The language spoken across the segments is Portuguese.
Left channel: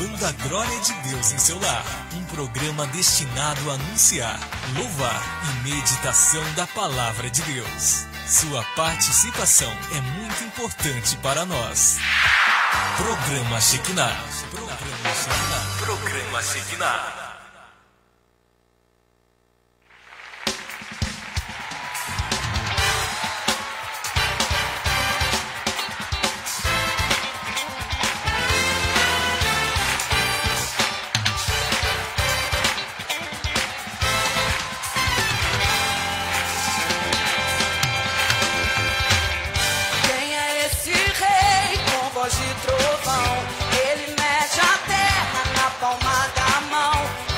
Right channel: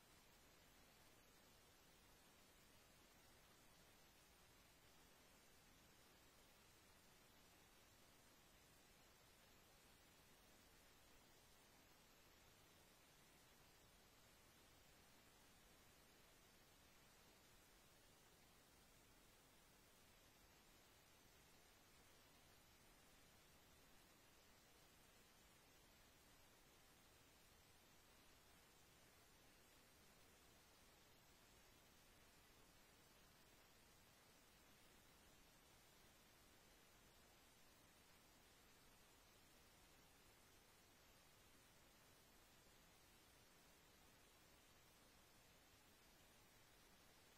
levando a glória de Deus em seu lar. Um programa destinado a anunciar, louvar e meditação da palavra de Deus. Sua participação é muito importante para nós. Programa Shekinah. Programa Shekinah. Programa Shekinah. De trovão, ele mede a terra na palma da mão.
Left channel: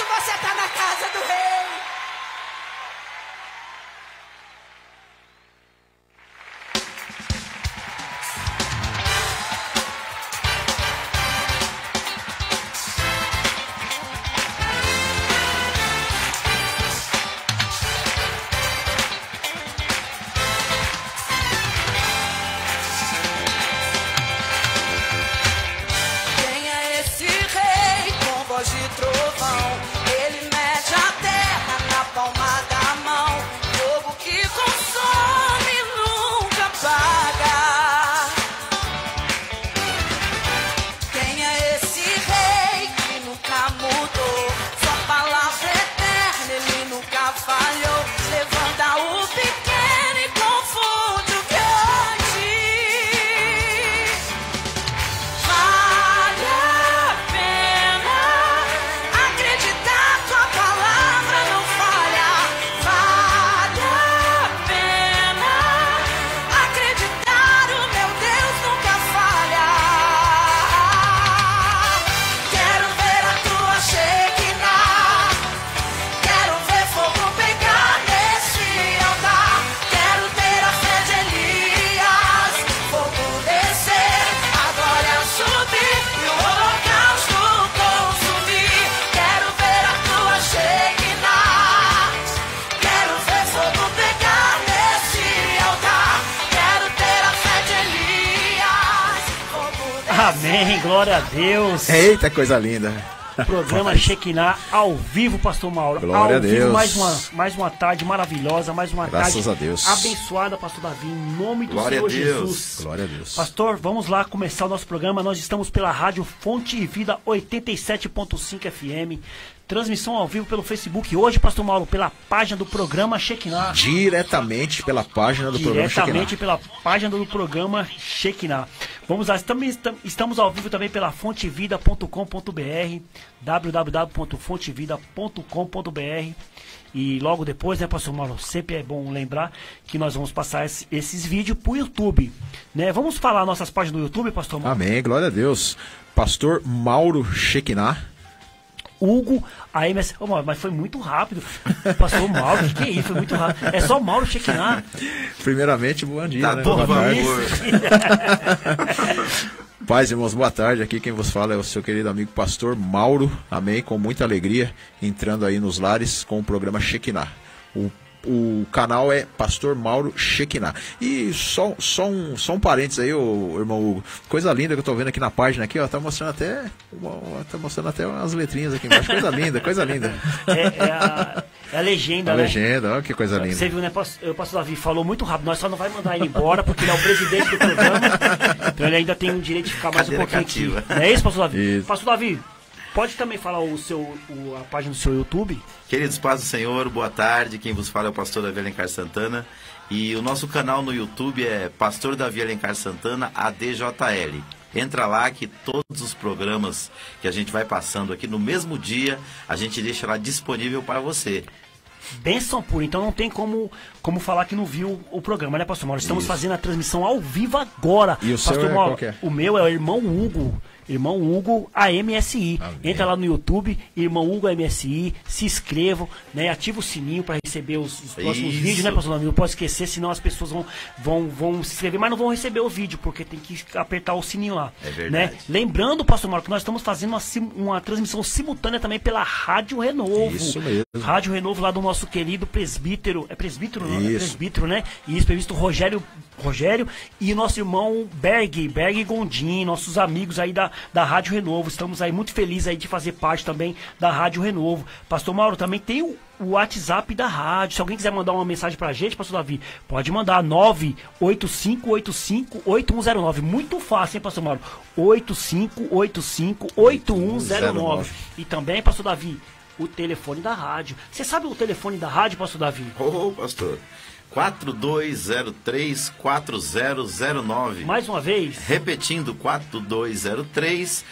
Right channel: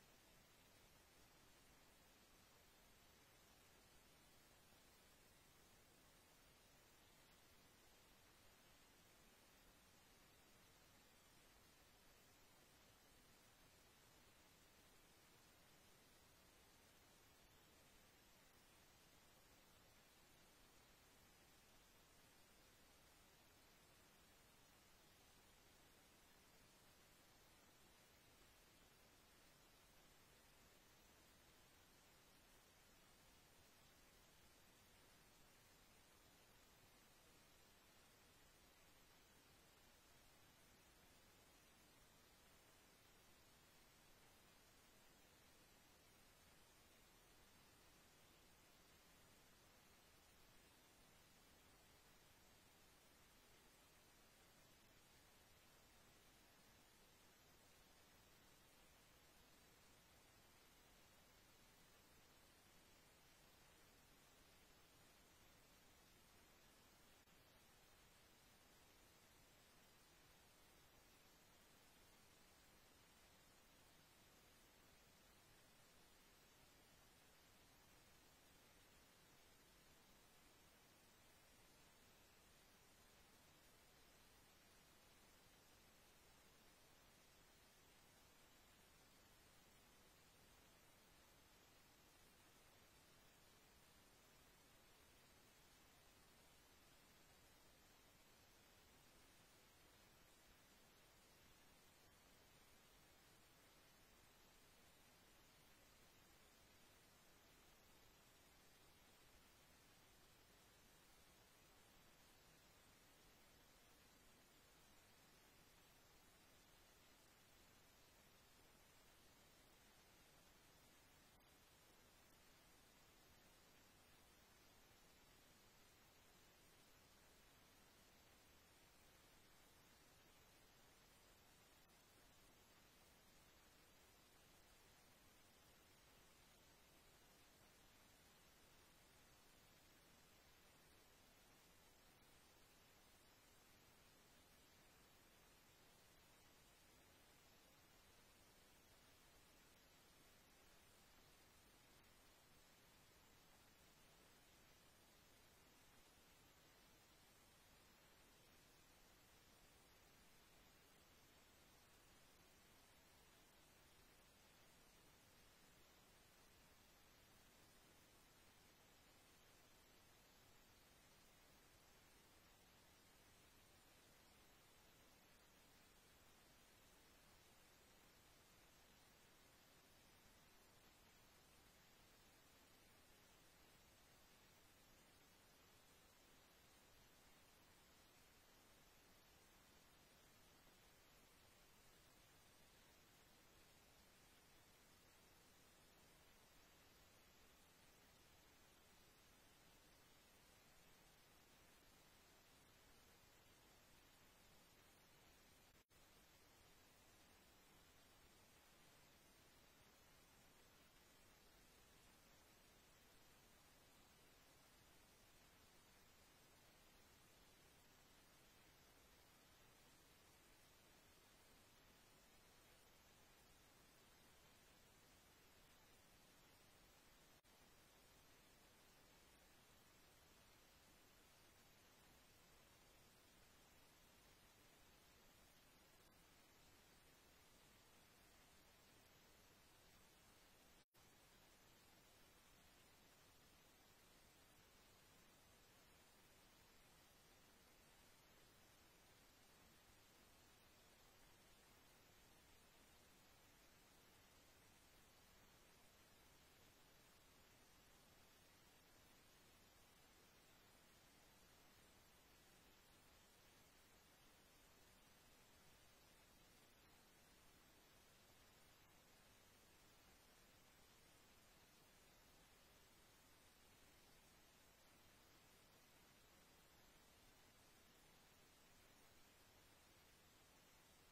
isso você tá na casa do rei. Quem é esse rei com voz de trovão? Ele mede a terra na palma da mão. Fogo que consome nunca apaga. Quem é esse rei que nunca mudou? Sua palavra é eterna, ele nunca falhou. Levanta o pequeno e confunde o grande. Vale a pena acreditar, tua palavra não falha. Vale a pena acreditar, o meu Deus nunca falha. Quero ver a tua Shekinah. Quero ver fogo pegar nesse altar. Quero ter a fé de Elias. Fogo descer, a glória subir e o holocausto consumir. Quero ver a tua Shekinah. Quero ver fogo pegar nesse altar. Quero ter a fé de Elias. Fogo descer. Amém, glória a Deus. Eita, coisa linda. Programa Shekinah ao vivo, Pastor Mauro. Glória ao a vivo, Deus. mais uma tarde maravilhosa, mais uma Graças tarde a Deus. abençoada, Pastor Davi, em nome do Glória Senhor a Deus. Jesus. Glória a Deus. Pastor, vamos lá começar o nosso programa. Nós estamos pela rádio Fonte e Vida 87.5 FM. Transmissão ao vivo pelo Facebook. Hoje, Pastor Mauro, pela página do programa Shekinah. Diretamente pela página do programa Diretamente Shekinah. pela página do programa Shekinah. Vamos lá, estamos ao vivo também pela fontevida.com.br, www.fontevida.com.br. E logo depois, né, Pastor Mauro, sempre é bom lembrar que nós vamos passar esses vídeos pro YouTube, né? Vamos falar nossas páginas do YouTube, Pastor Mauro? Amém, glória a Deus. Pastor Mauro Shekinah. Hugo, a MS... Ô, Mauro, mas foi muito rápido. Pastor Mauro, que é isso? Foi muito rápido. É só Mauro Shekinah. Primeiramente, bom dia, Tá né? todo Boa tarde. vapor. Paz, irmãos, boa tarde. Aqui quem vos fala é o seu querido amigo Pastor Mauro. Amém, com muita alegria, entrando aí nos lares com o programa Shekinah. O canal é Pastor Mauro Shekinah. E só um parênteses aí, ô irmão Hugo. Coisa linda que eu tô vendo aqui na página aqui, ó. Tá mostrando até umas letrinhas aqui embaixo. Coisa linda, coisa linda. É a legenda, A né? legenda, ó, que coisa linda. Você viu, né? O pastor Davi falou muito rápido. Nós só não vai mandar ele embora porque ele é o presidente do programa. Então ele ainda tem o direito de ficar mais Cadeira um pouquinho cativa. aqui. Não é isso, pastor Davi? Isso. Pastor Davi, pode também falar a página do seu YouTube? Queridos, paz do Senhor, boa tarde. Quem vos fala é o pastor Davi Alencar Santana. E o nosso canal no YouTube é Pastor Davi Alencar Santana ADJL. Entra lá que todos os programas que a gente vai passando aqui no mesmo dia, a gente deixa lá disponível para você. Bênção pura, então não tem como falar que não viu o programa, né, Pastor Mauro? Estamos fazendo a transmissão ao vivo agora. E o seu Pastor é Mauro, qual que é? O meu é o Irmão Hugo AMSI. Amém. Entra lá no YouTube, Irmão Hugo AMSI, se inscrevam, né? Ativa o sininho para receber os próximos Isso. vídeos, né, Pastor Mauro? Não pode esquecer, senão as pessoas vão se inscrever, mas não vão receber o vídeo, porque tem que apertar o sininho lá. É verdade. Né? Lembrando, Pastor Mauro, que nós estamos fazendo uma transmissão simultânea também pela Rádio Renovo. Isso mesmo. Rádio Renovo lá do nosso querido presbítero. É presbítero, não? É Isso. presbítero, né? Isso, presbítero Rogério e nosso irmão Berg Gondim, nossos amigos aí da Rádio Renovo. Estamos aí muito felizes aí de fazer parte também da Rádio Renovo. Pastor Mauro, também tem o WhatsApp da rádio. Se alguém quiser mandar uma mensagem pra gente, Pastor Davi, pode mandar 985858109. Muito fácil, hein, Pastor Mauro? 85858109. E também, Pastor Davi, o telefone da rádio. Você sabe o telefone da rádio, Pastor Davi? Ô, pastor, 4203-4009. Mais uma vez, Repetindo, 4203-4009.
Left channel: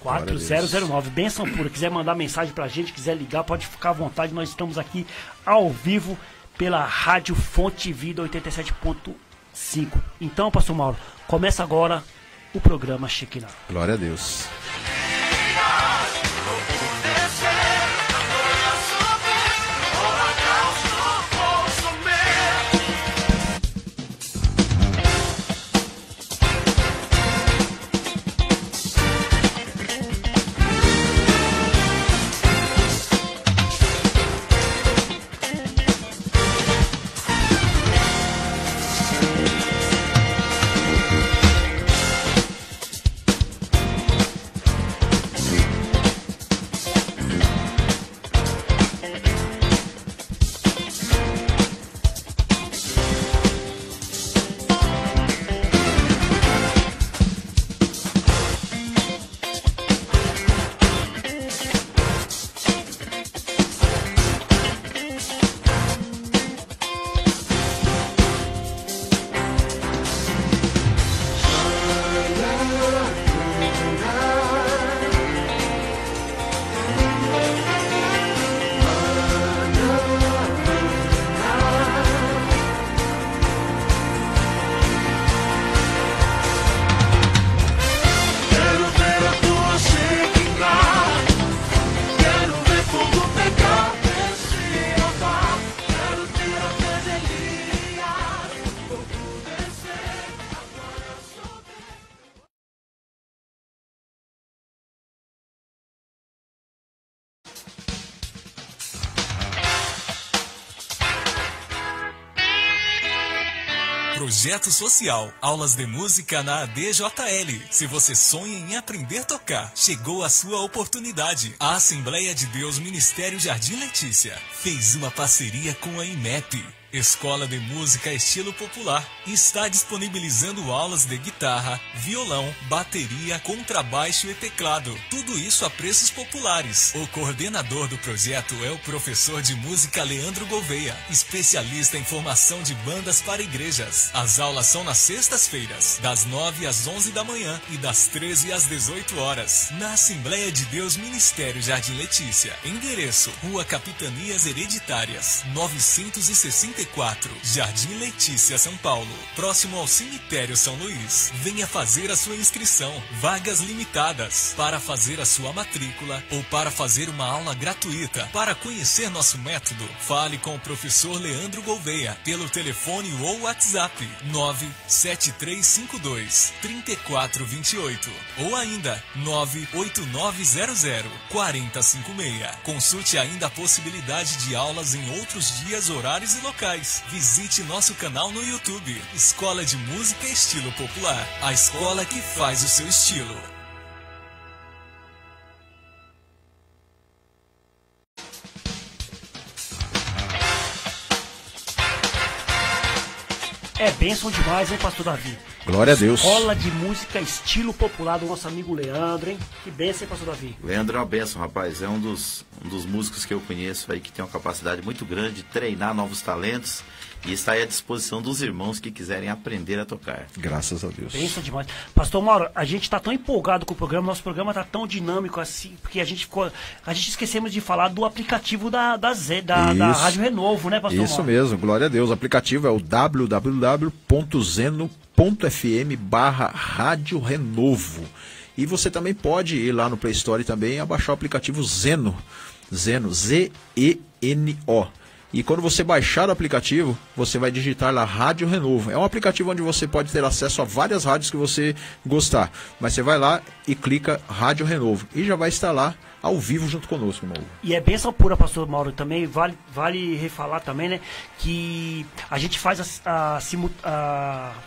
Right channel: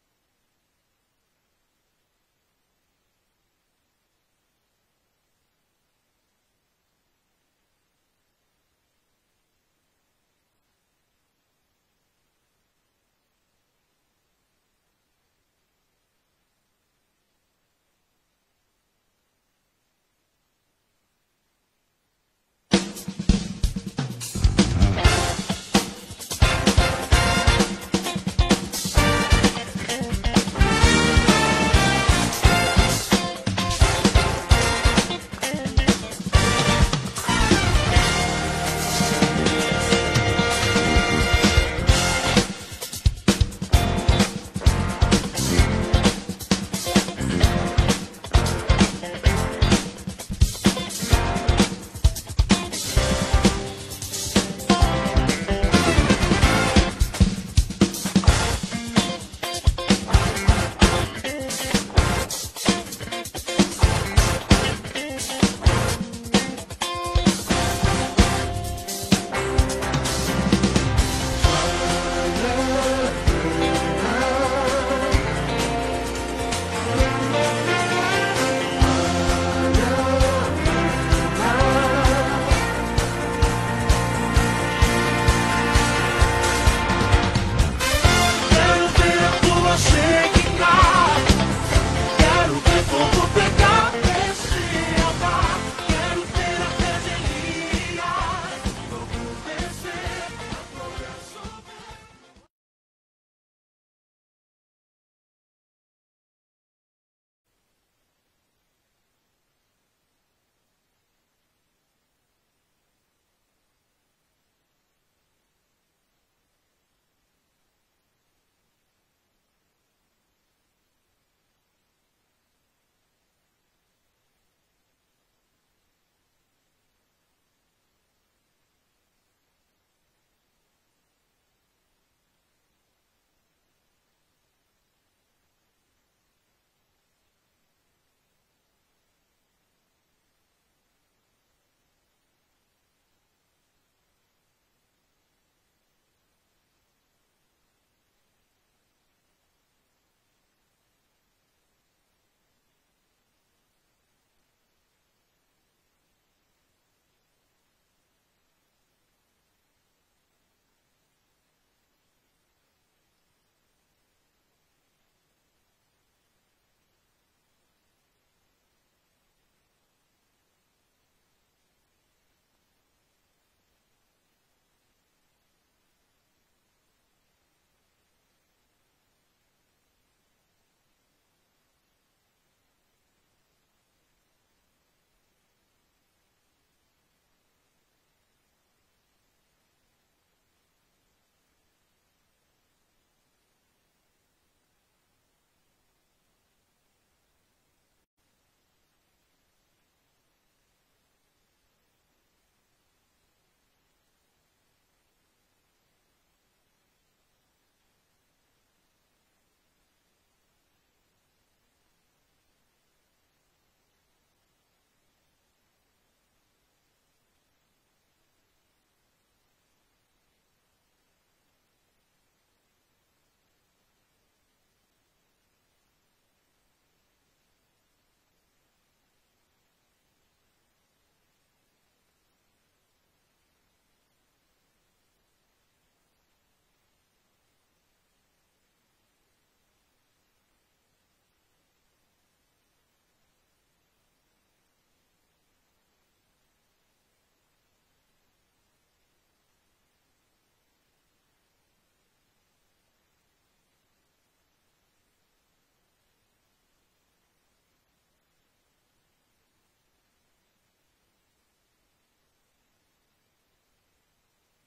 4009. Benção pura. Quiser mandar mensagem pra gente, quiser ligar, pode ficar à vontade. Nós estamos aqui ao vivo pela Rádio Fonte Vida 87.5. Então, Pastor Mauro, começa agora o programa Shekinah. Glória a Deus. Projeto Social, aulas de música na ADJL. Se você sonha em aprender a tocar, chegou a sua oportunidade. A Assembleia de Deus Ministério Jardim Letícia fez uma parceria com a IMEP, Escola de Música Estilo Popular, e está disponibilizando aulas de guitarra, violão, bateria, contrabaixo e teclado. Tudo isso a preços populares. O coordenador do projeto é o professor de música Leandro Gouveia, especialista em formação de bandas para igrejas. As aulas são nas sextas-feiras, das 9 às 11 da manhã e das 13 às 18 horas, na Assembleia de Deus Ministério Jardim Letícia. Endereço: Rua Capitanias Hereditárias, 964, Jardim Letícia, São Paulo, próximo ao Cemitério São Luís. Venha fazer a sua inscrição. Vagas limitadas. Para fazer a sua matrícula ou para fazer uma aula gratuita. Para conhecer nosso método, fale com o professor Leandro Gouveia pelo telefone ou WhatsApp 97352-3428 ou ainda 98900-4056. Consulte ainda a possibilidade de aulas em outros dias, horários e locais. Visite nosso canal no YouTube, Escola de Música Estilo Popular, a escola que faz o seu estilo. É bênção demais, hein, pastor Davi? Glória a Deus. Escola de Música Estilo Popular do nosso amigo Leandro, hein? Que bênção, hein, pastor Davi? Leandro é uma bênção, rapaz. É um dos músicos que eu conheço aí que tem uma capacidade muito grande de treinar novos talentos e está aí à disposição dos irmãos que quiserem aprender a tocar. Graças a Deus. Bênção demais. Pastor Mauro, a gente está tão empolgado com o programa, nosso programa está tão dinâmico assim, porque a gente esquecemos de falar do aplicativo da Rádio Renovo, né, pastor Isso Mauro? mesmo, glória a Deus. O aplicativo é o www.zeno.fm/Rádio Renovo. E você também pode ir lá no Play Store e também abaixar o aplicativo Zeno, Z-E-N-O. E quando você baixar o aplicativo, você vai digitar lá Rádio Renovo. É um aplicativo onde você pode ter acesso a várias rádios que você gostar. Mas você vai lá e clica Rádio Renovo. E já vai estar lá ao vivo junto conosco, irmão. E é bênção pura, pastor Mauro, também. Vale refalar também, né? Que a gente faz a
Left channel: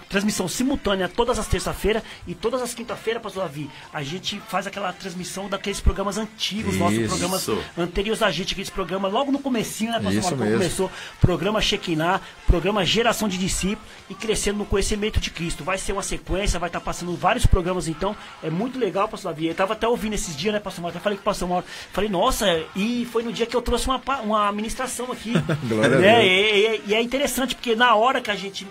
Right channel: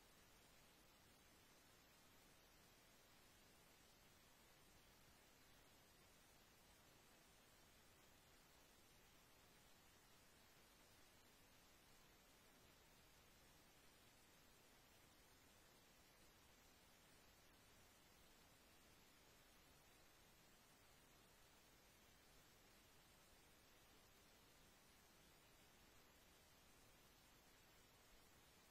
transmissão simultânea todas as terças-feiras e todas as quintas-feiras, pastor Davi. A gente faz aquela transmissão daqueles programas antigos, nossos programas anteriores a gente, aqueles programas logo no comecinho, né, pastor Isso Mauro? Quando mesmo. começou, programa Shekinah, programa Geração de Discípulos e crescendo no conhecimento de Cristo. Vai ser uma sequência, vai estar passando vários programas, então é muito legal, pastor Davi. Eu estava até ouvindo esses dias, né, pastor Mauro? Até falei com o pastor Mauro. Falei, nossa, e foi no dia que eu trouxe uma ministração aqui. Glória né? a Deus. E é interessante, porque na hora que a gente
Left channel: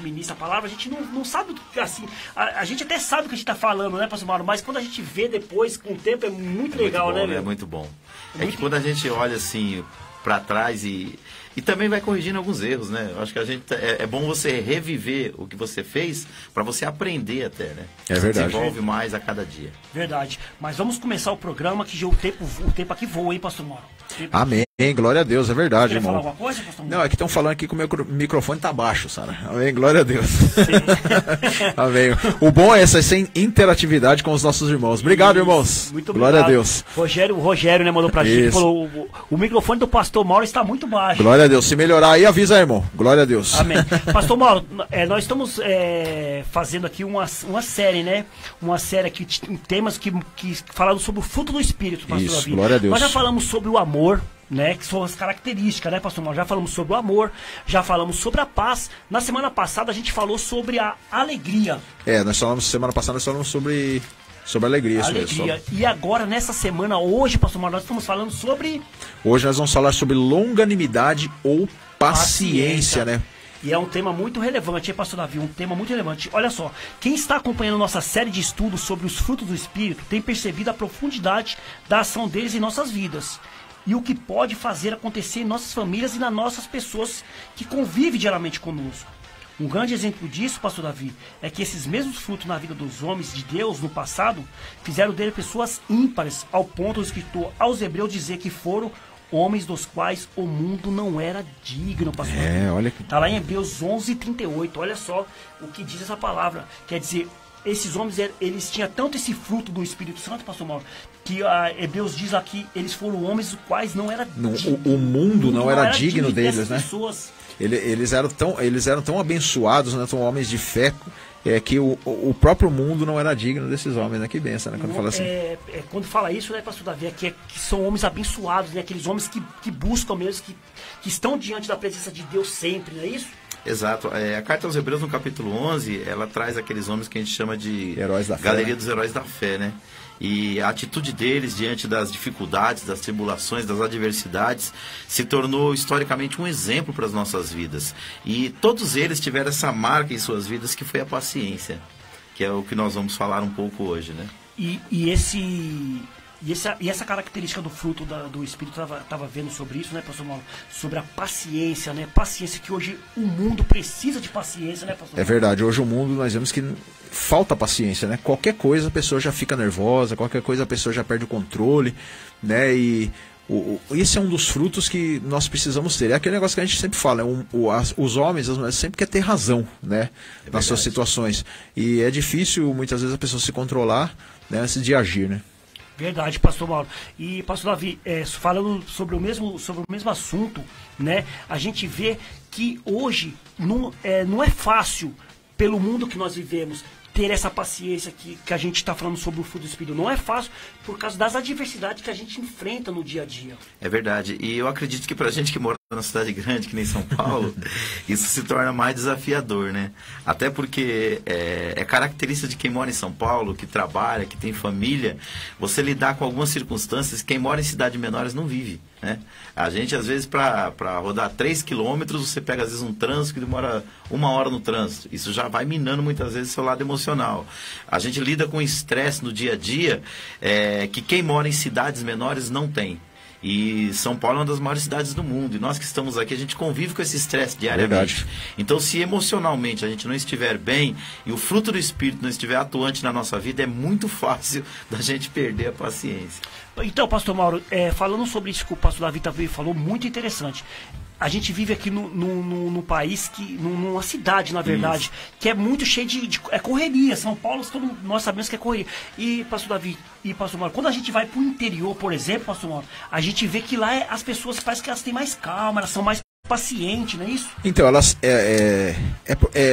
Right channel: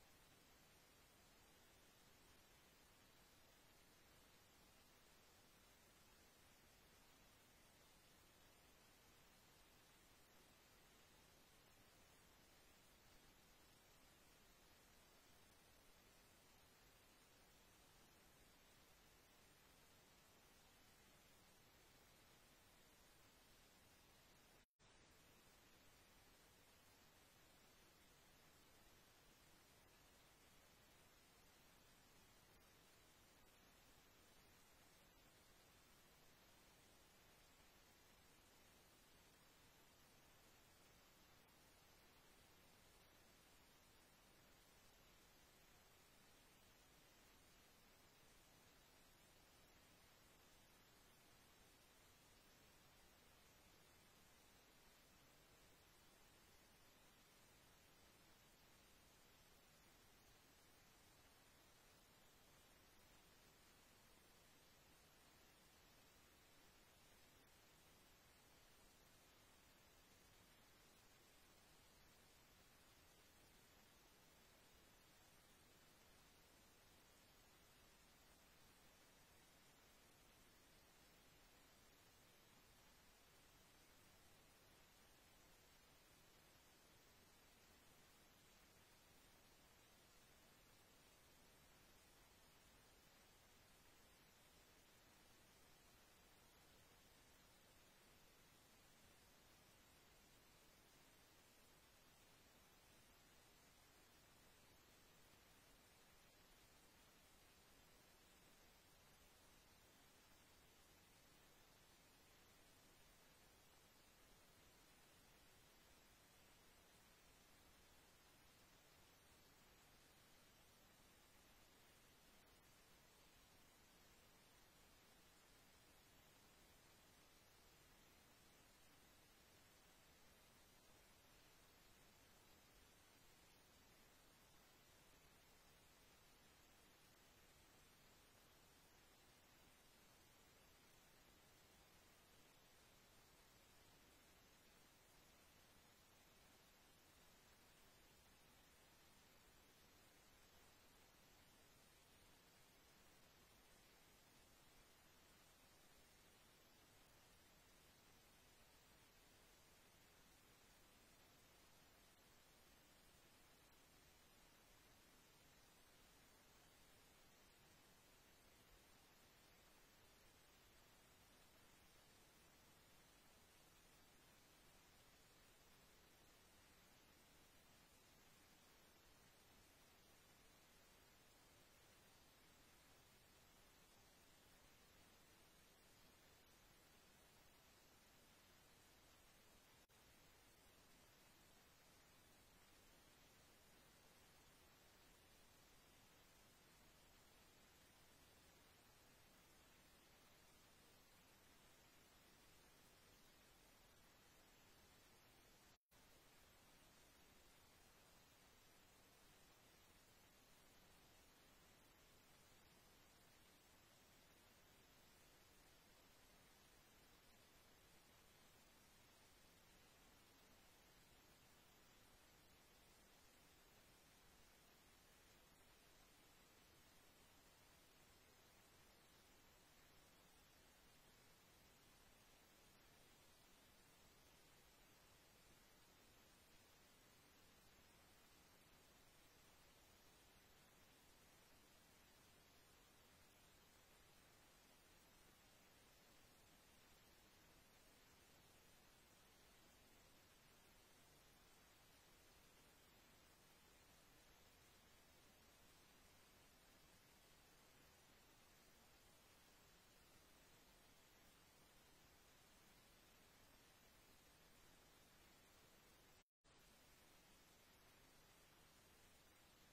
ministra a palavra, a gente não sabe, assim, a gente até sabe o que a gente está falando, né, pastor Mauro? Mas quando a gente vê depois, com o tempo, é muito legal, muito bom, né, meu? É muito bom. É Muito que quando a gente olha assim para trás e também vai corrigindo alguns erros, né? Eu acho que a gente é bom você reviver o que você fez para você aprender até, né? É verdade. Desenvolve mais a cada dia. Verdade. Mas vamos começar o programa, que já o tempo aqui voa, hein, pastor Mauro? Amém, glória a Deus, é verdade, Quer falar irmão. alguma coisa, pastor Mauro? Não, é que estão falando aqui que o meu microfone tá baixo, Sara. Amém, glória a Deus. Amém. O bom é essa interatividade com os nossos irmãos. Obrigado, irmãos. Muito Glória obrigado. a Deus. Rogério, né, mandou pra gente. Isso. Falou, o microfone do pastor Mauro está muito baixo. Glória a Deus. Se melhorar aí, avisa, irmão. Glória a Deus. Amém. Pastor Mauro, nós estamos fazendo aqui uma série, né? Uma série aqui, temas que falaram sobre o fruto do Espírito, pastor Isso, Davi. glória a Deus. Nós já falamos sobre o amor, né? Que são as características, né, pastor Mauro? Já falamos sobre o amor, já falamos sobre a paz. Na semana passada a gente falou sobre a alegria. Semana passada nós falamos sobre alegria, isso Alegria. mesmo. E agora, nessa semana, hoje, pastor Mauro, nós estamos falando sobre Hoje nós vamos falar sobre longanimidade ou paciência, né? E é um tema muito relevante, hein, pastor Davi? Um tema muito relevante. Olha só, quem está acompanhando nossa série de estudos sobre os frutos do Espírito tem percebido a profundidade da ação deles em nossas vidas. E o que pode fazer acontecer em nossas famílias e nas nossas pessoas que convivem diariamente conosco. Um grande exemplo disso, pastor Davi, é que esses mesmos frutos na vida dos homens de Deus no passado fizeram dele pessoas ímpares, ao ponto do escritor aos Hebreus dizer que foram homens dos quais o mundo não era digno, pastor Davi. Olha que... Está lá em Hebreus 11:38. Olha só o que diz essa palavra. Quer dizer, esses homens, eles tinham tanto esse fruto do Espírito Santo, pastor Mauro, que Hebreus diz aqui, eles foram homens os quais não era o mundo não era digno deles, dessas né? pessoas. Eles eram tão abençoados, né? Tão homens de fé, que o próprio mundo não era digno desses homens, né? Que benção, né? Quando fala assim. Quando fala isso, né, pastor Davi, que são homens abençoados, né? Aqueles homens que buscam mesmo, que estão diante da presença de Deus sempre, não é isso? Exato. A carta aos Hebreus, no capítulo 11, ela traz aqueles homens que a gente chama de Heróis da fé, galeria né? dos heróis da fé, né? E a atitude deles diante das dificuldades, das tribulações, das adversidades, se tornou historicamente um exemplo para as nossas vidas. E todos eles tiveram essa marca em suas vidas, que foi a paciência, que é o que nós vamos falar um pouco hoje, né? E essa característica do fruto do Espírito, estava vendo sobre isso, né, pastor Mauro? Sobre a paciência, né? Paciência, que hoje o mundo precisa de paciência, né, pastor Mauro? É verdade, hoje o mundo nós vemos que falta paciência, né? Qualquer coisa a pessoa já fica nervosa, qualquer coisa a pessoa já perde o controle, né? E esse é um dos frutos que nós precisamos ter. É aquele negócio que a gente sempre fala, os homens, as mulheres sempre querem ter razão, né? Nas suas situações. E é difícil muitas vezes a pessoa se controlar, né, antes de agir, né? Verdade, pastor Mauro. E, pastor Davi, falando sobre o mesmo assunto, né? A gente vê que hoje não é fácil, pelo mundo que nós vivemos, ter essa paciência que a gente está falando sobre o fruto do Espírito. Não é fácil por causa das adversidades que a gente enfrenta no dia a dia. É verdade. E eu acredito que pra gente que mora numa cidade grande, que nem São Paulo, isso se torna mais desafiador, né? Até porque é característica de quem mora em São Paulo, que trabalha, que tem família, você lidar com algumas circunstâncias que quem mora em cidades menores não vive, né? A gente, às vezes, para rodar 3 quilômetros, você pega, às vezes, um trânsito que demora 1 hora no trânsito. Isso já vai minando, muitas vezes, seu lado emocional. A gente lida com estresse no dia a dia, que quem mora em cidades menores não tem. E São Paulo é uma das maiores cidades do mundo. E nós que estamos aqui, a gente convive com esse estresse diariamente. Verdade. Então, se emocionalmente a gente não estiver bem e o fruto do Espírito não estiver atuante na nossa vida, é muito fácil da gente perder a paciência. Então, pastor Mauro, falando sobre isso que o pastor Davi também falou, muito interessante. A gente vive aqui num país, numa cidade, na verdade, isso, que é muito cheio de correria. São Paulo, nós sabemos que é correria. E, pastor Davi e pastor Mauro, quando a gente vai para o interior, por exemplo, pastor Mauro, a gente vê que lá as pessoas parece que elas têm mais calma, elas são mais pacientes, não é isso? Então, elas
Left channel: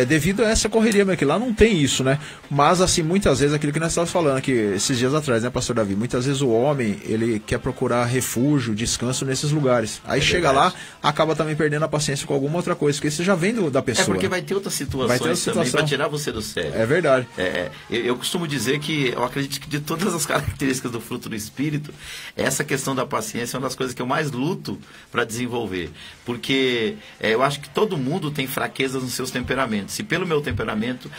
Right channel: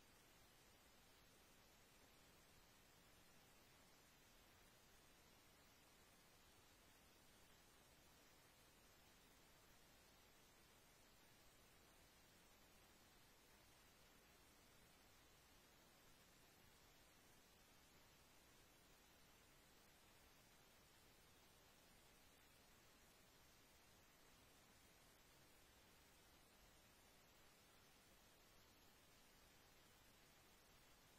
devido a essa correria, que lá não tem isso, né? Mas, assim, muitas vezes, aquilo que nós estávamos falando aqui esses dias atrás, né, pastor Davi? Muitas vezes o homem, ele quer procurar refúgio, descanso nesses lugares. Aí chega lá, acaba também perdendo a paciência com alguma outra coisa, porque isso já vem da pessoa. É porque vai ter outras situações também para tirar você do sério. É verdade. Eu costumo dizer que eu acredito que de todas as características do fruto do Espírito, essa questão da paciência é uma das coisas que eu mais luto para desenvolver. Porque eu acho que todo mundo tem fraquezas nos seus temperamentos. E pelo meu temperamento,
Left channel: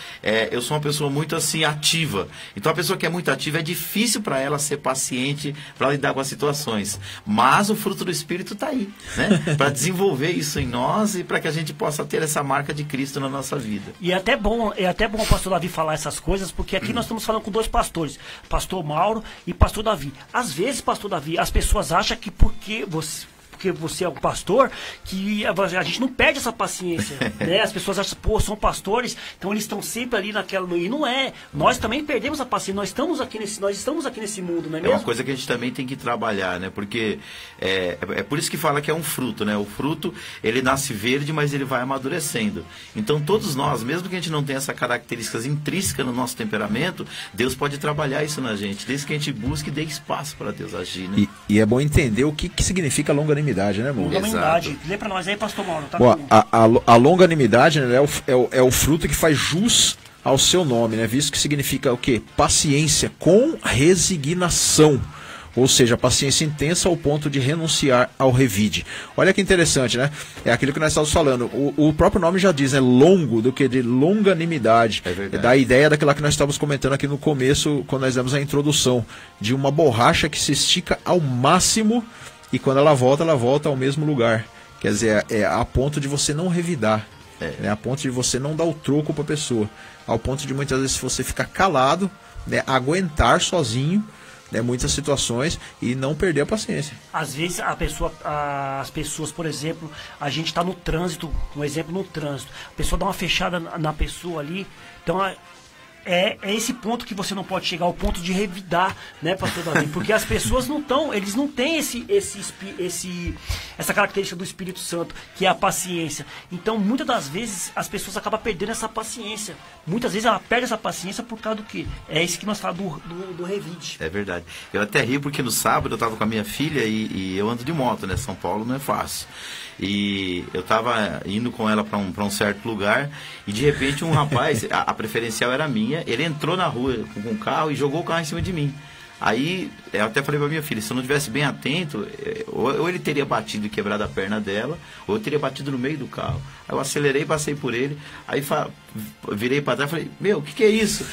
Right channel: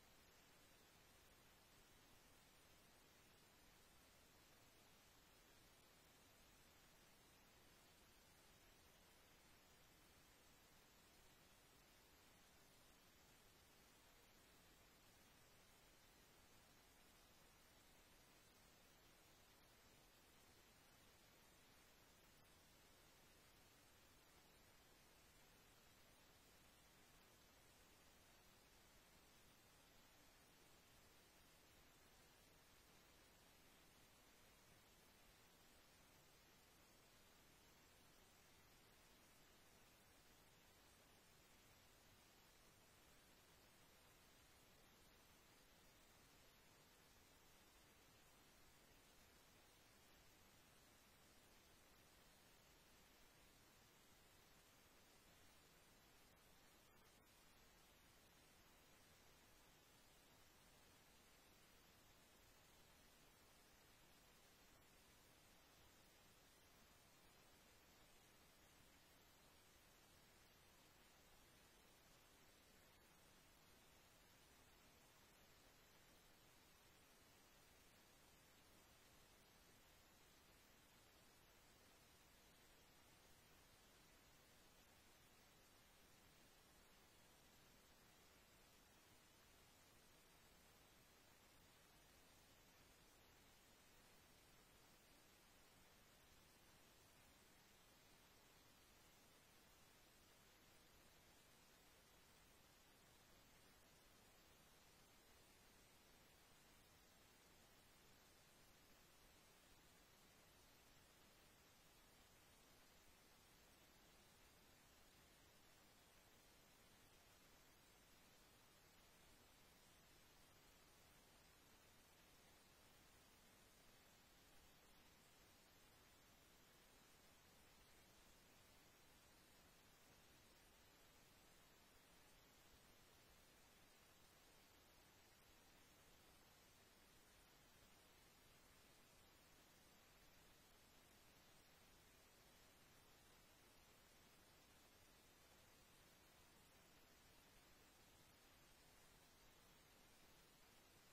eu sou uma pessoa muito assim ativa. Então a pessoa que é muito ativa, é difícil para ela ser paciente para lidar com as situações. Mas o fruto do Espírito está aí, né? Para desenvolver isso em nós e para que a gente possa ter essa marca de Cristo na nossa vida. E é até bom o pastor Davi falar essas coisas, porque aqui nós estamos falando com 2 pastores, pastor Mauro e pastor Davi. Às vezes, pastor Davi, as pessoas acham que porque você é um pastor, que a gente não perde essa paciência, né? As pessoas acham, são pastores, então eles estão sempre ali naquela... E não é. Nós também perdemos a paciência, nós estamos aqui nesse mundo, não é mesmo? É uma coisa que a gente também tem que trabalhar, né? Porque é por isso que fala que é um fruto, né? O fruto, ele nasce verde, mas ele vai amadurecendo. Então, todos nós, mesmo que a gente não tenha essas características intrínsecas no nosso temperamento, Deus pode trabalhar isso na gente, desde que a gente busque e dê espaço para Deus agir, né? E é bom entender o que significa longanimidade, né, irmão? Longanimidade. Lê pra nós aí, pastor Mauro. Tá? Bom, a longanimidade, né, é o fruto que faz jus ao seu nome, né? Visto que significa o quê? Paciência com resignação. Ou seja, paciência intensa ao ponto de renunciar ao revide. Olha que interessante, né? É aquilo que nós estávamos falando. O próprio nome já diz, né? Longo, do que de longanimidade. É verdade. Da ideia daquela que nós estávamos comentando aqui no começo, quando nós demos a introdução. De uma borracha que se estica ao máximo e quando ela volta ao mesmo lugar. Quer dizer, a ponto de você não revidar. Né? A ponto de você não dar o troco para a pessoa. Ao ponto de muitas vezes você ficar calado, né? Aguentar sozinho, né, muitas situações e não perder a paciência. Às vezes as pessoas, por exemplo, a gente está no trânsito, um exemplo no trânsito, a pessoa dá uma fechada na pessoa ali, então é esse ponto que você não pode chegar, ao ponto de revidar, né, pastor Davi? Porque as pessoas eles não têm essa característica do Espírito Santo, que é a paciência. Então, muitas das vezes, as pessoas acabam perdendo essa paciência. Muitas vezes ela perde essa paciência por causa do quê? É isso que nós falamos do revide. É verdade. Eu até ri porque no sábado eu estava com a minha filha e eu ando de moto, né? São Paulo não é fácil. E eu estava indo com ela para um certo lugar e de repente um rapaz, a preferencial era minha, ele entrou na rua com um carro e jogou o carro em cima de mim. Aí eu até falei para minha filha, se eu não tivesse bem atento, ou ele teria batido e quebrado a perna dela, ou eu teria batido no meio do carro. Aí eu acelerei, passei por ele, aí virei para trás e falei, meu, o que é isso?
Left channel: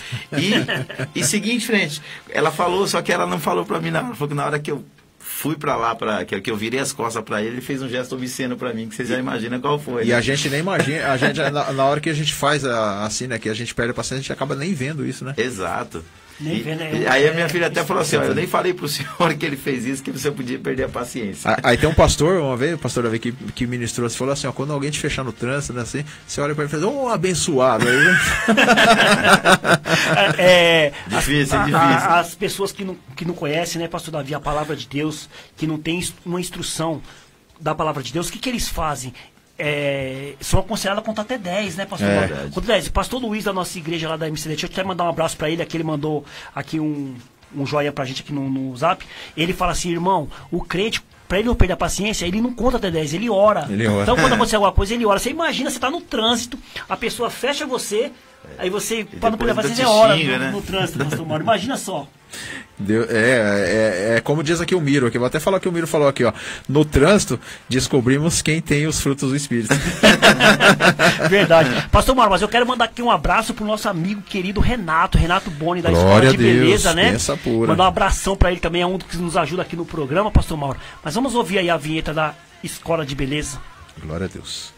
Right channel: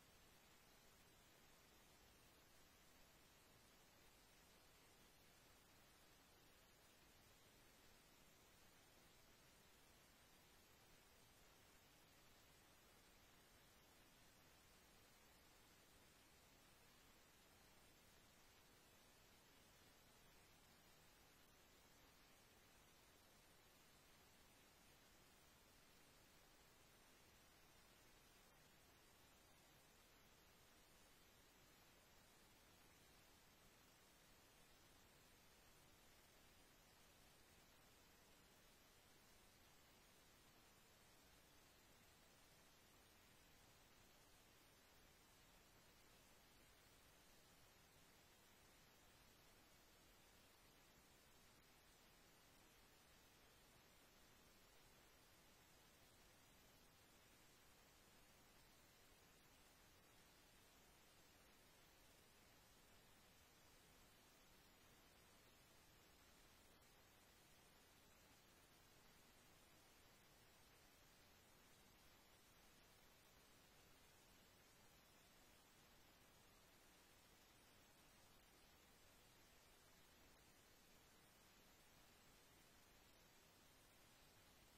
E segui em frente. Ela falou, só que ela não falou para mim nada, ela falou que na hora que eu fui pra lá, que eu virei as costas pra ele fez um gesto obsceno pra mim, que vocês já imaginam qual foi. E né? a gente nem imagina, a gente, na hora que a gente faz assim, né, que a gente perde a paciência, a gente acaba nem vendo isso, né? Exato. Nem Aí a minha filha até falou assim, eu nem falei pro senhor que ele fez isso, que você podia perder a paciência. Aí tem um pastor, uma vez, o pastor Davi, que ministrou, você falou assim, ó, quando alguém te fechar no trânsito, né, assim, você olha pra ele e fala, abençoado. Aí, né? Difícil. As pessoas que não conhecem, né, pastor Davi, a palavra de Deus, que não tem uma instrução da palavra de Deus, o que eles fazem? São aconselhados a contar até 10, né, pastor? Conta 10. O pastor Luiz da nossa igreja lá da MCD, deixa eu até mandar um abraço pra ele, aqui ele mandou aqui um joinha pra gente aqui no zap. Ele fala assim, irmão, o crente, pra ele não perder a paciência, ele não conta até 10, ele ora. Então quando acontecer alguma coisa, ele ora. Você imagina, você tá no trânsito, a pessoa fecha você, aí você, pra não perder a paciência, ora no trânsito, pastor Mauro. Imagina só. Como diz aqui o Miro, aqui, vou até falar que o Miro falou aqui, ó. No trânsito, descobrimos quem tem os frutos do Espírito. Verdade. Pastor Mauro, mas eu quero mandar aqui um abraço pro nosso amigo querido Renato Boni, da Escola de Beleza, né? Mandar um abração pra ele também, é um que nos ajuda aqui no programa, pastor Mauro. Mas vamos ouvir aí a vinheta da Escola de Beleza. Glória a Deus.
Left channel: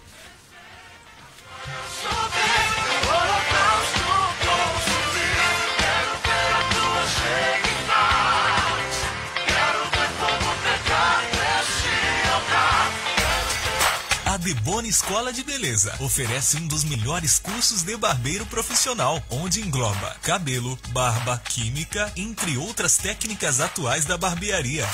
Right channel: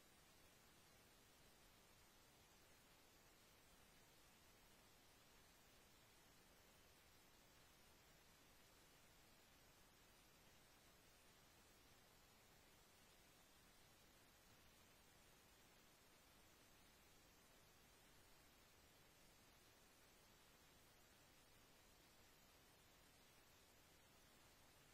A Deboni Escola de Beleza oferece um dos melhores cursos de barbeiro profissional, onde engloba cabelo, barba, química, entre outras técnicas atuais da barbearia.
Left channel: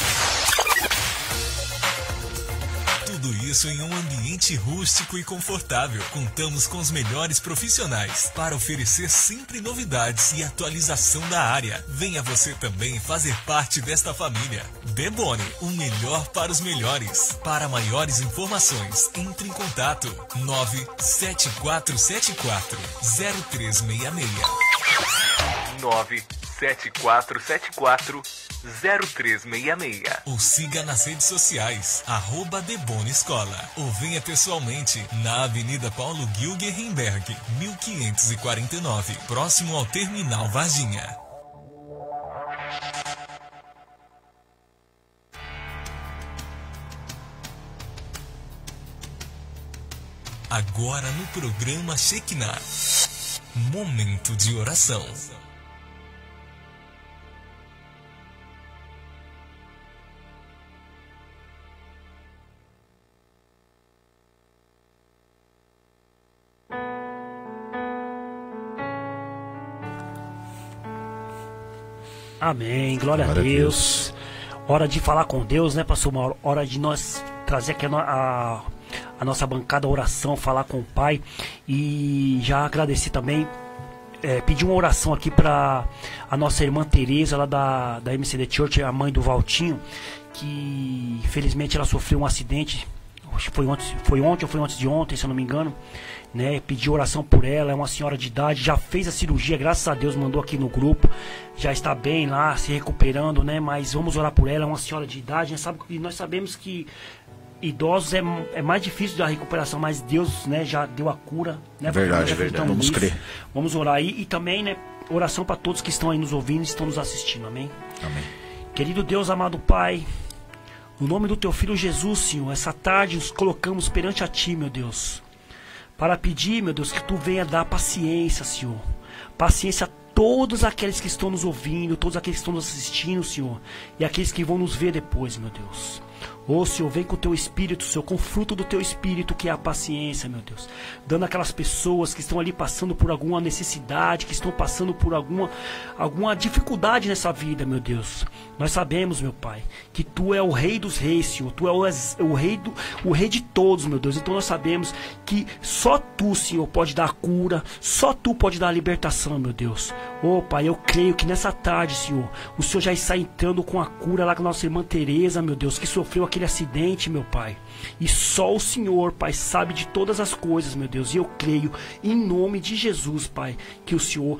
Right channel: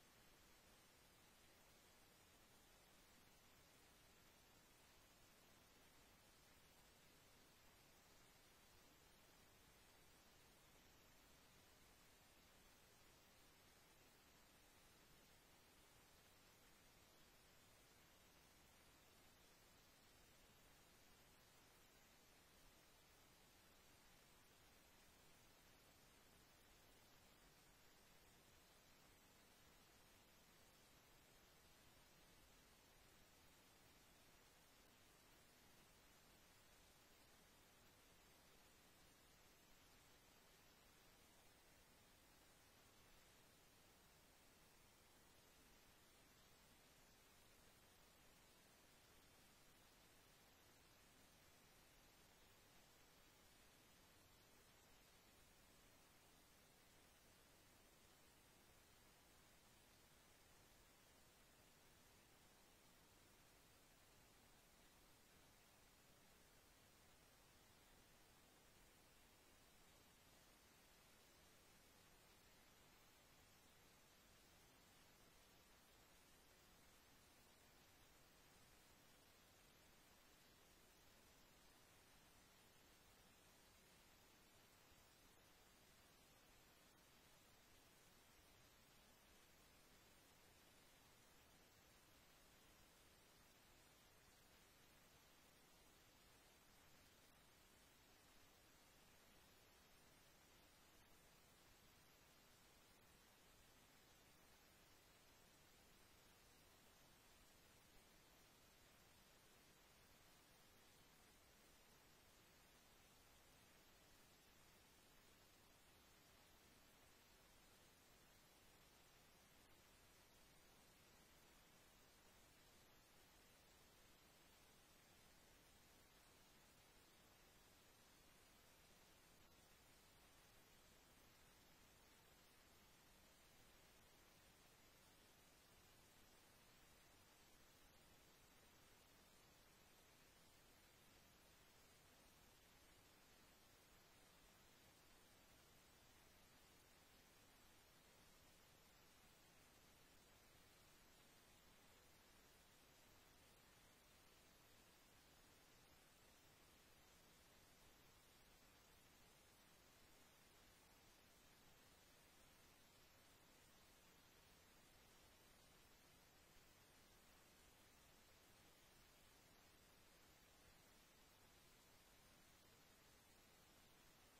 Tudo isso em um ambiente rústico e confortável. Contamos com os melhores profissionais para oferecer sempre novidades e atualização da área. Venha você também fazer parte desta família. Deboni, o melhor para os melhores. Para maiores informações, entre em contato 97474-0366. 97474-0366. Ou siga nas redes sociais, @Deboni Escola. Ou venha pessoalmente na Avenida Paulo Gilgenberg, 1549, próximo ao Terminal Varginha. Agora no programa Shekinah, momento de oração. Amém, glória a Deus. Hora de falar com Deus, né, pastor Mauro? Hora de nós trazer aqui a nossa bancada, a oração, falar com o Pai. E já agradecer também, pedir uma oração aqui para a nossa irmã Tereza, lá da MCD Church, a mãe do Valtinho, que infelizmente ela sofreu um acidente. Acho que foi ontem ou foi antes de ontem, se eu não me engano, né? Pedi oração por ela, é uma senhora de idade, já fez a cirurgia, graças a Deus, mandou aqui no grupo, já está bem lá, se recuperando, né? Mas vamos orar por ela, é uma senhora de idade, né? E nós sabemos que idosos é mais difícil da recuperação, mas Deus, né, já deu a cura, né? Verdade, vamos crer. Vamos orar aí e também, né, oração para todos que estão aí nos ouvindo e estão nos assistindo, amém? Amém. Querido Deus, amado Pai, no nome do Teu Filho Jesus, Senhor, essa tarde nos colocamos perante a Ti, meu Deus, para pedir, meu Deus, que Tu venha dar paciência, Senhor. Paciência a todos aqueles que estão nos ouvindo, todos aqueles que estão nos assistindo, Senhor, e aqueles que vão nos ver depois, meu Deus. Ô Senhor, vem com o teu Espírito, Senhor, com o fruto do teu Espírito, que é a paciência, meu Deus. Dando aquelas pessoas que estão ali passando por alguma necessidade, que estão passando por alguma dificuldade nessa vida, meu Deus. Nós sabemos, meu Pai, que Tu é o Rei dos Reis, Senhor. Tu é o Rei de todos, meu Deus. Então nós sabemos que só Tu, Senhor, pode dar a cura, só Tu pode dar a libertação, meu Deus. Ô Pai, eu creio que nessa tarde, Senhor, o Senhor já está entrando com a cura lá com a nossa irmã Tereza, meu Deus, que sofreu aquele acidente, meu Pai. E só o Senhor, Pai, sabe de todas as coisas, meu Deus. E eu creio, em nome de Jesus, Pai, que o Senhor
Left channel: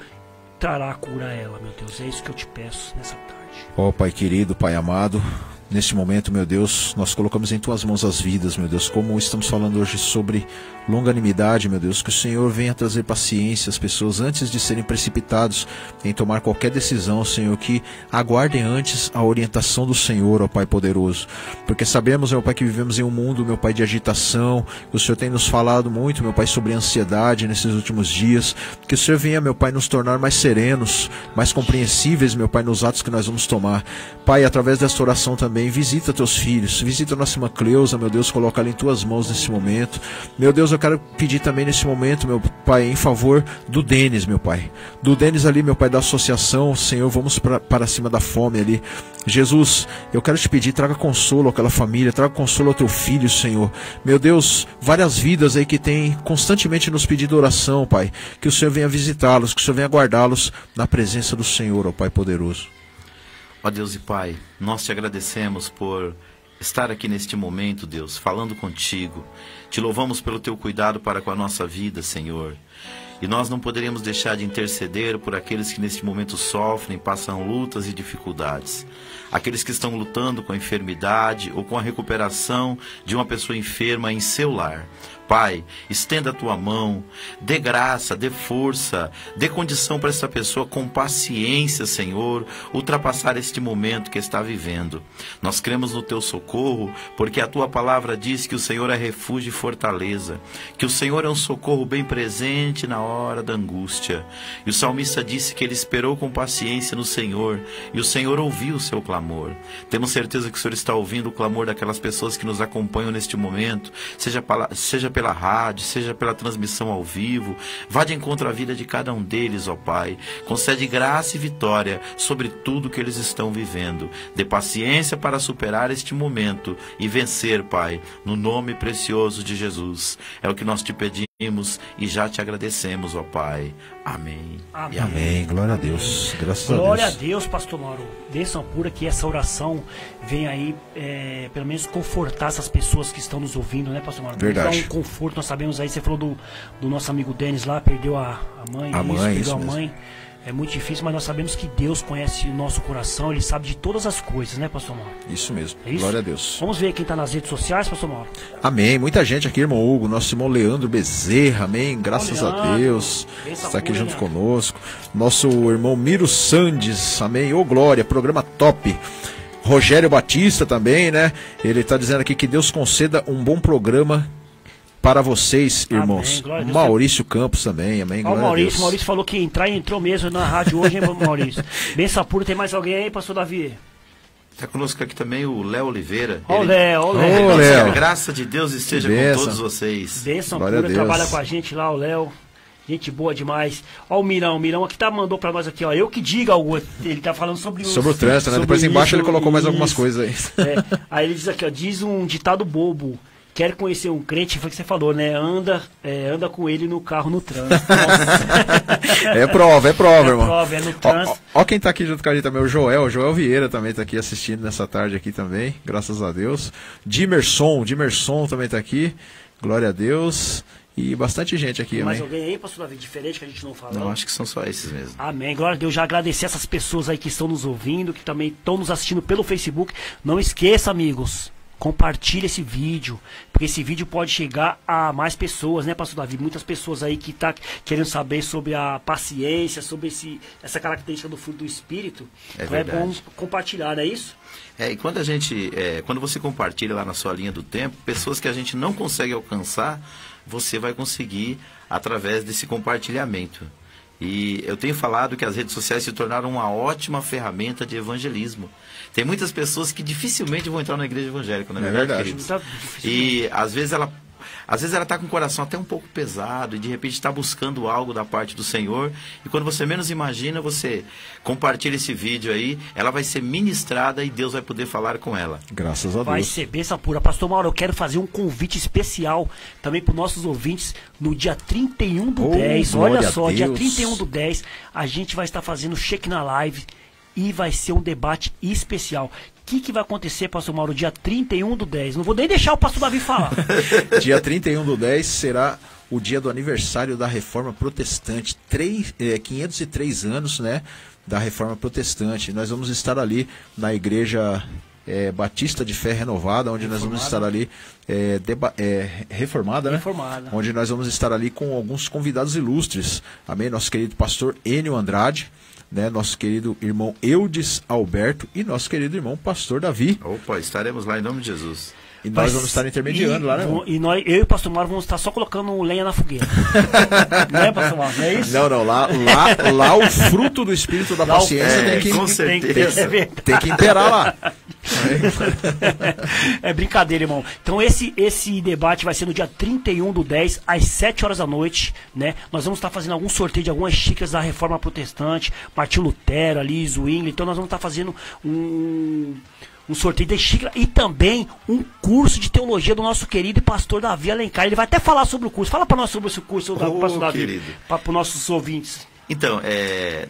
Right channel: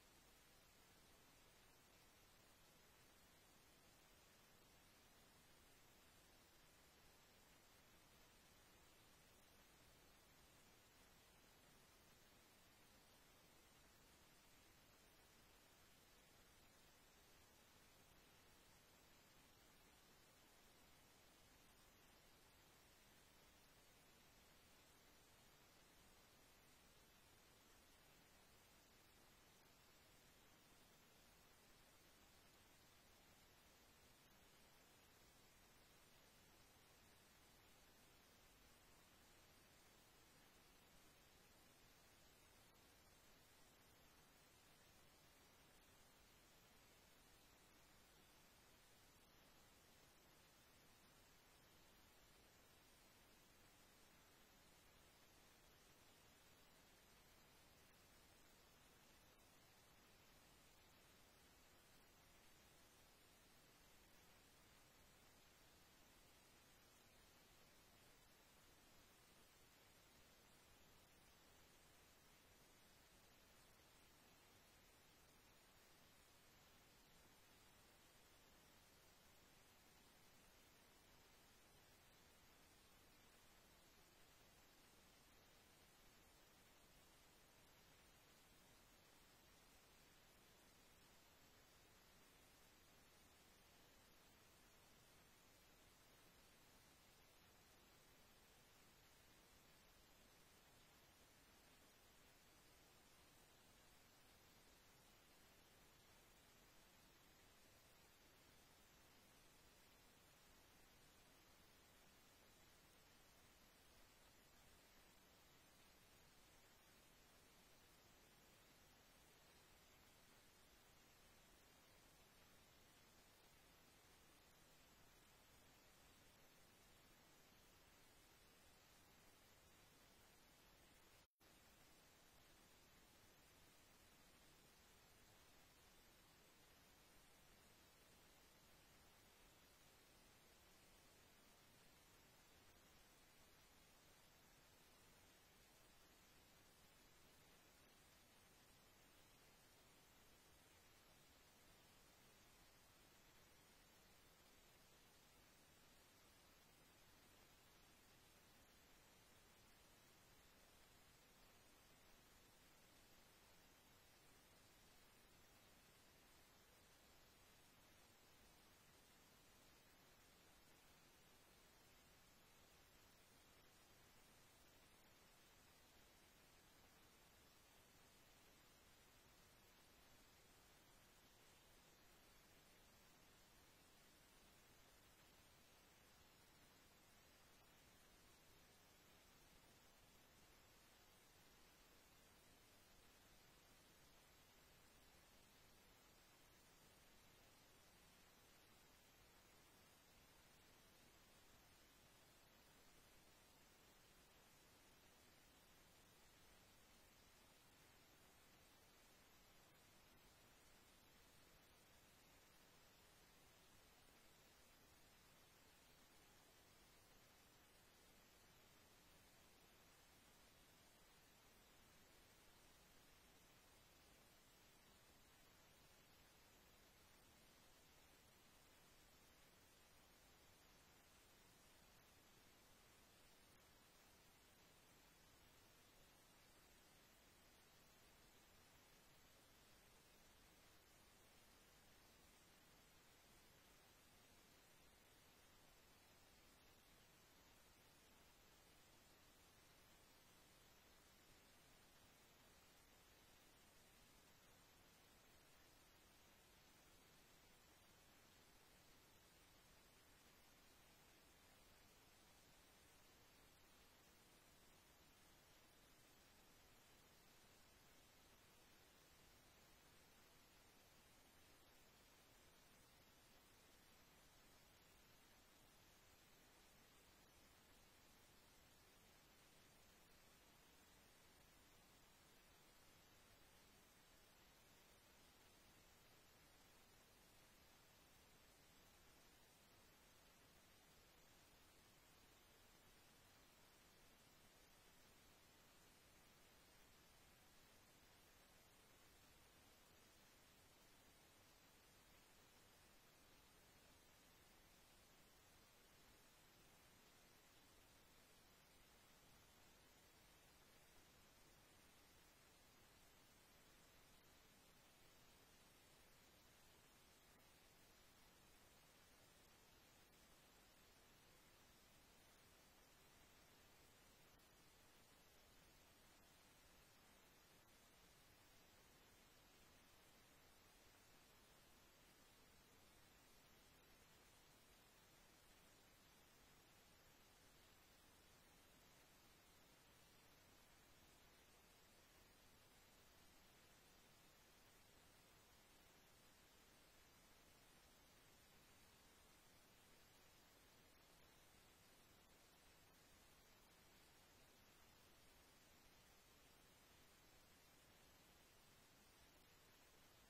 trará a cura a ela, meu Deus. É isso que eu te peço nessa tarde. Ó Pai querido, Pai amado, neste momento, meu Deus, nós colocamos em Tuas mãos as vidas, meu Deus, como estamos falando hoje sobre longanimidade, meu Deus, que o Senhor venha trazer paciência às pessoas antes de serem precipitados em tomar qualquer decisão, Senhor, que aguardem antes a orientação do Senhor, ó Pai poderoso, porque sabemos, meu Pai, que vivemos em um mundo, meu Pai, de agitação. O Senhor tem nos falado muito, meu Pai, sobre ansiedade nesses últimos dias, que o Senhor venha, meu Pai, nos tornar mais serenos, mais compreensíveis, meu Pai, nos atos que nós vamos tomar. Pai, através desta oração também, visita Teus filhos, visita a nossa irmã Cleusa, meu Deus, coloca ela em Tuas mãos nesse momento. Meu Deus, eu quero pedir também nesse momento, meu Pai, em favor do Denis, meu Pai. Do Denis ali, meu Pai, da associação, Senhor, vamos para cima da fome ali. Jesus, eu quero te pedir, traga consolo àquela família, traga consolo ao Teu filho, Senhor. Meu Deus, várias vidas aí que têm constantemente nos pedido oração, Pai. Que o Senhor venha visitá-los, que o Senhor venha guardá-los na presença do Senhor, ó Pai poderoso. Ó Deus e Pai, nós te agradecemos por estar aqui neste momento, Deus, falando contigo. Te louvamos pelo teu cuidado para com a nossa vida, Senhor. E nós não poderíamos deixar de interceder por aqueles que neste momento sofrem, passam lutas e dificuldades. Aqueles que estão lutando com a enfermidade ou com a recuperação de uma pessoa enferma em seu lar. Pai, estenda a tua mão, dê graça, dê força, dê condição para essa pessoa com paciência, Senhor, ultrapassar este momento que está vivendo. Nós cremos no teu socorro, porque a tua palavra diz que o Senhor é refúgio e fortaleza, que o Senhor é um socorro bem presente na hora da angústia. E o salmista disse que ele esperou com paciência no Senhor, e o Senhor ouviu o seu clamor. Temos certeza que o Senhor está ouvindo o clamor daquelas pessoas que nos acompanham neste momento, seja pela rádio, seja pela transmissão ao vivo. Vá de encontro à vida de cada um deles, ó Pai. Concede graça e vitória sobre tudo que eles estão vivendo. Dê paciência para superar este momento e vencer, Pai, no nome precioso de Jesus. É o que nós te pedimos e já te agradecemos, ó Pai. Amém. Amém. E amém. Amém, glória a Deus, graças a Deus. Glória a Deus, pastor Mauro. Bênção pura que essa oração vem aí, pelo menos confortar essas pessoas que estão nos ouvindo, né, pastor Mauro? Verdade. Dar um conforto. Nós sabemos aí, você falou do nosso amigo Denis lá, perdeu a mãe. Perdeu isso a mesmo. mãe. É muito difícil, mas nós sabemos que Deus conhece o nosso coração, Ele sabe de todas as coisas, né, pastor Mauro? Isso mesmo, É isso? glória a Deus. Vamos ver quem está nas redes sociais, pastor Mauro. Amém, muita gente aqui, irmão Hugo, nosso irmão Leandro Bezerra, amém, graças a Leandro, Deus, benção está aqui pura, junto Leandro. conosco. Nosso irmão Miro Sandes, amém, ô glória, programa top. Rogério Batista também, né, ele está dizendo aqui que Deus conceda um bom programa para vocês, irmãos. Amém, glória a Deus. Maurício Campos também, amém, Ó, glória o a Deus. Maurício falou que entrar e entrou mesmo na rádio hoje, hein, Maurício? Benção pura, tem mais alguém aí, pastor Davi? Está conosco aqui também o Léo Oliveira. Ó, o Ele- Léo, ó, o Ô, Léo. Que a Léo. graça de Deus esteja Que com bênção. todos vocês. Bênção Glória a pura, Deus. trabalha com a gente lá, o Léo. Gente boa demais. Ó, o Mirão aqui mandou pra nós aqui, ó. Eu que diga algo. Ele tá falando sobre Sobre o trânsito, né? sobre Depois embaixo isso, ele colocou mais algumas isso. coisas aí. É. Aí ele diz aqui, ó, diz um ditado bobo. Quer conhecer um crente, foi o que você falou, né? Anda com ele no carro no trânsito. Nossa. É prova, irmão. prova, é no Ó, trânsito. ó quem tá aqui junto com a gente também, o Joel Vieira também tá aqui assistindo nessa tarde aqui também, graças a Deus. Dimerson também tá aqui, glória a Deus. E bastante gente aqui, Tem mais amém. alguém aí, pastor Davi, diferente que a gente não falou? Não, acho que são só esses mesmo. Amém. Glória a Deus. Já agradecer essas pessoas aí que estão nos ouvindo, que também estão nos assistindo pelo Facebook. Não esqueça, amigos, compartilhe esse vídeo, porque esse vídeo pode chegar a mais pessoas, né, pastor Davi? Muitas pessoas aí que tá querendo saber sobre a paciência, sobre essa característica do fruto do Espírito. É Então é bom verdade. compartilhar, não é isso? E quando você compartilha lá na sua linha do tempo, pessoas que a gente não consegue alcançar, você vai conseguir através desse compartilhamento. E eu tenho falado que as redes sociais se tornaram uma ótima ferramenta de evangelismo. Tem muitas pessoas que dificilmente vão entrar na igreja evangélica, não é verdade, queridos? E às vezes ela está com o coração até um pouco pesado e de repente está buscando algo da parte do Senhor. E quando você menos imagina, você compartilha esse vídeo aí, ela vai ser ministrada e Deus vai poder falar com ela. Graças a Deus. Vai ser bênção pura. Pastor Mauro, eu quero fazer um convite especial também para os nossos ouvintes no dia 31 do 10. Olha só, dia 31 do 10, a gente vai estar fazendo Shekinah Live e vai ser um debate especial. O que vai acontecer, pastor Mauro, dia 31 do 10? Não vou nem deixar o pastor Davi falar. Dia 31 do 10 será o dia do aniversário da Reforma Protestante. 503 anos, né, da Reforma Protestante. Nós vamos estar ali na Igreja Batista de Fé Renovada, onde nós vamos estar ali reformada, né? Reformada. Onde nós vamos estar ali com alguns convidados ilustres. Amém? Nosso querido pastor Enio Andrade, né, nosso querido irmão Eudes Alberto e nosso querido irmão pastor Davi. Opa, estaremos lá em nome de Jesus. E nós vamos estar intermediando lá, né? Eu e o pastor Mauro vamos estar só colocando lenha na fogueira. Não é, pastor Mauro? Não é isso? Não, lá o fruto do espírito da paciência com certeza. Tem que imperar lá. É brincadeira, irmão. Então esse debate vai ser no dia 31 do 10, às 7 horas da noite, né? Nós vamos estar fazendo algum sorteio de algumas xícaras da Reforma Protestante, Martinho Lutero ali, Zwingli. Então nós vamos estar fazendo um sorteio de xícara e também um curso de teologia do nosso querido pastor Davi Alencar. Ele vai até falar sobre o curso. Fala para nós sobre esse curso, pastor Davi, para os nossos ouvintes. Então,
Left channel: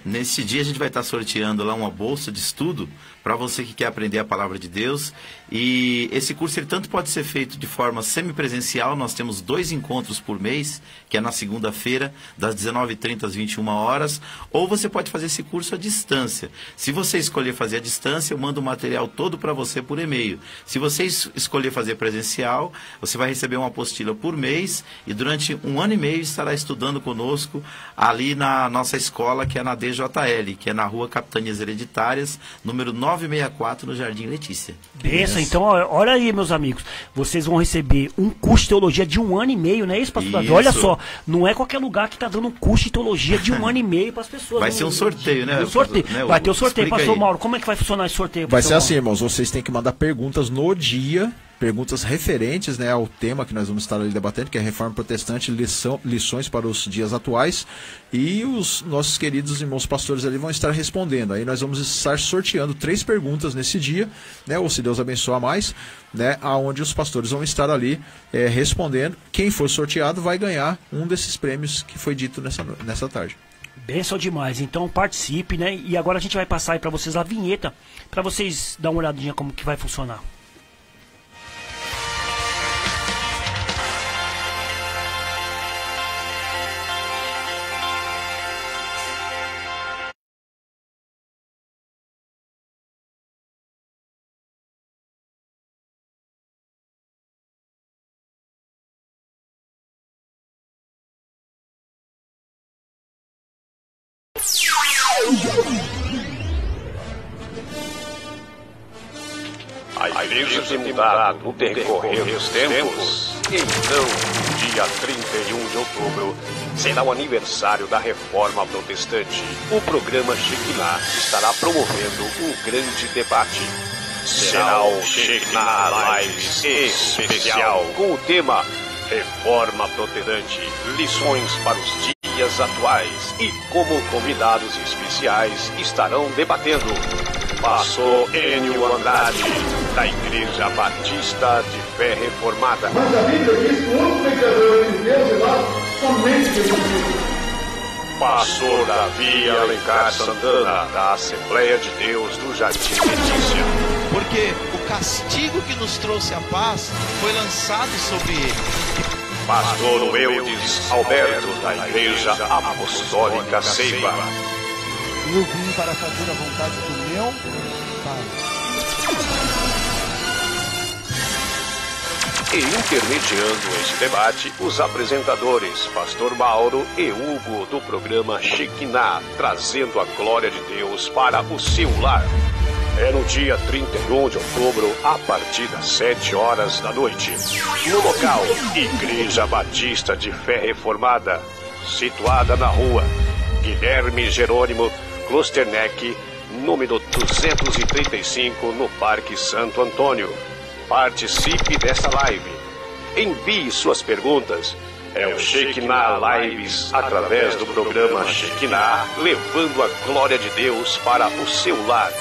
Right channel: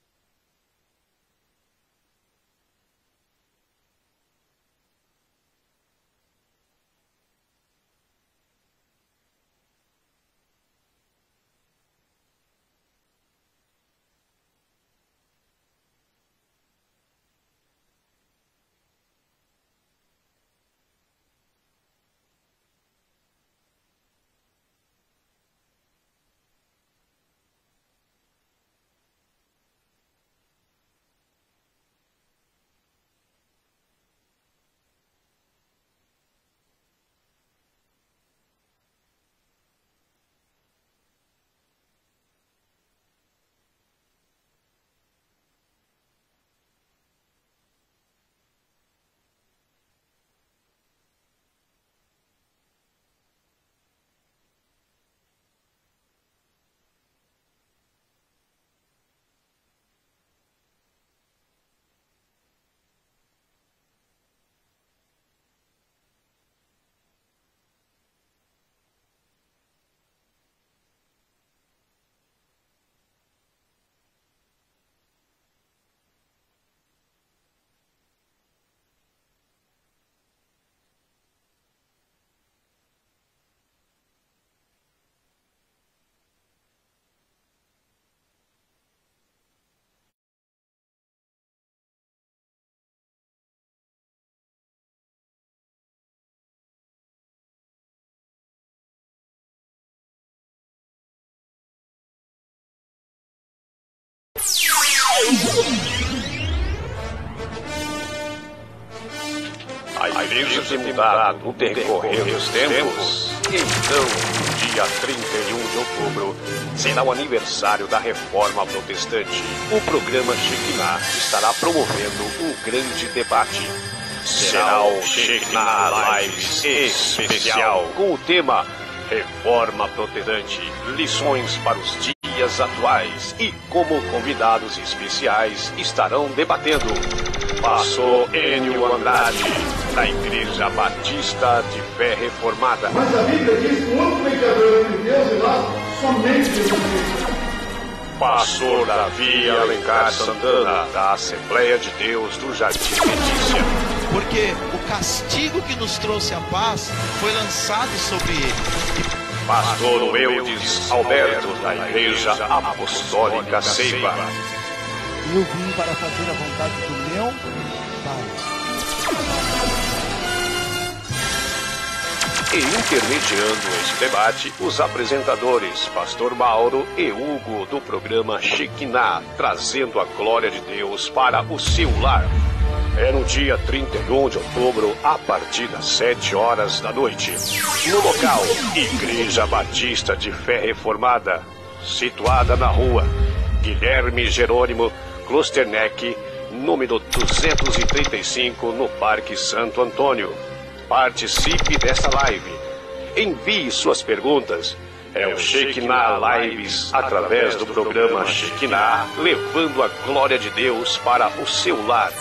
nesse dia a gente vai estar sorteando lá uma bolsa de estudo para você que quer aprender a palavra de Deus. E esse curso ele tanto pode ser feito de forma semipresencial. Nós temos 2 encontros por mês, que é na segunda-feira, das 19h30 às 21 horas. Ou você pode fazer esse curso à distância. Se você escolher fazer à distância, eu mando o material todo para você por e-mail. Se você escolher fazer presencial, você vai receber uma apostila por mês e durante 1 ano e meio estará estudando conosco ali na nossa escola, que é na DJL, que é na Rua Capitanias Hereditárias, número 964, no Jardim Letícia. Benção, então olha aí, meus amigos, vocês vão receber um curso de teologia de 1 ano e meio, não é isso, pastor Davi? Olha só, não é qualquer lugar que está dando um curso de teologia de 1 ano e meio para as pessoas. Vai ser um sorteio, né? Vai ter o sorteio, pastor Mauro. Como é que vai funcionar esse sorteio? Vai ser assim, irmãos, vocês têm que mandar perguntas no dia, perguntas referentes, né, ao tema que nós vamos estar ali debatendo, que é Reforma Protestante, lições para os dias atuais, e os nossos queridos irmãos pastores ali vão estar respondendo. Aí nós vamos estar sorteando 3 perguntas nesse dia, né, ou se Deus abençoar mais, né, aonde os pastores vão estar ali respondendo. Quem for sorteado vai ganhar um desses prêmios que foi dito nessa tarde. Benção demais, então participe, né, e agora a gente vai passar aí para vocês a vinheta, para vocês dar uma olhadinha como que vai funcionar. A igreja tem mudado no decorrer dos tempos. Então, dia 31 de outubro, será o aniversário da Reforma Protestante. O programa Shekinah estará promovendo um grande debate. Será o Shekinah Lives especial, com o tema Reforma Protestante, lições para os dias atuais. E como convidados especiais estarão debatendo pastor Enio Andrade, da Igreja Batista de Fé Reformada. Mas a Bíblia diz que o único pecador entre Deus e nós, somente Jesus Cristo. Pastor Davi Alencar Santana, da Assembleia de Deus do Jardim Letícia. Porque o castigo que nos trouxe a paz foi lançado sobre ele. Pastor Eudes Alberto, da Igreja Apostólica Ceiba. Eu vim para fazer a vontade do meu Pai. E intermediando esse debate, os apresentadores Pastor Mauro e Hugo do programa Shekinah, trazendo a glória de Deus para o seu lar. É no dia 31 de outubro, a partir das 7 horas da noite. No local, Igreja Batista de Fé Reformada, situada na rua Guilherme Jerônimo Klosterneck, número 235, no Parque Santo Antônio. Participe desta live. Envie suas perguntas. É o Shekinah Lives, através do programa Shekinah, levando a glória de Deus para o seu lar.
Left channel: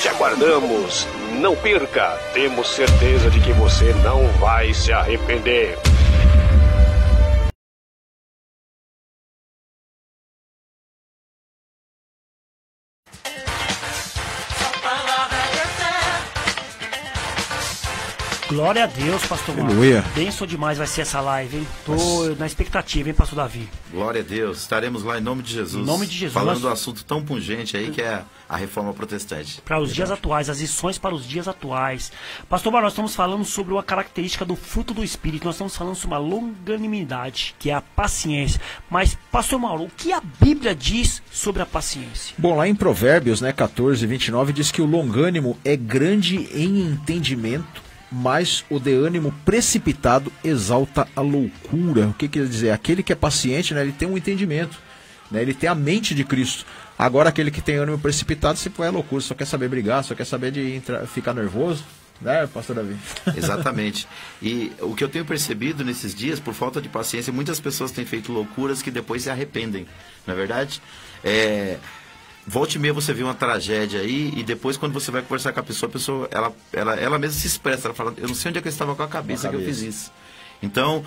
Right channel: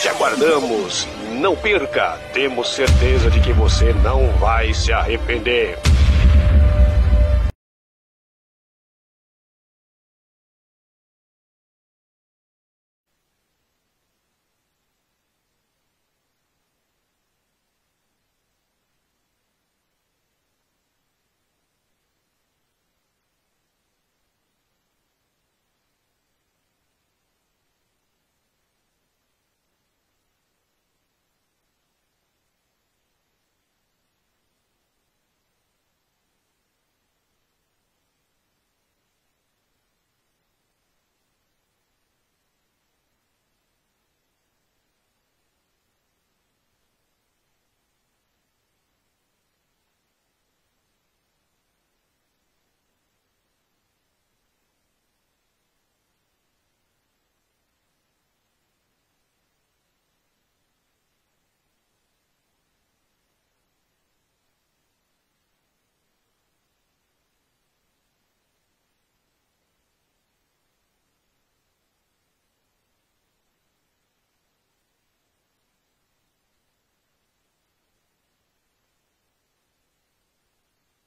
Te aguardamos. Não perca. Temos certeza de que você não vai se arrepender. Glória a Deus, pastor Marcos. Aleluia. Benção demais vai ser essa live, hein? Tô na expectativa, hein, pastor Davi? Glória a Deus. Estaremos lá em nome de Jesus. Em nome de Jesus. Falando do assunto tão pungente aí que é a reforma protestante. Para os dias atuais, as lições para os dias atuais. Pastor Marcos, nós estamos falando sobre uma característica do fruto do Espírito. Nós estamos falando sobre uma longanimidade, que é a paciência. Mas, pastor Mauro, o que a Bíblia diz sobre a paciência? Bom, lá em Provérbios, né, 14, 29, diz que o longânimo é grande em entendimento, mas o de ânimo precipitado exalta a loucura. O que quer dizer? Aquele que é paciente, né, ele tem um entendimento, né, ele tem a mente de Cristo. Agora, aquele que tem ânimo precipitado, se for, é loucura, só quer saber brigar, só quer saber de ficar nervoso, né, pastor Davi? Exatamente. E o que eu tenho percebido nesses dias, por falta de paciência, muitas pessoas têm feito loucuras que depois se arrependem, não é verdade? Volta e meia você vê uma tragédia aí e depois quando você vai conversar com a pessoa ela mesma se expressa, ela fala, eu não sei onde é que eu estava com a cabeça que eu fiz isso. Então,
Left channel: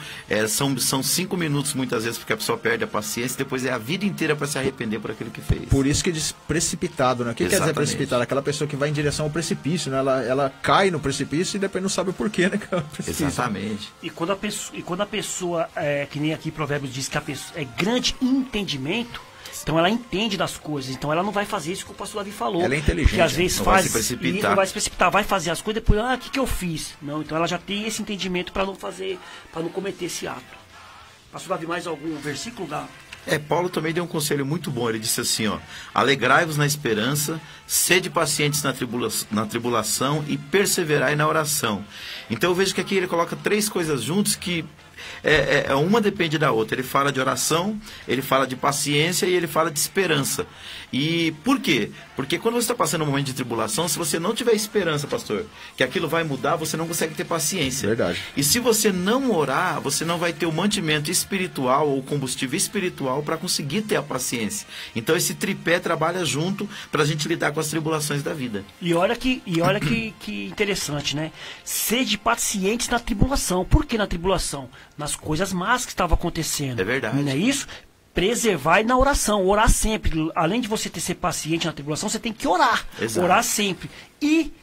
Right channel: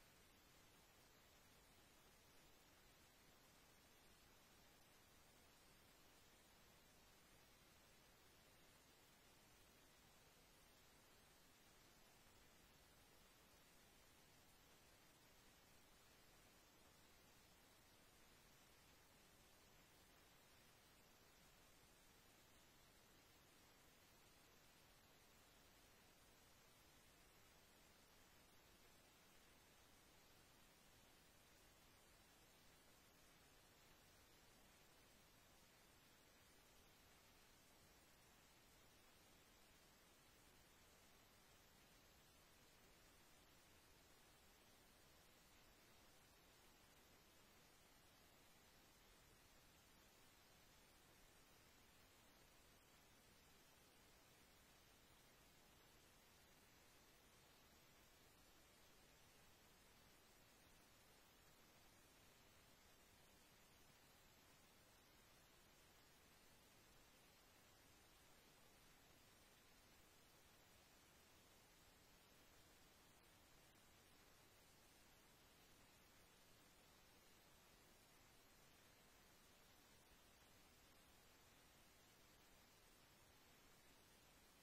são 5 minutos muitas vezes porque a pessoa perde a paciência e depois é a vida inteira para se arrepender por aquilo que fez. Por isso que diz precipitado, né? O que quer dizer precipitado? Aquela pessoa que vai em direção ao precipício, né? Ela cai no precipício e depois não sabe o porquê, né? Exatamente. E quando a pessoa, que nem aqui Provérbios diz que a pessoa é grande em entendimento, então ela entende das coisas, então ela não vai fazer isso que o pastor Davi falou. Ela é inteligente. Porque às vezes não faz vai se precipitar. isso, não vai se precipitar, vai fazer as coisas depois, o que eu fiz? Não, então ela já tem esse entendimento para não fazer, para não cometer esse ato. Pastor Davi, mais algum versículo da... Paulo também deu um conselho muito bom, ele disse assim, alegrai-vos na esperança, sede pacientes na tribulação e perseverai na oração. Então eu vejo que aqui ele coloca 3 coisas juntas que uma depende da outra. Ele fala de oração, ele fala de paciência e ele fala de esperança. E por quê? Porque quando você está passando um momento de tribulação, se você não tiver esperança, pastor, que aquilo vai mudar, você não consegue ter paciência. Verdade. E se você não orar, você não vai ter o mantimento espiritual ou combustível espiritual para conseguir ter a paciência. Então esse tripé trabalha junto para a gente lidar com as tribulações da vida. E olha que interessante, né? Sede pacientes na tribulação. Por que na tribulação? Nas coisas más que estavam acontecendo. É verdade. Não é isso? Preservar na oração, orar sempre. Além de você ser paciente na tribulação, você tem que orar. Exato. Orar sempre. E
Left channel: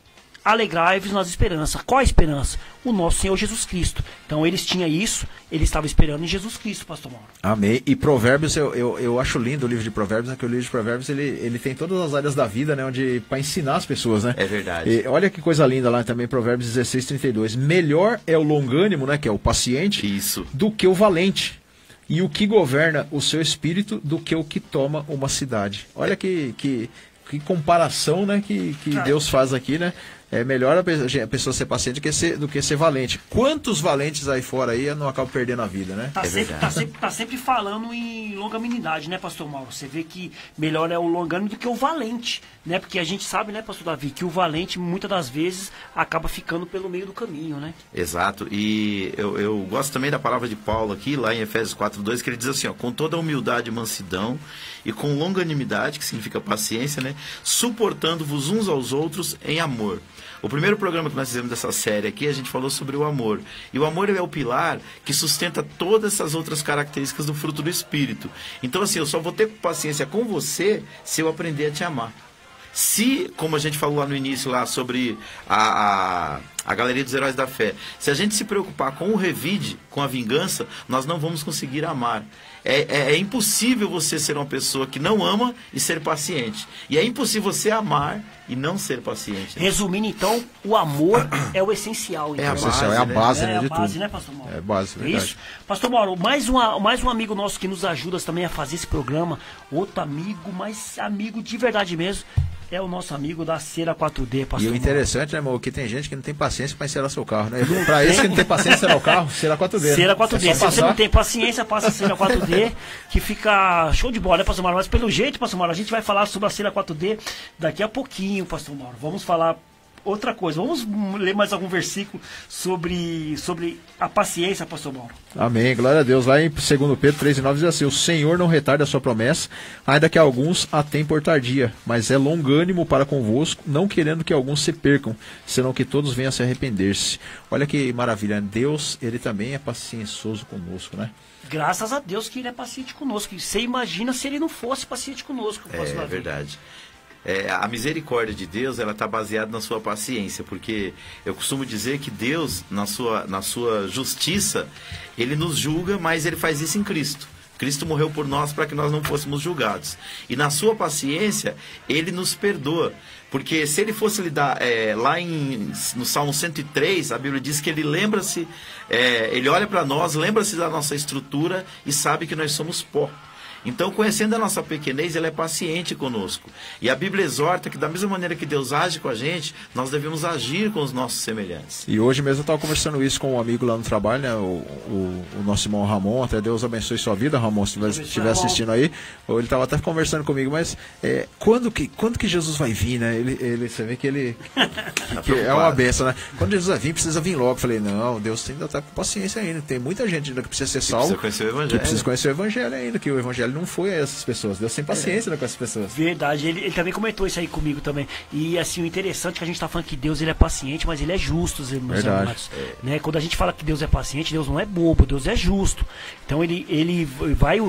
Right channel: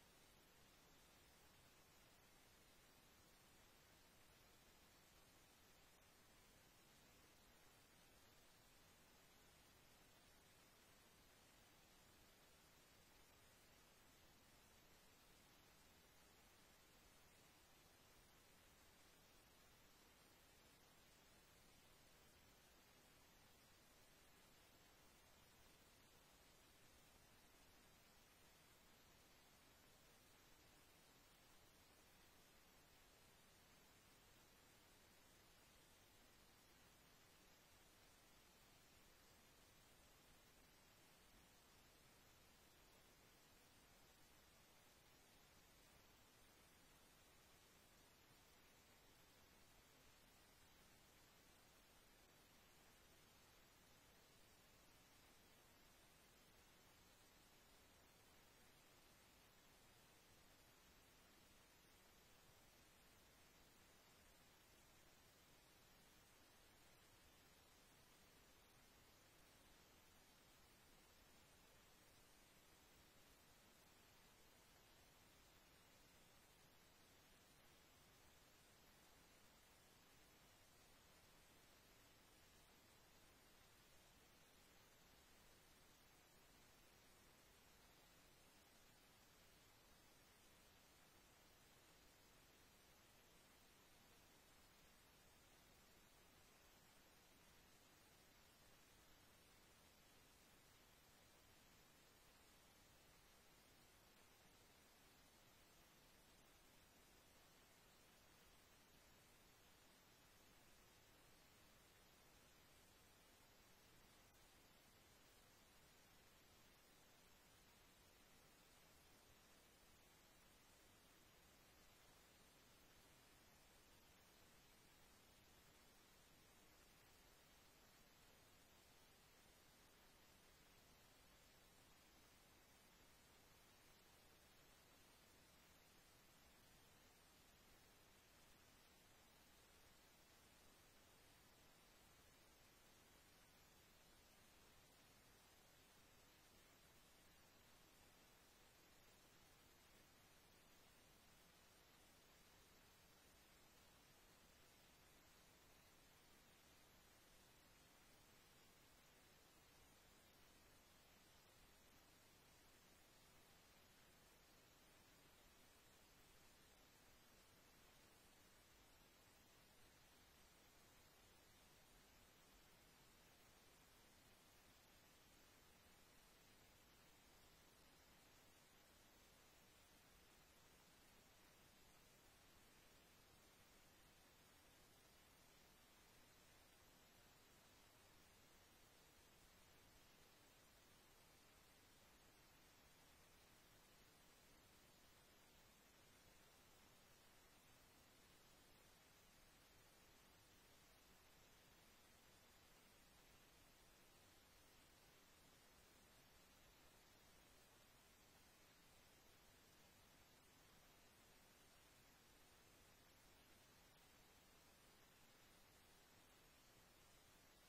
alegrai-vos nas esperanças. Qual a esperança? O nosso Senhor Jesus Cristo. Então eles tinham isso, eles estavam esperando em Jesus Cristo, pastor Mauro. Amém. E Provérbios, eu acho lindo o livro de Provérbios, né? Que o livro de Provérbios ele tem todas as áreas da vida, né? Para ensinar as pessoas, né? É verdade. E olha que coisa linda lá também, Provérbios 16, 32. Melhor é o longânimo, né? Que é o paciente, Isso. do que o valente. E o que governa o seu espírito do que o que toma uma cidade. Olha que comparação, né? Que Deus faz aqui, né? É melhor a pessoa ser paciente do que ser valente. Quantos valentes aí fora aí não acabam perdendo a vida, né? Tá sempre falando em longanimidade, né, pastor Mauro? Você vê que melhor é o longânimo do que o valente, né? Porque a gente sabe, né, pastor Davi, que o valente muitas das vezes acaba ficando pelo meio do caminho, né? Exato. E eu gosto também da palavra de Paulo aqui, lá em Efésios 4:2, que ele diz assim, com toda humildade e mansidão e com longanimidade, que significa paciência, né? Suportando-vos uns aos outros em amor. O primeiro programa que nós fizemos dessa série aqui, a gente falou sobre o amor. E o amor é o pilar que sustenta todas essas outras características do fruto do Espírito. Então, assim, eu só vou ter paciência com você se eu aprender a te amar. Se, como a gente falou lá no início, lá sobre a Galeria dos Heróis da Fé, se a gente se preocupar com o revide, com a vingança, nós não vamos conseguir amar. É impossível você ser uma pessoa que não ama e ser paciente. E é impossível você amar e não ser paciente. Resumindo, então, o amor é o essencial. Então. É a base, né, de tudo. É a base, né, pastor Mauro? É a base, verdade. Isso. Pastor Mauro, mais um amigo nosso que nos ajuda também a fazer esse programa. Outro amigo, mas amigo de verdade mesmo, é o nosso amigo da Cera 4D, pastor. E o interessante, né, irmão, que tem gente que não tem paciência para encerar seu carro, né? Para esse que não tem paciência de encerar o carro, Cera 4D. Cera 4D. É Se você não tem paciência, passa a Cera 4D, que fica show de bola, né, pastor Mauro? Mas pelo jeito, pastor Mauro, a gente vai falar sobre a Cera 4D daqui a pouquinho, pastor Mauro. Vamos falar outra coisa. Vamos ler mais algum versículo sobre a paciência, pastor Mauro. Amém, glória a Deus. Lá em 2 Pedro 3,9 diz assim: o Senhor não retarda a sua promessa, ainda que alguns a têm por tardia, mas é longânimo para convosco, não querendo que alguns se percam, senão que todos venham a se arrepender-se. Olha que maravilha, Deus, ele também é paciencioso conosco, né? Graças a Deus que ele é paciente conosco. Você imagina se ele não fosse paciente conosco, pastor Davi. Verdade. A misericórdia de Deus, ela está baseada na sua paciência, porque eu costumo dizer que Deus, na sua justiça, ele nos julga, mas ele faz isso em Cristo. Cristo morreu por nós para que nós não fôssemos julgados. E na sua paciência, ele nos perdoa. Porque se ele fosse lidar, lá no Salmo 103, a Bíblia diz que ele lembra-se, ele olha para nós, lembra-se da nossa estrutura e sabe que nós somos pó. Então, conhecendo a nossa pequenez, ele é paciente conosco. E a Bíblia exorta que da mesma maneira que Deus age com a gente, nós devemos agir com os nossos semelhantes. E hoje mesmo eu estava conversando isso com um amigo lá no trabalho, né? O nosso irmão Ramon. Até Deus abençoe sua vida, Ramon, se estiver assistindo aí. Ele estava até conversando comigo, mas quando que Jesus vai vir, né? Você vê que ele que é uma benção, né? Quando Jesus vai vir, precisa vir logo. Eu falei, não, Deus ainda está com paciência ainda. Tem muita gente ainda que precisa ser salvo, que precisa conhecer o Evangelho ainda, que o Evangelho não foi a essas pessoas. Deus tem paciência, né, com essas pessoas. Verdade, ele também comentou isso aí comigo também. E assim, o interessante é que a gente está falando que Deus ele é paciente, mas ele é justo, meus amados. Né? Quando a gente fala que Deus é paciente, Deus não é bobo, Deus é justo. Então ele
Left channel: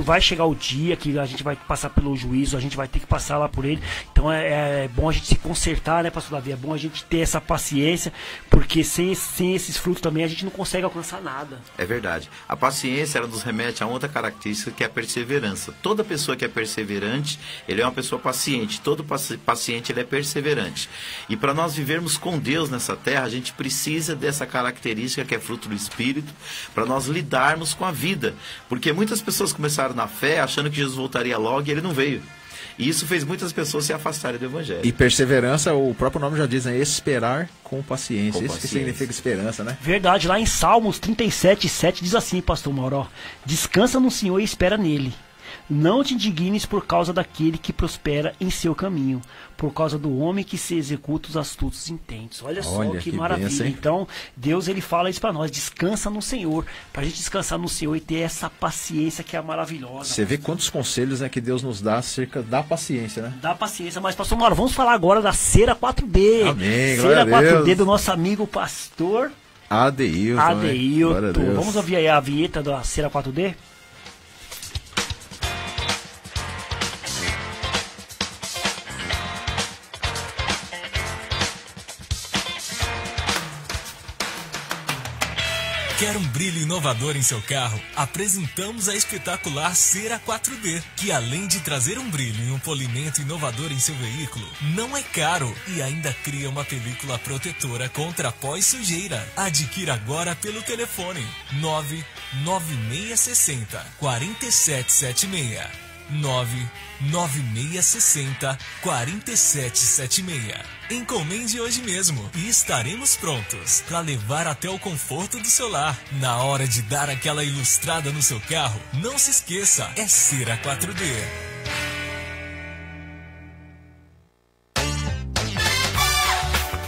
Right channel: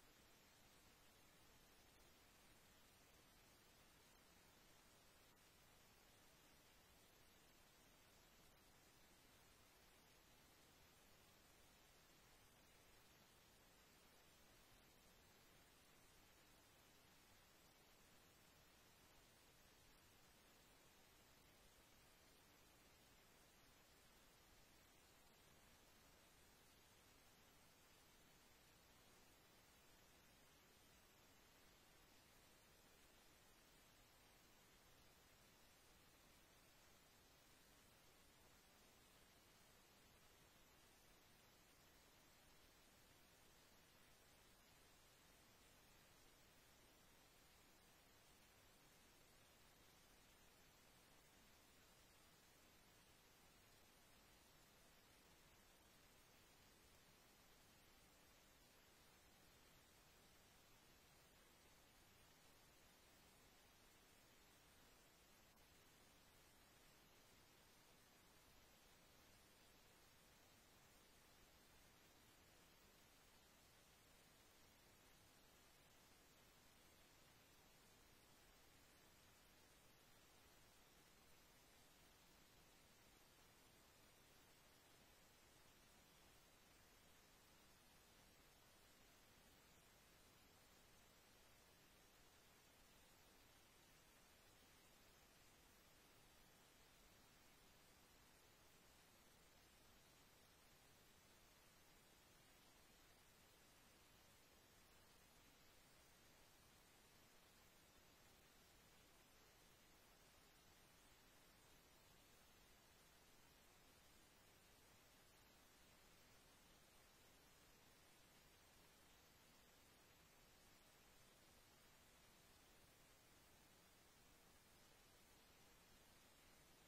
vai chegar o dia que a gente vai passar pelo juízo, a gente vai ter que passar lá por ele. Então é bom a gente se consertar, né, pastor Davi? É bom a gente ter essa paciência, porque sem esses frutos também a gente não consegue alcançar nada. É verdade. A paciência, ela nos remete a outra característica, que é a perseverança. Toda pessoa que é perseverante, ele é uma pessoa paciente. Todo paciente, ele é perseverante. E para nós vivermos com Deus nessa terra, a gente precisa dessa característica que é fruto do Espírito, para nós lidarmos com a vida. Porque muitas pessoas começaram na fé achando que Jesus voltaria logo e ele não veio. E isso fez muitas pessoas se afastarem do Evangelho. E perseverança, o próprio nome já diz, né? Esperar com paciência. Isso que significa esperança, né? Verdade, lá em Salmos 37:7 diz assim, pastor Mauro, ó, descansa no Senhor e espera nele. Não te indignes por causa daquele que prospera em seu caminho, por causa do homem que se executa os astutos intentos. Olha só que maravilha. Benção, então, Deus ele fala isso para nós, descansa no Senhor, para a gente descansar no Senhor e ter essa paciência que é maravilhosa. Você vê quantos conselhos, né, que Deus nos dá acerca da paciência, né? Da paciência, mas pastor Mauro, vamos falar agora da Cera 4D. Amém, Cera 4D do nosso amigo pastor Adeilton. Vamos ouvir aí a vinheta da Cera 4D? Quer um brilho inovador em seu carro? Apresentamos a espetacular Cera 4D, que além de trazer um brilho e um polimento inovador em seu veículo, não é caro e ainda cria uma película protetora contra pó e sujeira. Adquira agora pelo telefone 99660 4776. 99660 4776. Encomende hoje mesmo e estaremos prontos para levar até o conforto do seu lar. Na hora de dar aquela ilustrada no seu carro, não se esqueça, é Cera 4D.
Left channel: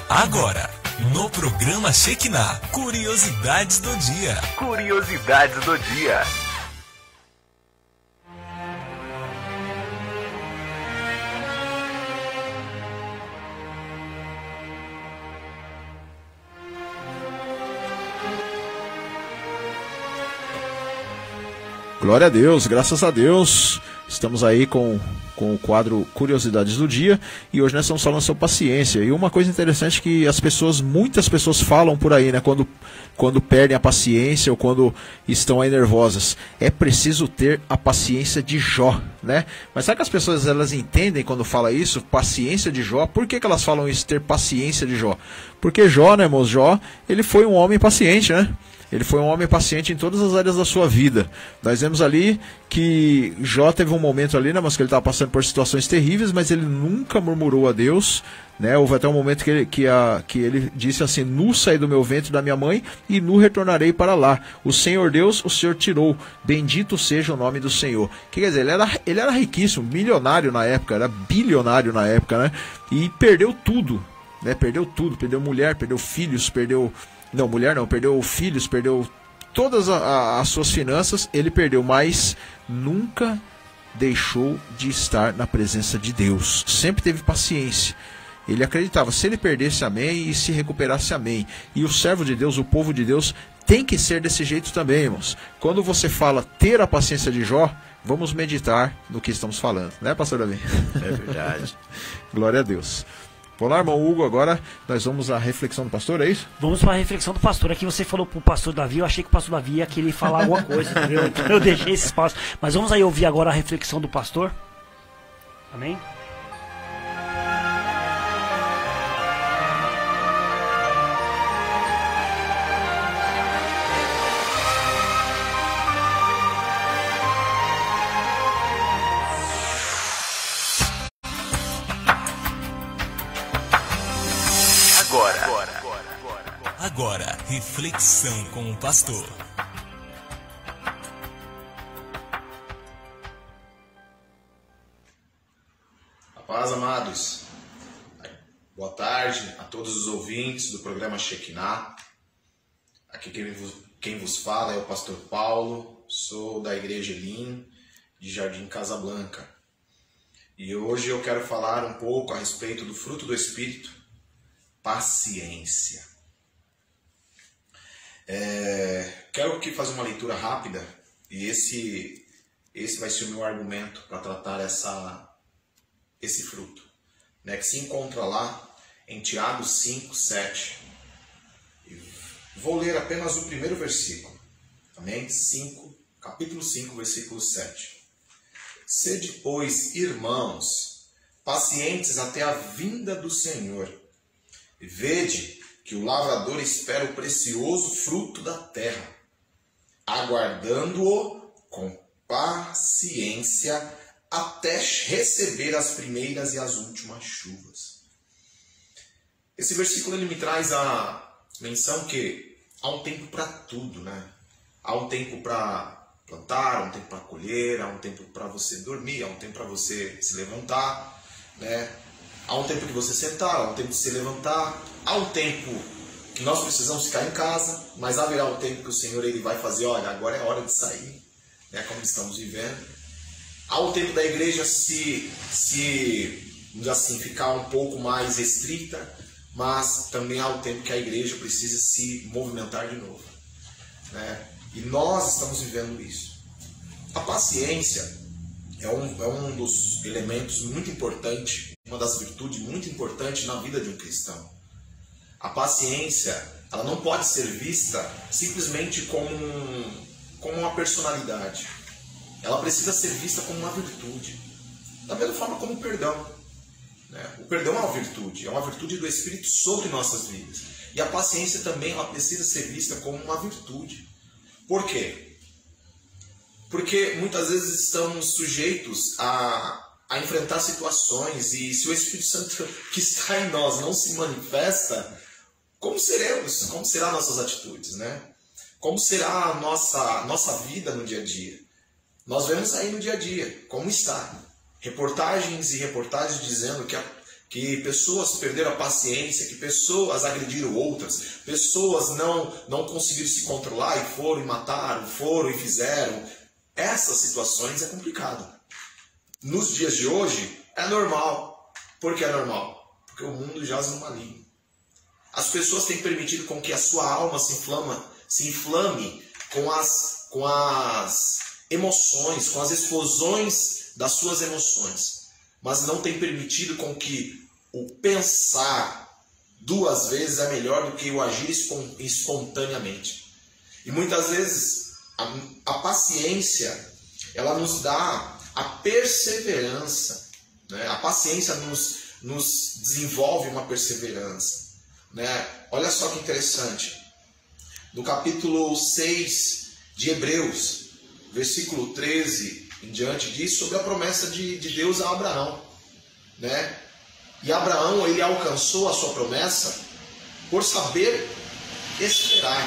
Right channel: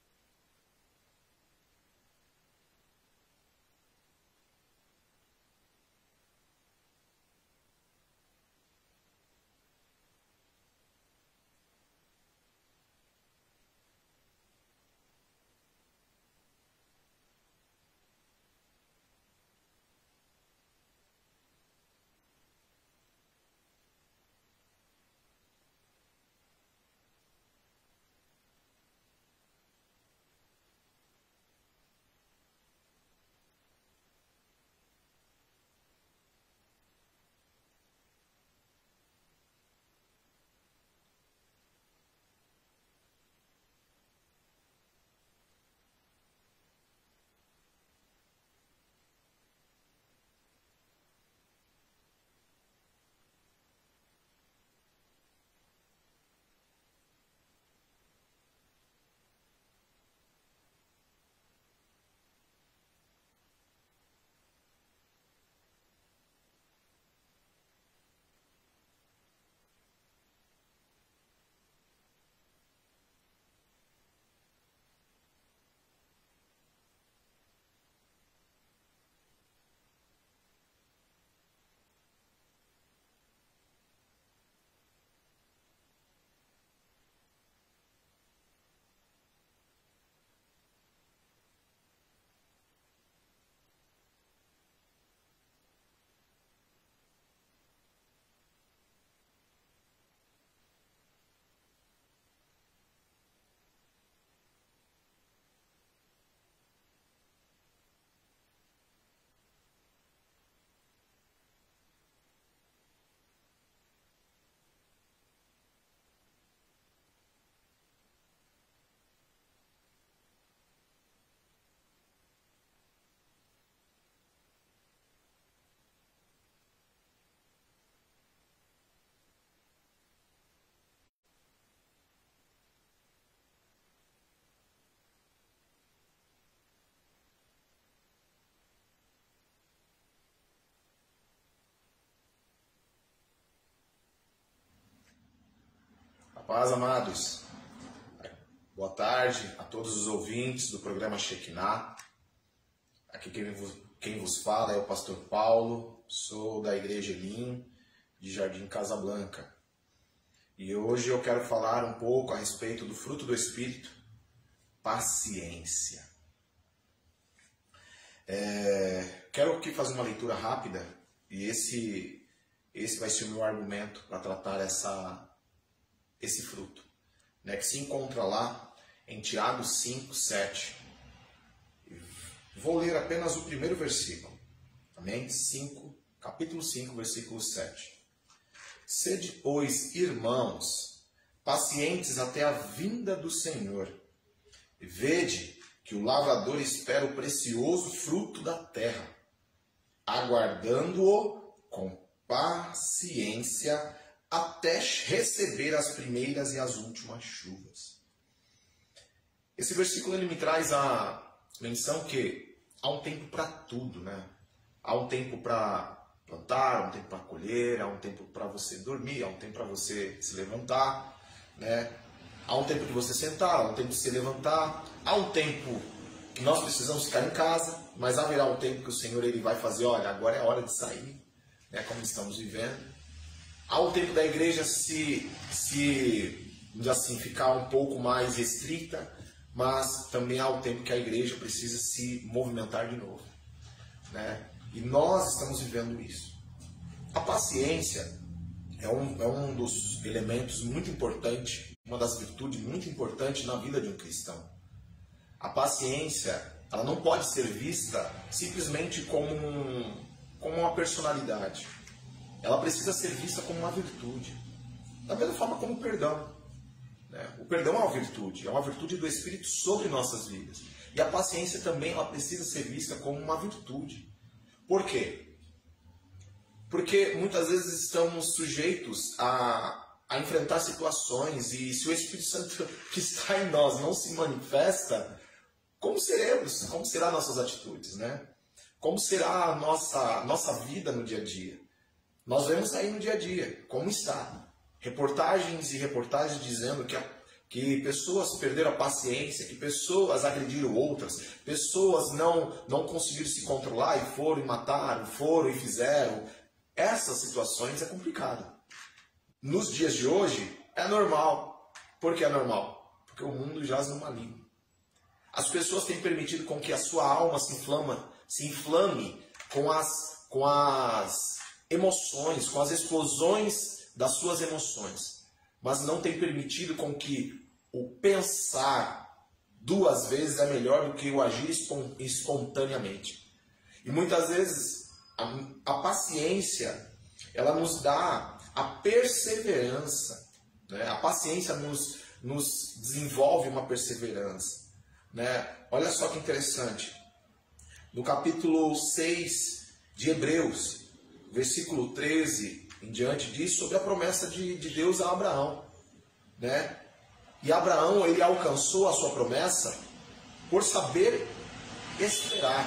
Agora, no programa Shekinah, curiosidades do dia. Curiosidades do dia. Glória a Deus, graças a Deus. Estamos aí com o quadro Curiosidades do Dia e hoje nós estamos falando sobre paciência. E uma coisa interessante que muitas pessoas falam por aí, né? Quando quando perdem a paciência ou quando estão aí nervosas. É preciso ter a paciência de Jó, né? Mas sabe que as pessoas elas entendem quando fala isso, paciência de Jó? Por que elas falam isso, ter paciência de Jó? Porque Jó, né, irmãos? Jó, ele foi um homem paciente, né? Ele foi um homem paciente em todas as áreas da sua vida. Nós vemos ali que Jó teve um momento ali, né, mas que ele estava passando por situações terríveis, mas ele nunca murmurou a Deus, né? Houve até um momento que ele disse assim: nu saí do meu ventre da minha mãe e nu retornarei para lá. O Senhor Deus, o Senhor tirou. Bendito seja o nome do Senhor. Que quer dizer, ele era riquíssimo, milionário na época, era bilionário na época, né? E perdeu tudo, né? Perdeu tudo, perdeu mulher, perdeu filhos, perdeu filhos, perdeu todas as suas finanças, ele perdeu, mas nunca deixou de estar na presença de Deus. Sempre teve paciência. Ele acreditava, se ele perdesse, amém, e se recuperasse, amém. E o servo de Deus, o povo de Deus, tem que ser desse jeito também, irmãos. Quando você fala ter a paciência de Jó, vamos meditar no que estamos falando, né, pastor Davi? É verdade. Glória a Deus. Vamos lá, irmão Hugo, agora nós vamos à reflexão do pastor, é isso? Vamos para a reflexão do pastor. Aqui você falou para o pastor Davi, eu achei que o pastor Davi ia querer falar alguma coisa, entendeu? Então eu deixei esse espaço. Mas vamos aí ouvir agora a reflexão do pastor. Amém? Agora, reflexão com o pastor. A paz, amados. Boa tarde a todos os ouvintes do programa Shekinah. Aqui quem vos fala é o pastor Paulo, sou da Igreja Elim, de Jardim Casablanca. E hoje eu quero falar um pouco a respeito do fruto do Espírito, paciência. Quero aqui fazer uma leitura rápida e esse vai ser o meu argumento para tratar esse fruto, né, que se encontra lá em Tiago 5, 7. Vou ler apenas o primeiro versículo, amém? Capítulo 5, versículo 7. Sede, pois, irmãos, pacientes até a vinda do Senhor, e vede que o lavrador espera o precioso fruto da terra, aguardando-o com paciência até receber as primeiras e as últimas chuvas. Esse versículo ele me traz a menção que há um tempo para tudo, né? Há um tempo para plantar, há um tempo para colher, há um tempo para você dormir, há um tempo para você se levantar, né? Há um tempo de você sentar, há um tempo de se levantar, há um tempo que nós precisamos ficar em casa, mas haverá um tempo que o Senhor ele vai fazer, olha, agora é hora de sair, né, como estamos vivendo. Há um tempo da igreja vamos assim, ficar um pouco mais restrita, mas também há um tempo que a igreja precisa se movimentar de novo, né? E nós estamos vivendo isso. A paciência é um dos elementos muito importantes, uma das virtudes muito importantes na vida de um cristão. A paciência, ela não pode ser vista simplesmente como uma personalidade. Ela precisa ser vista como uma virtude. Da mesma forma como o perdão, né? O perdão é uma virtude do Espírito sobre nossas vidas. E a paciência também, ela precisa ser vista como uma virtude. Por quê? Porque muitas vezes estamos sujeitos a enfrentar situações, e se o Espírito Santo que está em nós não se manifesta, como seremos? Como serão nossas atitudes, né? Como será a nossa vida no dia a dia? Nós vemos aí no dia a dia como está. Reportagens e reportagens dizendo que pessoas perderam a paciência, que pessoas agrediram outras, pessoas não conseguiram se controlar e foram e mataram, foram e fizeram. Essas situações é complicado. Nos dias de hoje é normal. Por que é normal? Porque o mundo jaz no maligno. As pessoas têm permitido com que a sua alma se inflame com as emoções, com as explosões das suas emoções, mas não tem permitido com que o pensar 2 vezes é melhor do que o agir espontaneamente. E muitas vezes a paciência, ela nos dá a perseverança, né? A paciência nos desenvolve uma perseverança, né? Olha só que interessante. No capítulo 6 de Hebreus, versículo 13 em diante, diz sobre a promessa de Deus a Abraão, né? E Abraão, ele alcançou a sua promessa por saber esperar,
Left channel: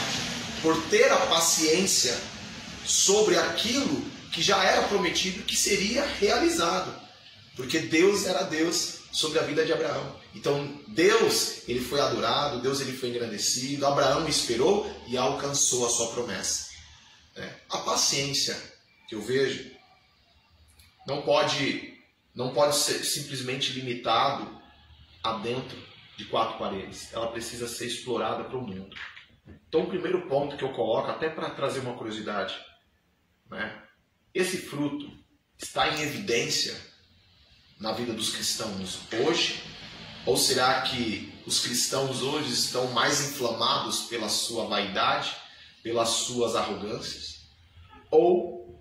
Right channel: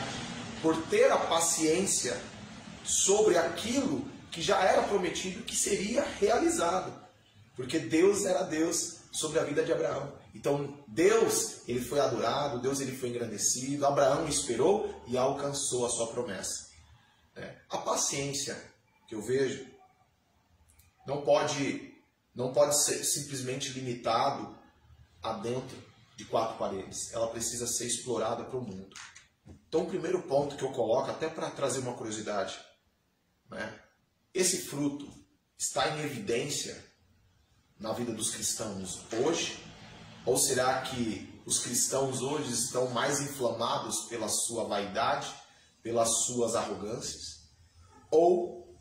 por ter a paciência sobre aquilo que já era prometido, que seria realizado, porque Deus era Deus sobre a vida de Abraão. Então Deus, ele foi adorado, Deus, ele foi engrandecido, Abraão esperou e alcançou a sua promessa. A paciência que eu vejo não pode ser simplesmente limitado a dentro de 4 paredes. Ela precisa ser explorada para o mundo. Então o primeiro ponto que eu coloco, até para trazer uma curiosidade, né? Esse fruto está em evidência na vida dos cristãos hoje? Ou será que os cristãos hoje estão mais inflamados pela sua vaidade, pelas suas arrogâncias? Ou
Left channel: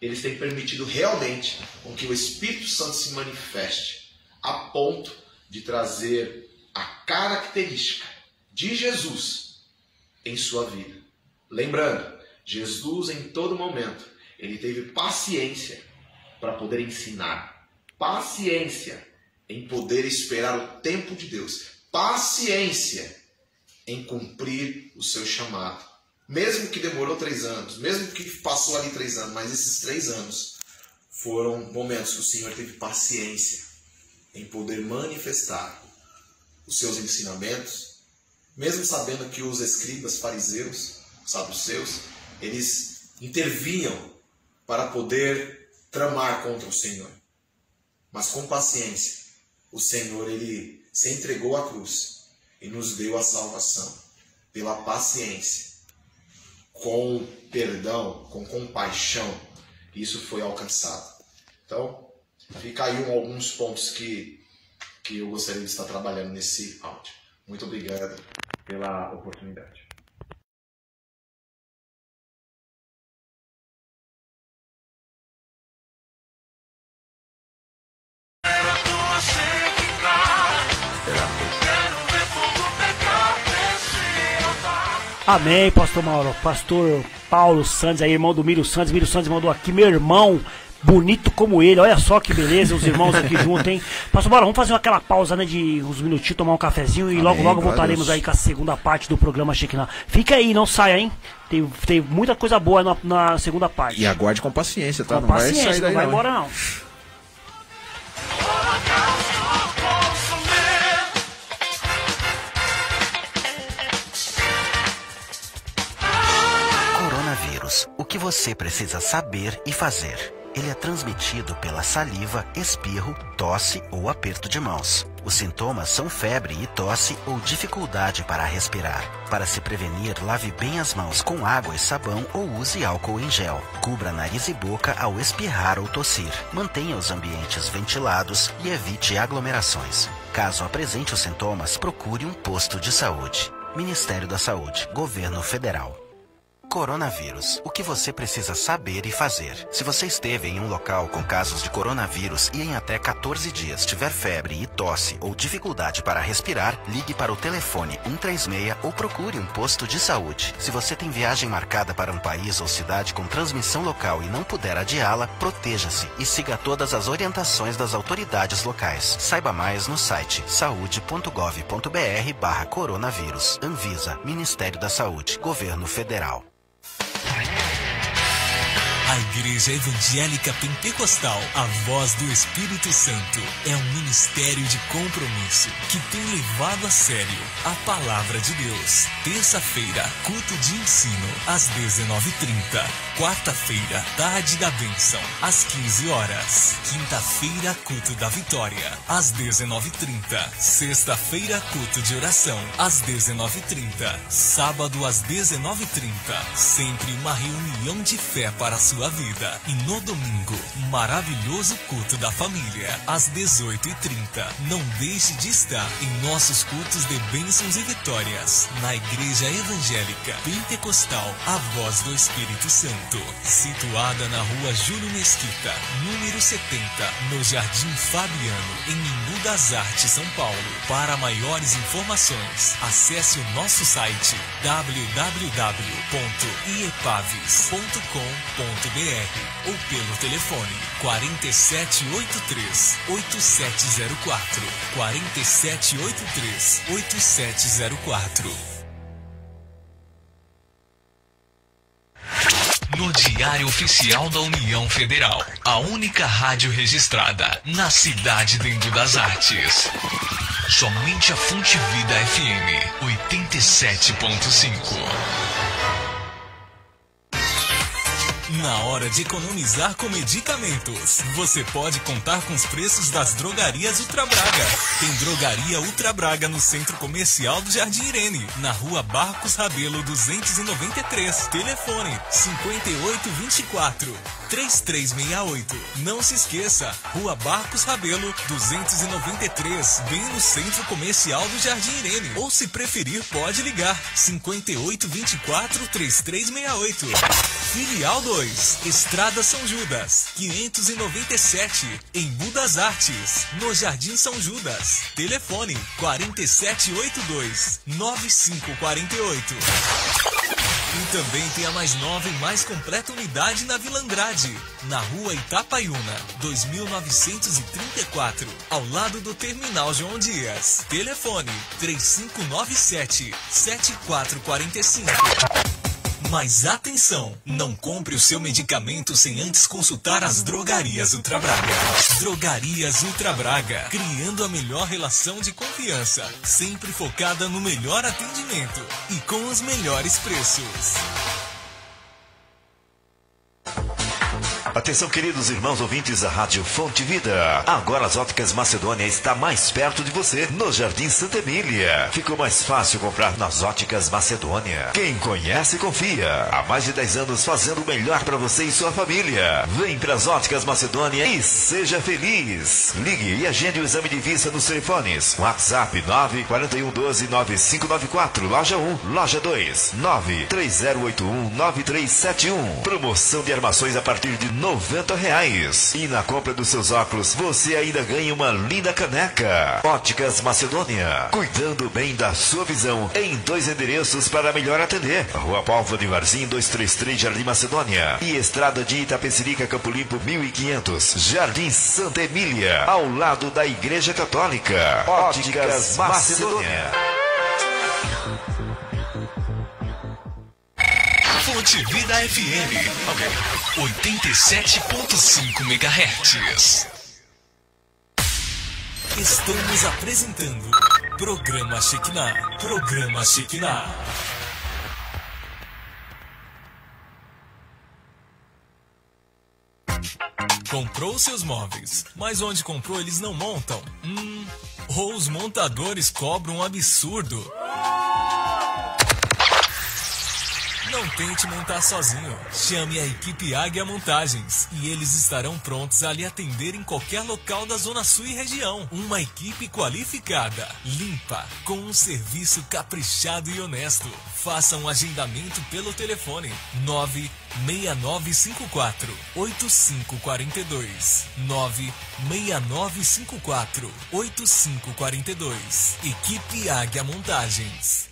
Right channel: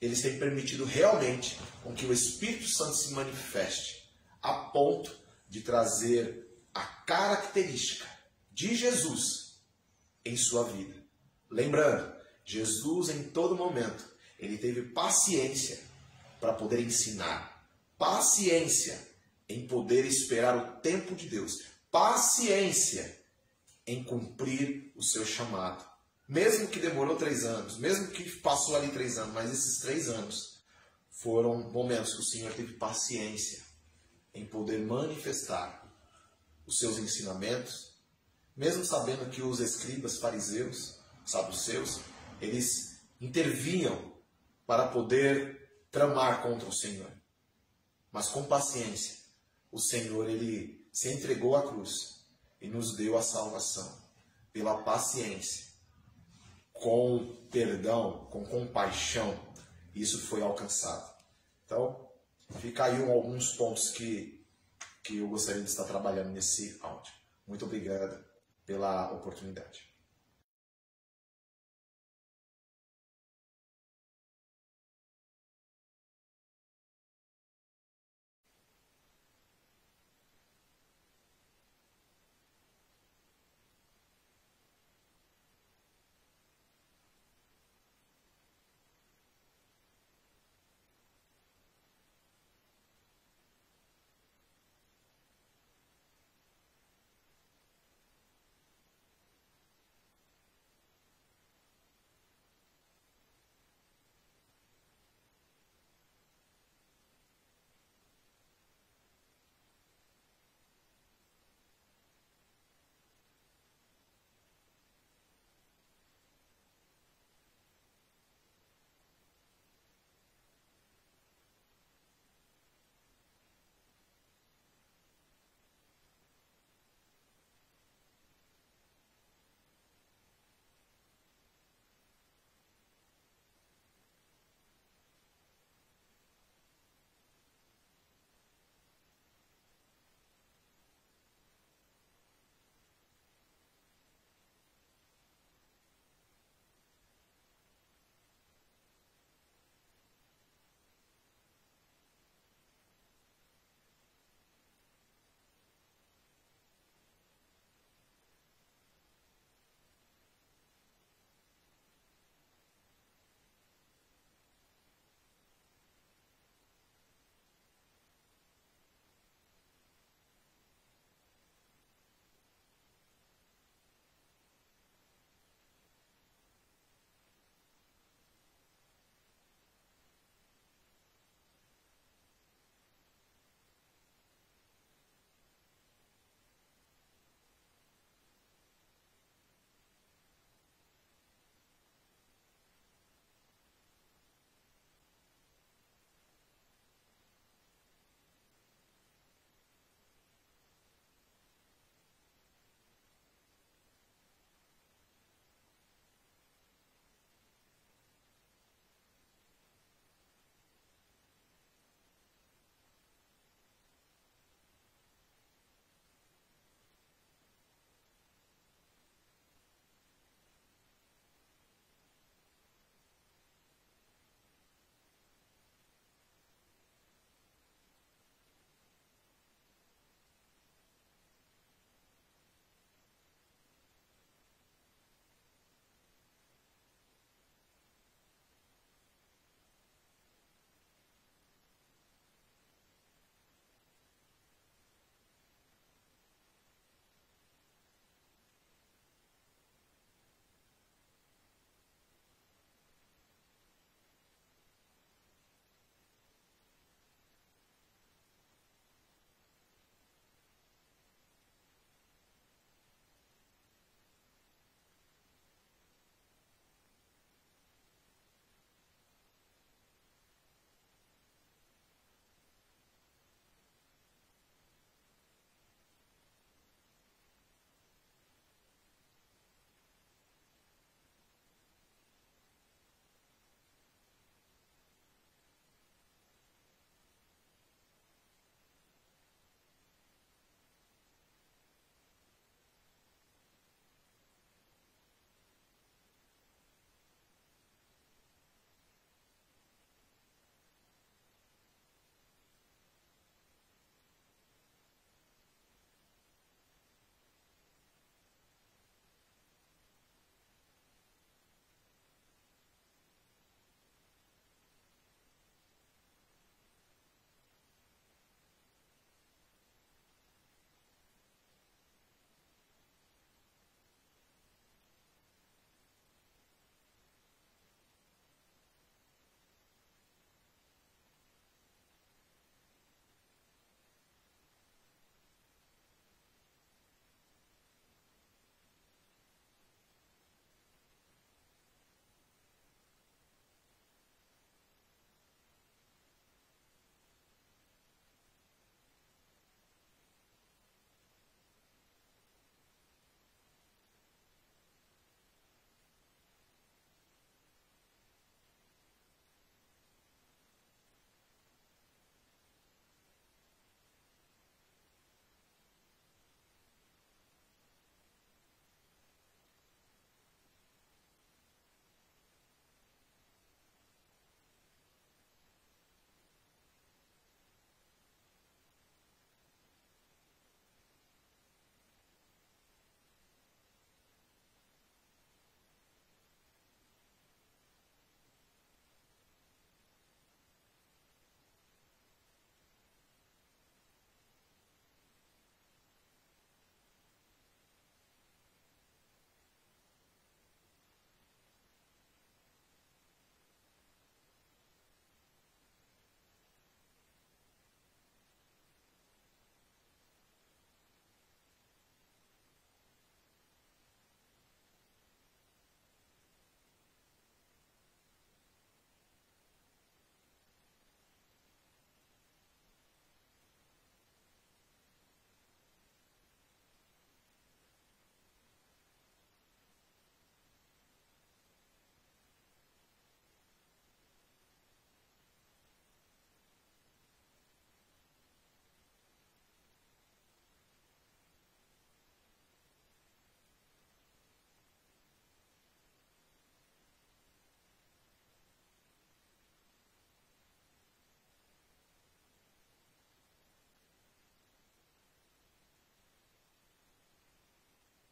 eles têm permitido realmente com que o Espírito Santo se manifeste a ponto de trazer a característica de Jesus em sua vida? Lembrando, Jesus em todo momento, ele teve paciência para poder ensinar, paciência em poder esperar o tempo de Deus, paciência em cumprir o seu chamado. Mesmo que demorou 3 anos, mesmo que passou ali 3 anos, mas esses 3 anos foram momentos que o Senhor teve paciência em poder manifestar os seus ensinamentos, mesmo sabendo que os escribas, fariseus, saduceus, eles intervinham para poder tramar contra o Senhor. Mas com paciência, o Senhor, ele se entregou à cruz e nos deu a salvação pela paciência, com perdão, com compaixão. Isso foi alcançado. Então, fica aí alguns pontos que eu gostaria de estar trabalhando nesse áudio. Muito obrigado pela oportunidade. Amém, pastor Mauro. Pastor Paulo Santos, aí, irmão do Mírio Santos. Mírio Santos mandou aqui, meu irmão, bonito como ele. Olha só que beleza, os irmãos aqui juntos, hein? Pastor Mauro, vamos fazer aquela pausa, né, de uns minutinhos, tomar um cafezinho. E logo voltaremos aí com a segunda parte do programa Shekinah. Fica aí, não saia, hein? Tem muita coisa boa na segunda parte. E aguarde com paciência, tá? Com não paciência, vai sair daí, não vai embora, não. O que você precisa saber e fazer. Ele é transmitido pela saliva, espirro, tosse ou aperto de mãos. Os sintomas são febre e tosse ou dificuldade para respirar. Para se prevenir, lave bem as mãos com água e sabão ou use álcool em gel. Cubra nariz e boca ao espirrar ou tossir. Mantenha os ambientes ventilados e evite aglomerações. Caso apresente os sintomas, procure um posto de saúde. Ministério da Saúde, Governo Federal. Coronavírus. O que você precisa saber e fazer. Se você esteve em um local com casos de coronavírus e em até 14 dias tiver febre e tosse ou dificuldade para respirar, ligue para o telefone 136 ou procure um posto de saúde. Se você tem viagem marcada para um país ou cidade com transmissão local e não puder adiá-la, proteja-se e siga todas as orientações das autoridades locais. Saiba mais no site saude.gov.br/coronavírus. Anvisa, Ministério da Saúde, Governo Federal. A Igreja Evangélica Pentecostal, a Voz do Espírito Santo, é um ministério de compromisso que tem levado a sério a Palavra de Deus. Terça-feira, culto de ensino, às 19h30. Quarta-feira, tarde da bênção, às 15 horas. Quinta-feira, culto da vitória, às 19h30. Sexta-feira, culto de oração, às 19h30. Sábado, às 19h30. Sempre uma reunião de fé para a sua sua vida. E no domingo, maravilhoso culto da família, às 18h30. Não deixe de estar em nossos cultos de bênçãos e vitórias, na Igreja Evangélica Pentecostal A Voz do Espírito Santo, situada na Rua Júlio Mesquita, número 70, no Jardim Fabiano, em Embu das Artes, São Paulo. Para maiores informações, acesse o nosso site www.iepaves.com.br ou pelo telefone 4783-8704, 4783-8704. No Diário Oficial da União Federal, a única rádio registrada na cidade de Embu das Artes. Somente a Fonte Vida FM 87.5. Na hora de economizar com medicamentos, você pode contar com os preços das drogarias Ultra Braga. Tem Drogaria Ultra Braga no Centro Comercial do Jardim Irene, na Rua Barcos Rabelo 293. Telefone 5824-3368. Não se esqueça, Rua Barcos Rabelo 293, bem no Centro Comercial do Jardim Irene. Ou se preferir, pode ligar 5824-3368. Filial 2, Estrada São Judas, 597, em Embu das Artes, no Jardim São Judas. Telefone 4782-9548. E também tem a mais nova e mais completa unidade na Vila Andrade, na Rua Itapaiuna, 2934, ao lado do Terminal João Dias. Telefone 3597-7445. Mas atenção, não compre o seu medicamento sem antes consultar as Drogarias Ultra Braga. Drogarias Ultra Braga, criando a melhor relação de confiança, sempre focada no melhor atendimento e com os melhores preços. Atenção, queridos irmãos ouvintes da Rádio Fonte Vida. Agora as Óticas Macedônia está mais perto de você, no Jardim Santa Emília. Ficou mais fácil comprar nas Óticas Macedônia. Quem conhece, confia. Há mais de 10 anos fazendo o melhor para você e sua família. Vem para as Óticas Macedônia e seja feliz. Ligue e agende o exame de vista nos telefones. WhatsApp 94112-9594. Loja 1, Loja 2, 93081-9371. Promoção de armações a partir de R$90. E na compra dos seus óculos, você ainda ganha uma linda caneca. Óticas Macedônia, cuidando bem da sua visão, em 2 endereços para melhor atender. Rua Pálvora de Varzim, 233, Jardim Macedônia. E Estrada de Itapecerica, Campo Limpo, 1500, Jardim Santa Emília, ao lado da Igreja Católica. Óticas Macedônia. Fonte Vida FM 87.5 MHz. Estamos apresentando Programa Shekinah. Programa Shekinah. Comprou seus móveis, mas onde comprou eles não montam? Ou os montadores cobram um absurdo? Não tente montar sozinho. Chame a equipe Águia Montagens e eles estarão prontos a lhe atender em qualquer local da Zona Sul e região. Uma equipe qualificada, limpa, com um serviço caprichado e honesto. Faça um agendamento pelo telefone 96954-8542. 96954-8542. Equipe Águia Montagens.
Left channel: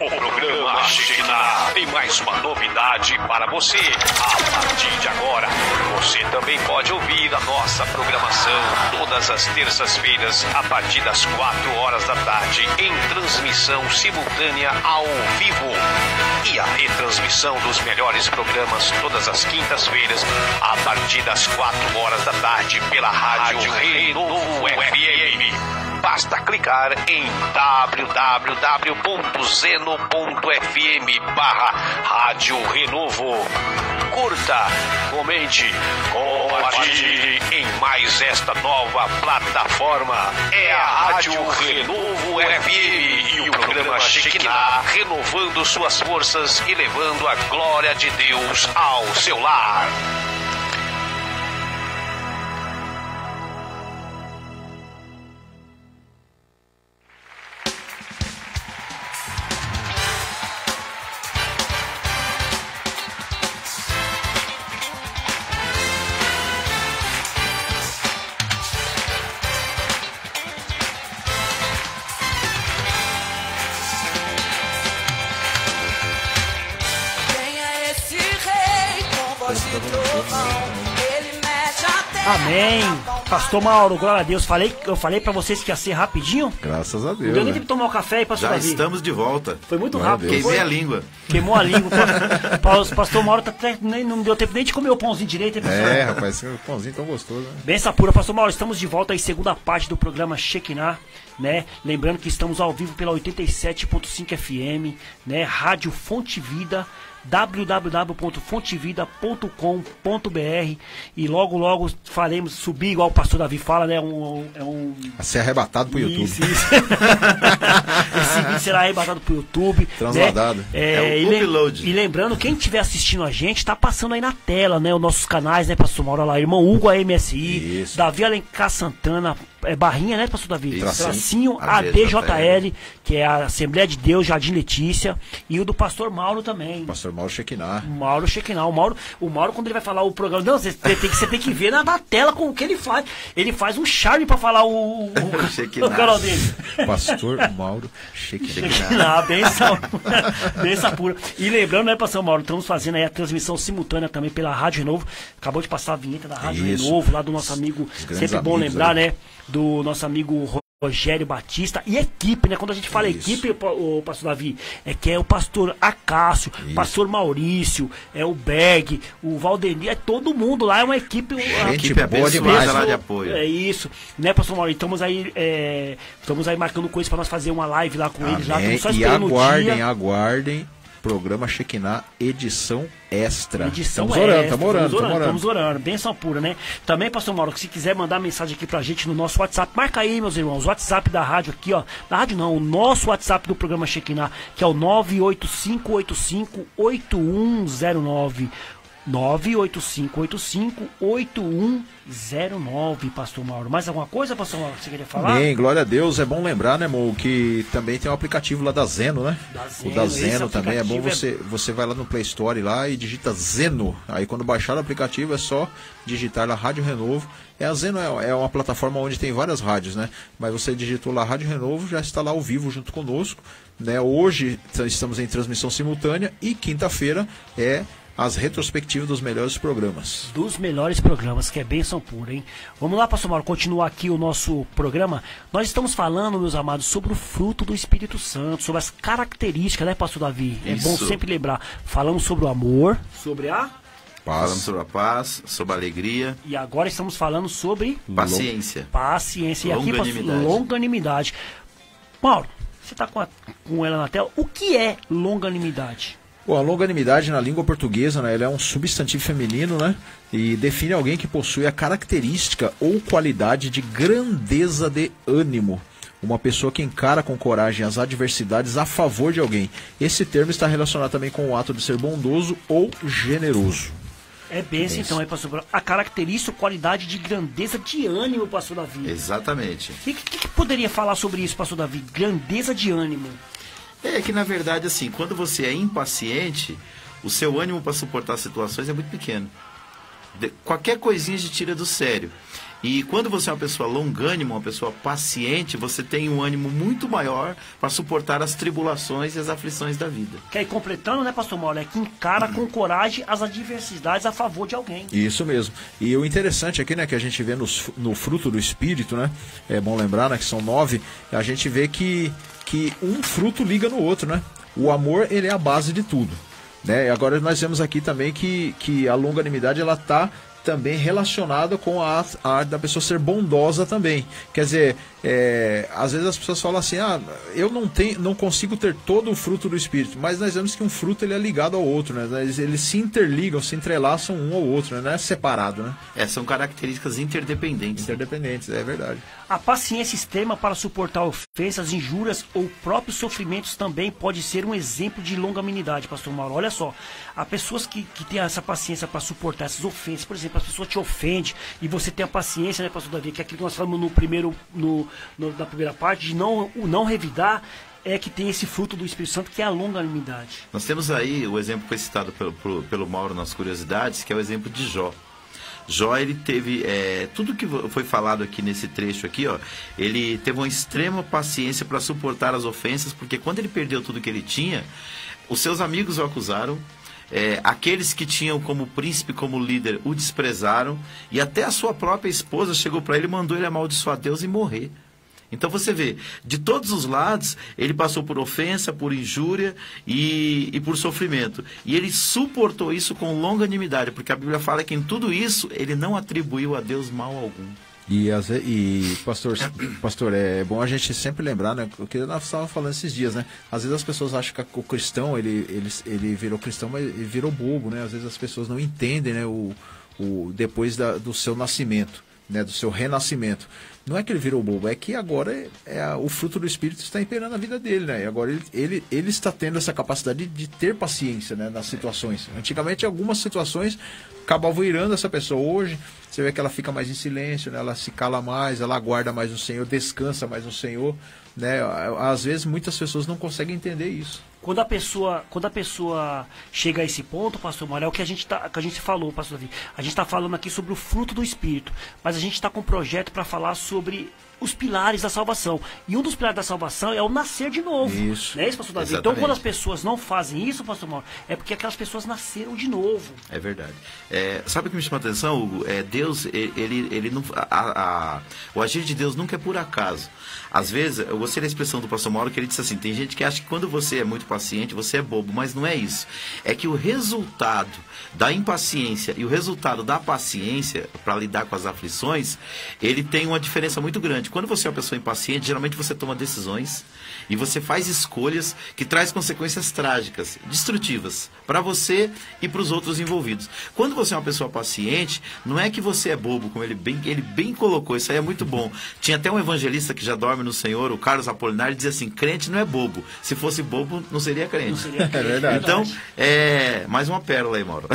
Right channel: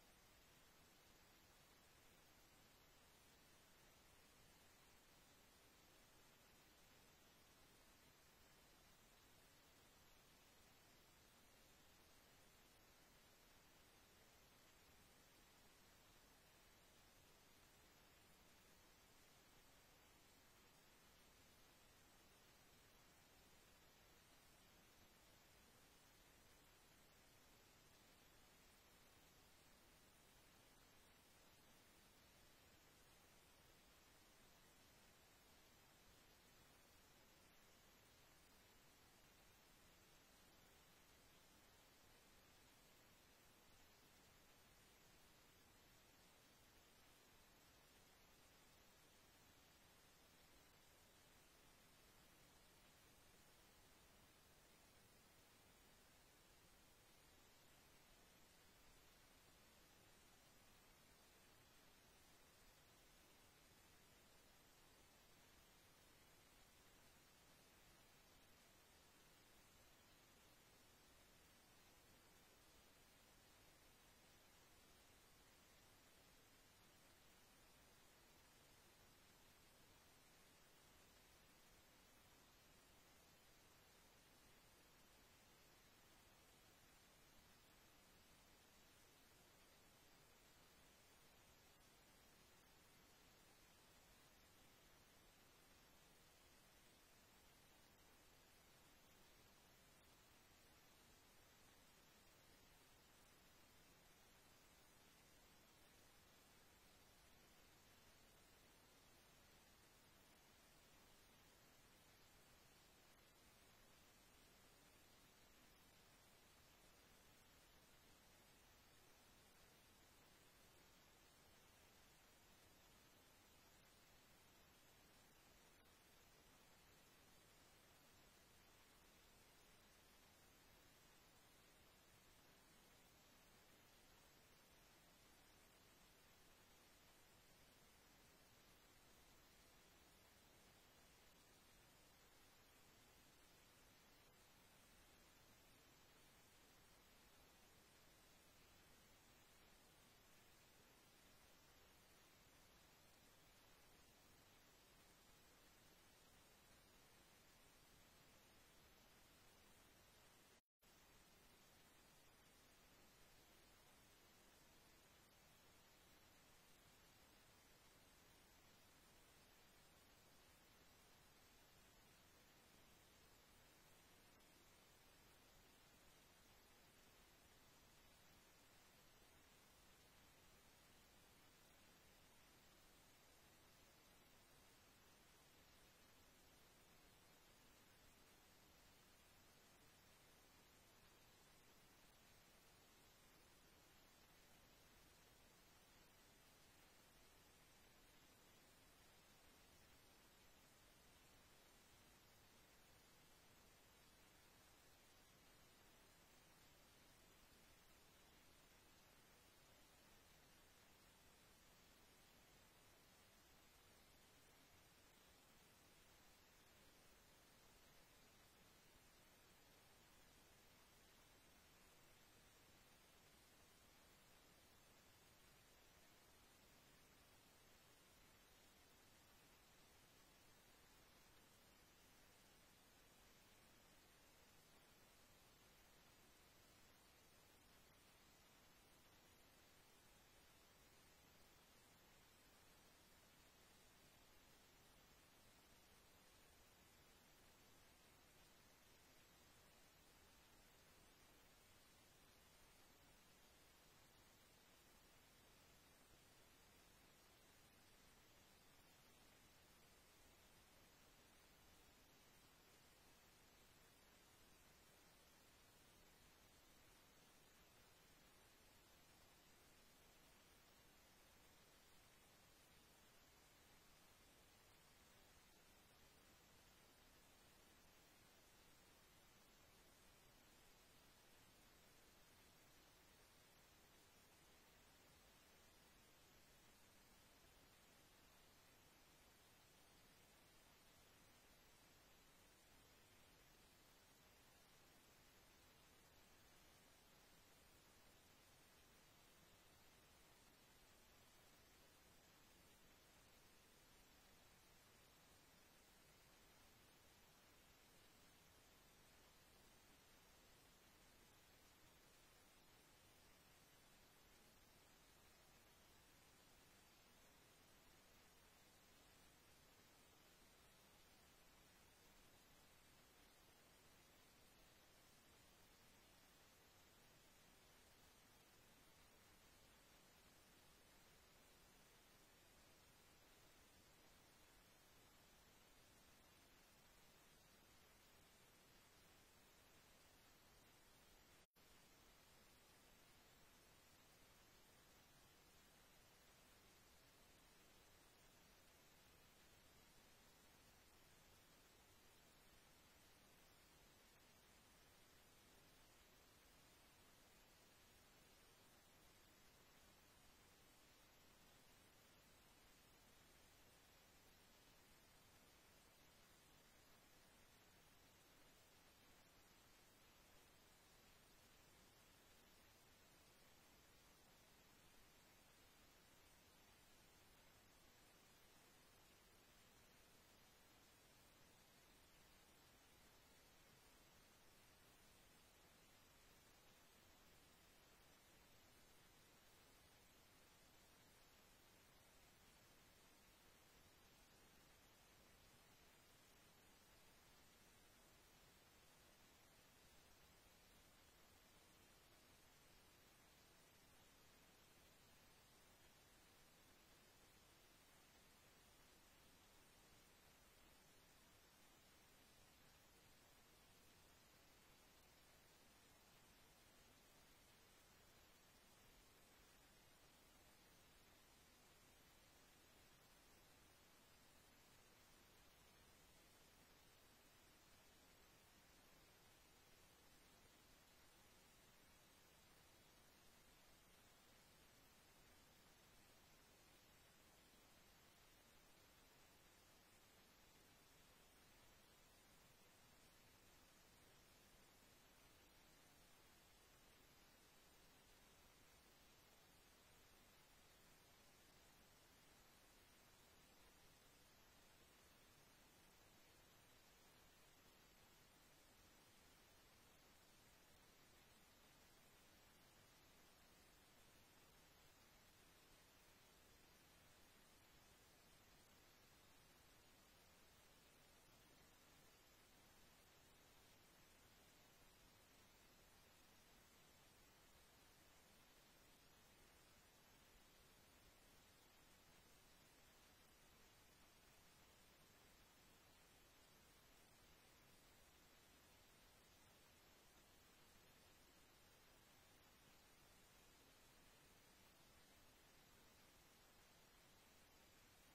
O programa Shekinah tem mais uma novidade para você. A partir de agora, você também pode ouvir a nossa programação todas as terças-feiras a partir das 4 horas da tarde em transmissão simultânea ao vivo. E a retransmissão dos melhores programas todas as quintas-feiras a partir das 4 horas da tarde pela Rádio Renovo FM. Basta clicar em www.zeno.fm/Rádio Renovo. Curta, comente, compartilhe em mais esta nova plataforma. É a Rádio Renovo FM e o programa Shekinah renovando suas forças e levando a glória de Deus ao seu lar. Amém. Pastor Mauro, glória a Deus. Eu falei pra vocês que ia ser rapidinho. Graças a Deus. Não deu nem tempo de tomar um café aí, pastor Já Davi. estamos de volta. Foi muito rápido. Queimei a língua. Queimou a língua. Pastor Mauro não deu tempo nem de comer o pãozinho direito, hein, pastor? Rapaz, esse pãozinho tão gostoso, né? Benção pura, pastor Mauro, estamos de volta aí, segunda parte do programa Shekinah, né? Lembrando que estamos ao vivo pela 87.5 FM, né? Rádio Fonte Vida, www.fontevida.com.br, e logo faremos subir, igual o pastor Davi fala, né? A ser arrebatado pro YouTube. Isso. Esse vídeo será arrebatado pro YouTube. Transladado. Né? E lembrando, quem estiver assistindo a gente, tá passando aí na tela, né? Os nossos canais, né, pastor Mauro? Lá, irmão Hugo AMSI, Isso. Davi Alencar Santana, barrinha, né, pastor Davi? Isso. Tracinho ADJL, que é a Assembleia de Deus, Jardim Letícia, e o do pastor Mauro também. Pastor Mauro Shekinah. Mauro Shekinah. O Mauro, quando ele vai falar o programa, não, você tem que ver na tela com o que ele faz. Ele faz um charme pra falar o canal dele. Pastor Mauro Shekinah. Benção pura. E lembrando, né, pastor Mauro, estamos fazendo aí a transmissão simultânea também pela Rádio Renovo. Acabou de passar a vinheta da Rádio Renovo, lá do nosso amigo, sempre bom lembrar, né, do nosso amigo Rogério Batista e equipe, né? Quando a gente fala equipe, o pastor Davi, é o pastor Acácio, o pastor Maurício, o Berg, o Valdemir, todo mundo lá, é uma equipe. Uma equipe boa demais lá de apoio. É isso, né, pastor Maurício? Estamos aí marcando coisas para nós fazer uma live lá com eles. Lá, só e aguardem. Programa Shekinah, edição extra. Estamos orando. Benção pura, né? Também, pastor Mauro, se quiser mandar mensagem aqui pra gente no nosso WhatsApp, marca aí, meus irmãos, o WhatsApp da rádio aqui, ó. Da rádio não, o nosso WhatsApp do programa Shekinah, que é o 985858109. 985858109, pastor Mauro. Mais alguma coisa, pastor Mauro, que você queria falar? Bem, glória a Deus. É bom lembrar, né, Mo, que também tem um aplicativo lá da Zeno, né? O da Zeno também é bom. Você vai lá no Play Store lá e digita Zeno. Aí quando baixar o aplicativo é só digitar lá Rádio Renovo. A Zeno é uma plataforma onde tem várias rádios, né? Mas você digitou lá Rádio Renovo, já está lá ao vivo junto conosco, né? Hoje estamos em transmissão simultânea e quinta-feira é as retrospectivas dos melhores programas. Dos melhores programas, que é bênção pura, hein? Vamos lá, pastor Mauro, continuar aqui o nosso programa. Nós estamos falando, meus amados, sobre o fruto do Espírito Santo, sobre as características, né, pastor Davi? Isso. É bom sempre lembrar. Falamos sobre o amor, sobre a Falamos sobre a paz, sobre a alegria. E agora estamos falando sobre paciência. E aqui, longanimidade. Mauro, você está com ela na tela. O que é longanimidade? Bom, a longanimidade na língua portuguesa, né, ela é um substantivo feminino, né, e define alguém que possui a característica ou qualidade de grandeza de ânimo. Uma pessoa que encara com coragem as adversidades a favor de alguém. Esse termo está relacionado também com o ato de ser bondoso ou generoso. É bênção, então, pastor. A característica ou qualidade de grandeza de ânimo, pastor Davi. Exatamente. E o que poderia falar sobre isso, pastor Davi? Grandeza de ânimo. É que, na verdade, assim, quando você é impaciente, o seu ânimo para suportar situações é muito pequeno. Qualquer coisinha te tira do sério. E quando você é uma pessoa longânima, uma pessoa paciente, você tem um ânimo muito maior para suportar as tribulações e as aflições da vida. Que aí, completando, né, pastor Mauro, é que encara com coragem as adversidades a favor de alguém. Isso mesmo. E o interessante aqui, né, que a gente vê no fruto do Espírito, né, é bom lembrar, né, que são 9, a gente vê que um fruto liga no outro, né? O amor, ele é a base de tudo, né? E agora nós vemos aqui também que a longanimidade, ela está também relacionada com a arte da pessoa ser bondosa também. Quer dizer, às vezes as pessoas falam assim, eu não consigo ter todo o fruto do Espírito, mas nós vemos que um fruto ele é ligado ao outro, né? Eles se interligam, se entrelaçam um ao outro, né? Não é separado, né? São características interdependentes. Interdependentes, é verdade. A paciência extrema para suportar ofensas, injúrias ou próprios sofrimentos também pode ser um exemplo de longanimidade, pastor Mauro. Olha só, há pessoas que têm essa paciência para suportar essas ofensas. Por exemplo, a pessoa te ofende e você tem a paciência, né, pastor Davi, que é aquilo que nós falamos na primeira parte, de não revidar, é que tem esse fruto do Espírito Santo, que é a longanimidade. Nós temos aí o exemplo que foi citado pelo Mauro nas curiosidades, que é o exemplo de Jó. Jó, ele teve, tudo que foi falado aqui nesse trecho aqui, ó, ele teve uma extrema paciência para suportar as ofensas, porque quando ele perdeu tudo que ele tinha, os seus amigos o acusaram, aqueles que tinham como príncipe, como líder, o desprezaram, e até a sua própria esposa chegou para ele e mandou ele amaldiçoar Deus e morrer. Então você vê, de todos os lados, ele passou por ofensa, por injúria e por sofrimento. E ele suportou isso com longanimidade, porque a Bíblia fala que em tudo isso ele não atribuiu a Deus mal algum. E pastor, é bom a gente sempre lembrar, né? O que nós estávamos falando esses dias, né? Às vezes as pessoas acham que o cristão, ele virou cristão, mas ele virou bobo, né? Às vezes as pessoas não entendem, né? Depois do seu nascimento, né? Do seu renascimento. Não é que ele virou bobo, é que agora o fruto do Espírito está imperando a vida dele, né? E agora ele está tendo essa capacidade de ter paciência, né, nas situações. Antigamente, algumas situações acabavam irando essa pessoa. Hoje, você vê que ela fica mais em silêncio, né? Ela se cala mais, ela aguarda mais no Senhor, descansa mais no Senhor, né? Às vezes, muitas pessoas não conseguem entender isso. Quando a pessoa chega a esse ponto, pastor Mário, é o que a gente falou, pastor Davi. A gente está falando aqui sobre o fruto do Espírito, mas a gente está com um projeto para falar sobre os pilares da salvação. E um dos pilares da salvação é o nascer de novo. Isso. Não é isso, pastor Davi? Então, quando as pessoas não fazem isso, pastor Mauro, é porque aquelas pessoas nasceram de novo. É verdade. Sabe o que me chama a atenção, Hugo? Deus, ele não, o agir de Deus nunca é por acaso. Às vezes, eu gostei da expressão do pastor Mauro, que ele disse assim, tem gente que acha que quando você é muito paciente, você é bobo, mas não é isso. É que o resultado da impaciência e o resultado da paciência para lidar com as aflições, ele tem uma diferença muito grande. Quando você é uma pessoa impaciente, geralmente você toma decisões e você faz escolhas que traz consequências trágicas, destrutivas, para você e para os outros envolvidos. Quando você é uma pessoa paciente, não é que você é bobo, como ele bem colocou, isso aí é muito bom. Tinha até um evangelista que já dorme no Senhor, o Carlos Apolinário, dizia assim, crente não é bobo. Se fosse bobo, não seria crente. Não seria crente. É verdade. Então, mais uma pérola aí, Mauro.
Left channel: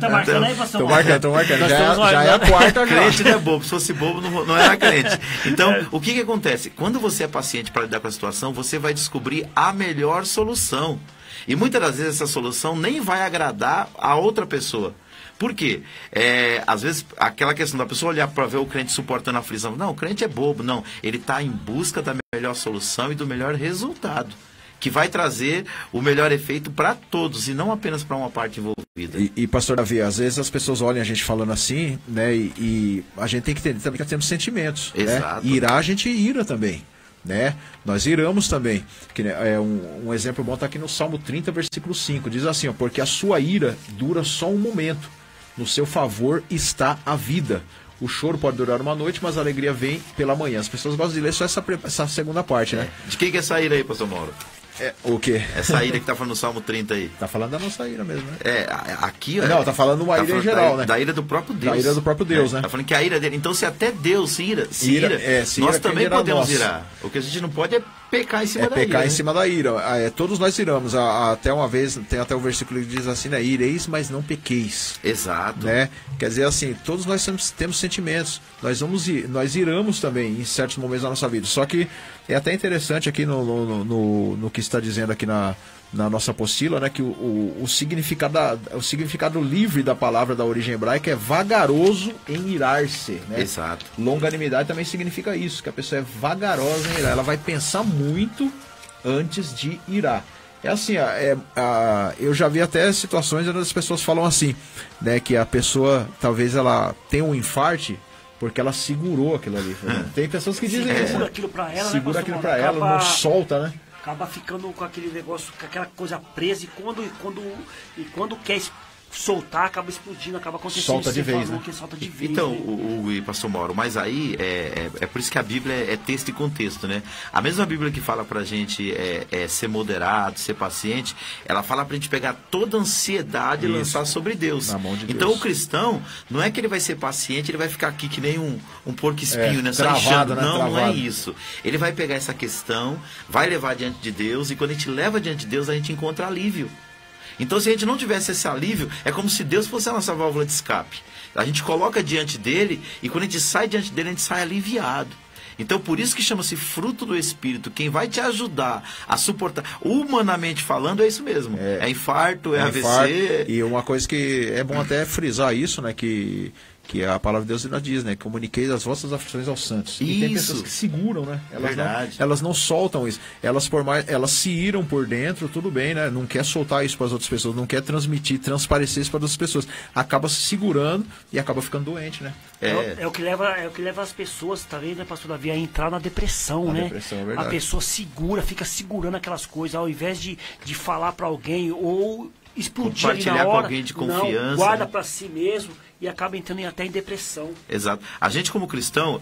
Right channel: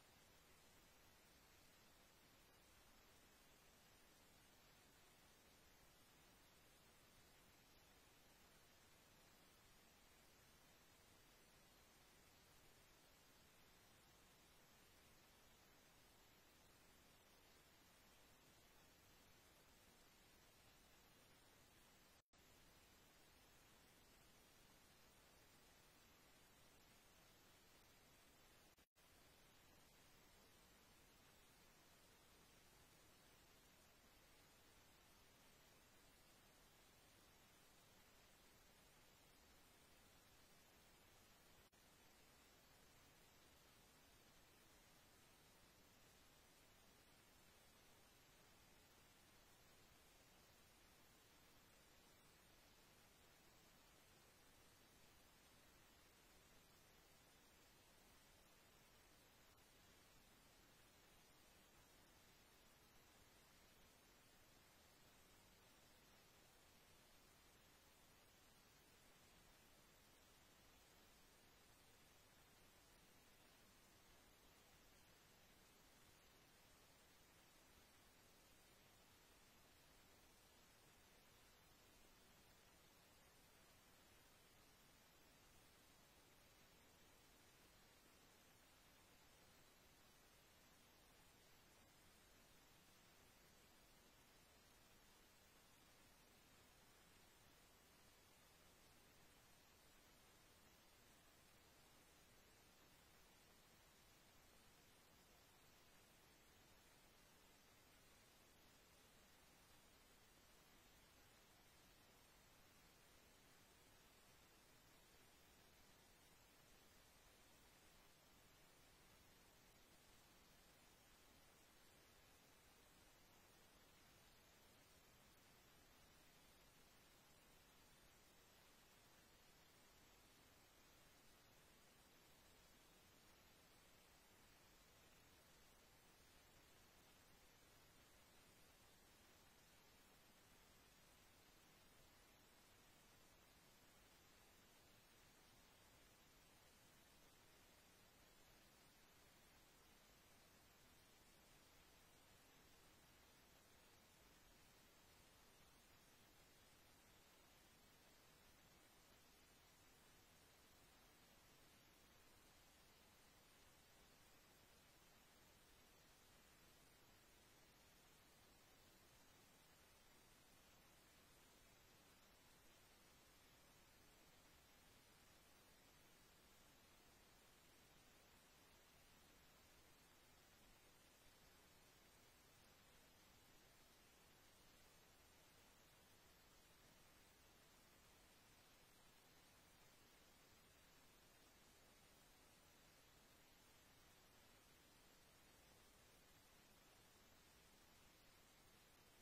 Tá marcando aí, pastor Mauro? Tô marcando. Já é a quarta. Crente não é bobo. Se fosse bobo, não era crente. Então, o que acontece? Quando você é paciente para lidar com a situação, você vai descobrir a melhor solução. E muitas das vezes essa solução nem vai agradar a outra pessoa. Por quê? Às vezes, aquela questão da pessoa olhar para ver o crente suportando a aflição. Não, o crente é bobo. Não, ele está em busca da melhor solução e do melhor resultado, que vai trazer o melhor efeito para todos e não apenas para uma parte envolvida. E pastor Davi, às vezes as pessoas olham a gente falando assim, né? E a gente tem que entender também que temos sentimentos. Exato. Né? Irar, a gente ira também. Né? Nós iramos também. Que, um exemplo bom está aqui no Salmo 30, versículo 5. Diz assim, ó, porque a sua ira dura só um momento. No seu favor está a vida. O choro pode durar uma noite, mas a alegria vem pela manhã. As pessoas gostam de ler só essa segunda parte, né? De quem que é essa ira aí, pastor Mauro? O quê? Essa ira que tá falando no Salmo 30 aí. Tá falando da nossa ira mesmo, né? Aqui... Não, tá falando uma ira em geral, né? Da ira do próprio Deus. Da ira do próprio Deus, né? Tá falando que a ira dele... Então, se até Deus se ira, nós também podemos irar. O que a gente não pode é pecar em cima da ira. Pecar em cima da ira. Todos nós iramos. Até uma vez, tem até o versículo que diz assim, né? Ireis, mas não pequeis. Exato. Né? Quer dizer assim, todos nós temos sentimentos. Nós iramos também em certos momentos da nossa vida. Só que é até interessante aqui no que está dizendo aqui na nossa apostila, né, que o significado livre da palavra da origem hebraica é vagaroso em irar-se. Né? Exato. Longanimidade também significa isso, que a pessoa é vagarosa em irar. Ela vai pensar muito antes de irar. É assim, eu já vi até situações onde as pessoas falam assim, né, que a pessoa, talvez ela tenha um infarte porque ela segurou aquilo ali. Tem pessoas que dizem isso. Segura aquilo pra ela, segura né, aquilo pra ela, não solta, né? Acaba ficando com aquele negócio, com aquela coisa presa e quando quer soltar, acaba explodindo, acaba acontecendo. Solta de vez, né? Solta de vez, Então, né? o pastor Mauro, mas aí é por isso que a Bíblia é texto e contexto, né? A mesma Bíblia que fala pra gente ser moderado, ser paciente, ela fala pra gente pegar toda a ansiedade e lançar sobre Deus. Na mão de então Deus. o cristão, não é que ele vai ser paciente, ele vai ficar aqui que nem um porco espinho, né? Só travado, inchando. né? Não, não é Travado. isso. Ele vai pegar essa questão, vai levar diante de Deus, e quando a gente leva diante de Deus, a gente encontra alívio. Então, se a gente não tivesse esse alívio, é como se Deus fosse a nossa válvula de escape. A gente coloca diante dele, e quando a gente sai diante dele, a gente sai aliviado. Então, por isso que chama-se fruto do Espírito. Quem vai te ajudar a suportar, humanamente falando, é isso mesmo. É infarto, é AVC. Infarto. E uma coisa que é bom até frisar isso, né? Que a palavra de Deus ainda diz, né? Comuniquei as vossas aflições aos santos. E tem pessoas que seguram, né? Elas não soltam isso. Elas se iram por dentro, tudo bem, né? Não quer soltar isso para as outras pessoas, não quer transparecer isso para as outras pessoas. Acaba se segurando e acaba ficando doente, né? É o que leva as pessoas, tá vendo, né, pastor Davi, a entrar na depressão, né? Depressão, é verdade. A pessoa fica segurando aquelas coisas, ao invés de falar para alguém ou explodir ali na hora, com alguém de confiança, não, guarda né? para si mesmo e acaba entrando até em depressão. Exato. A gente, como cristão,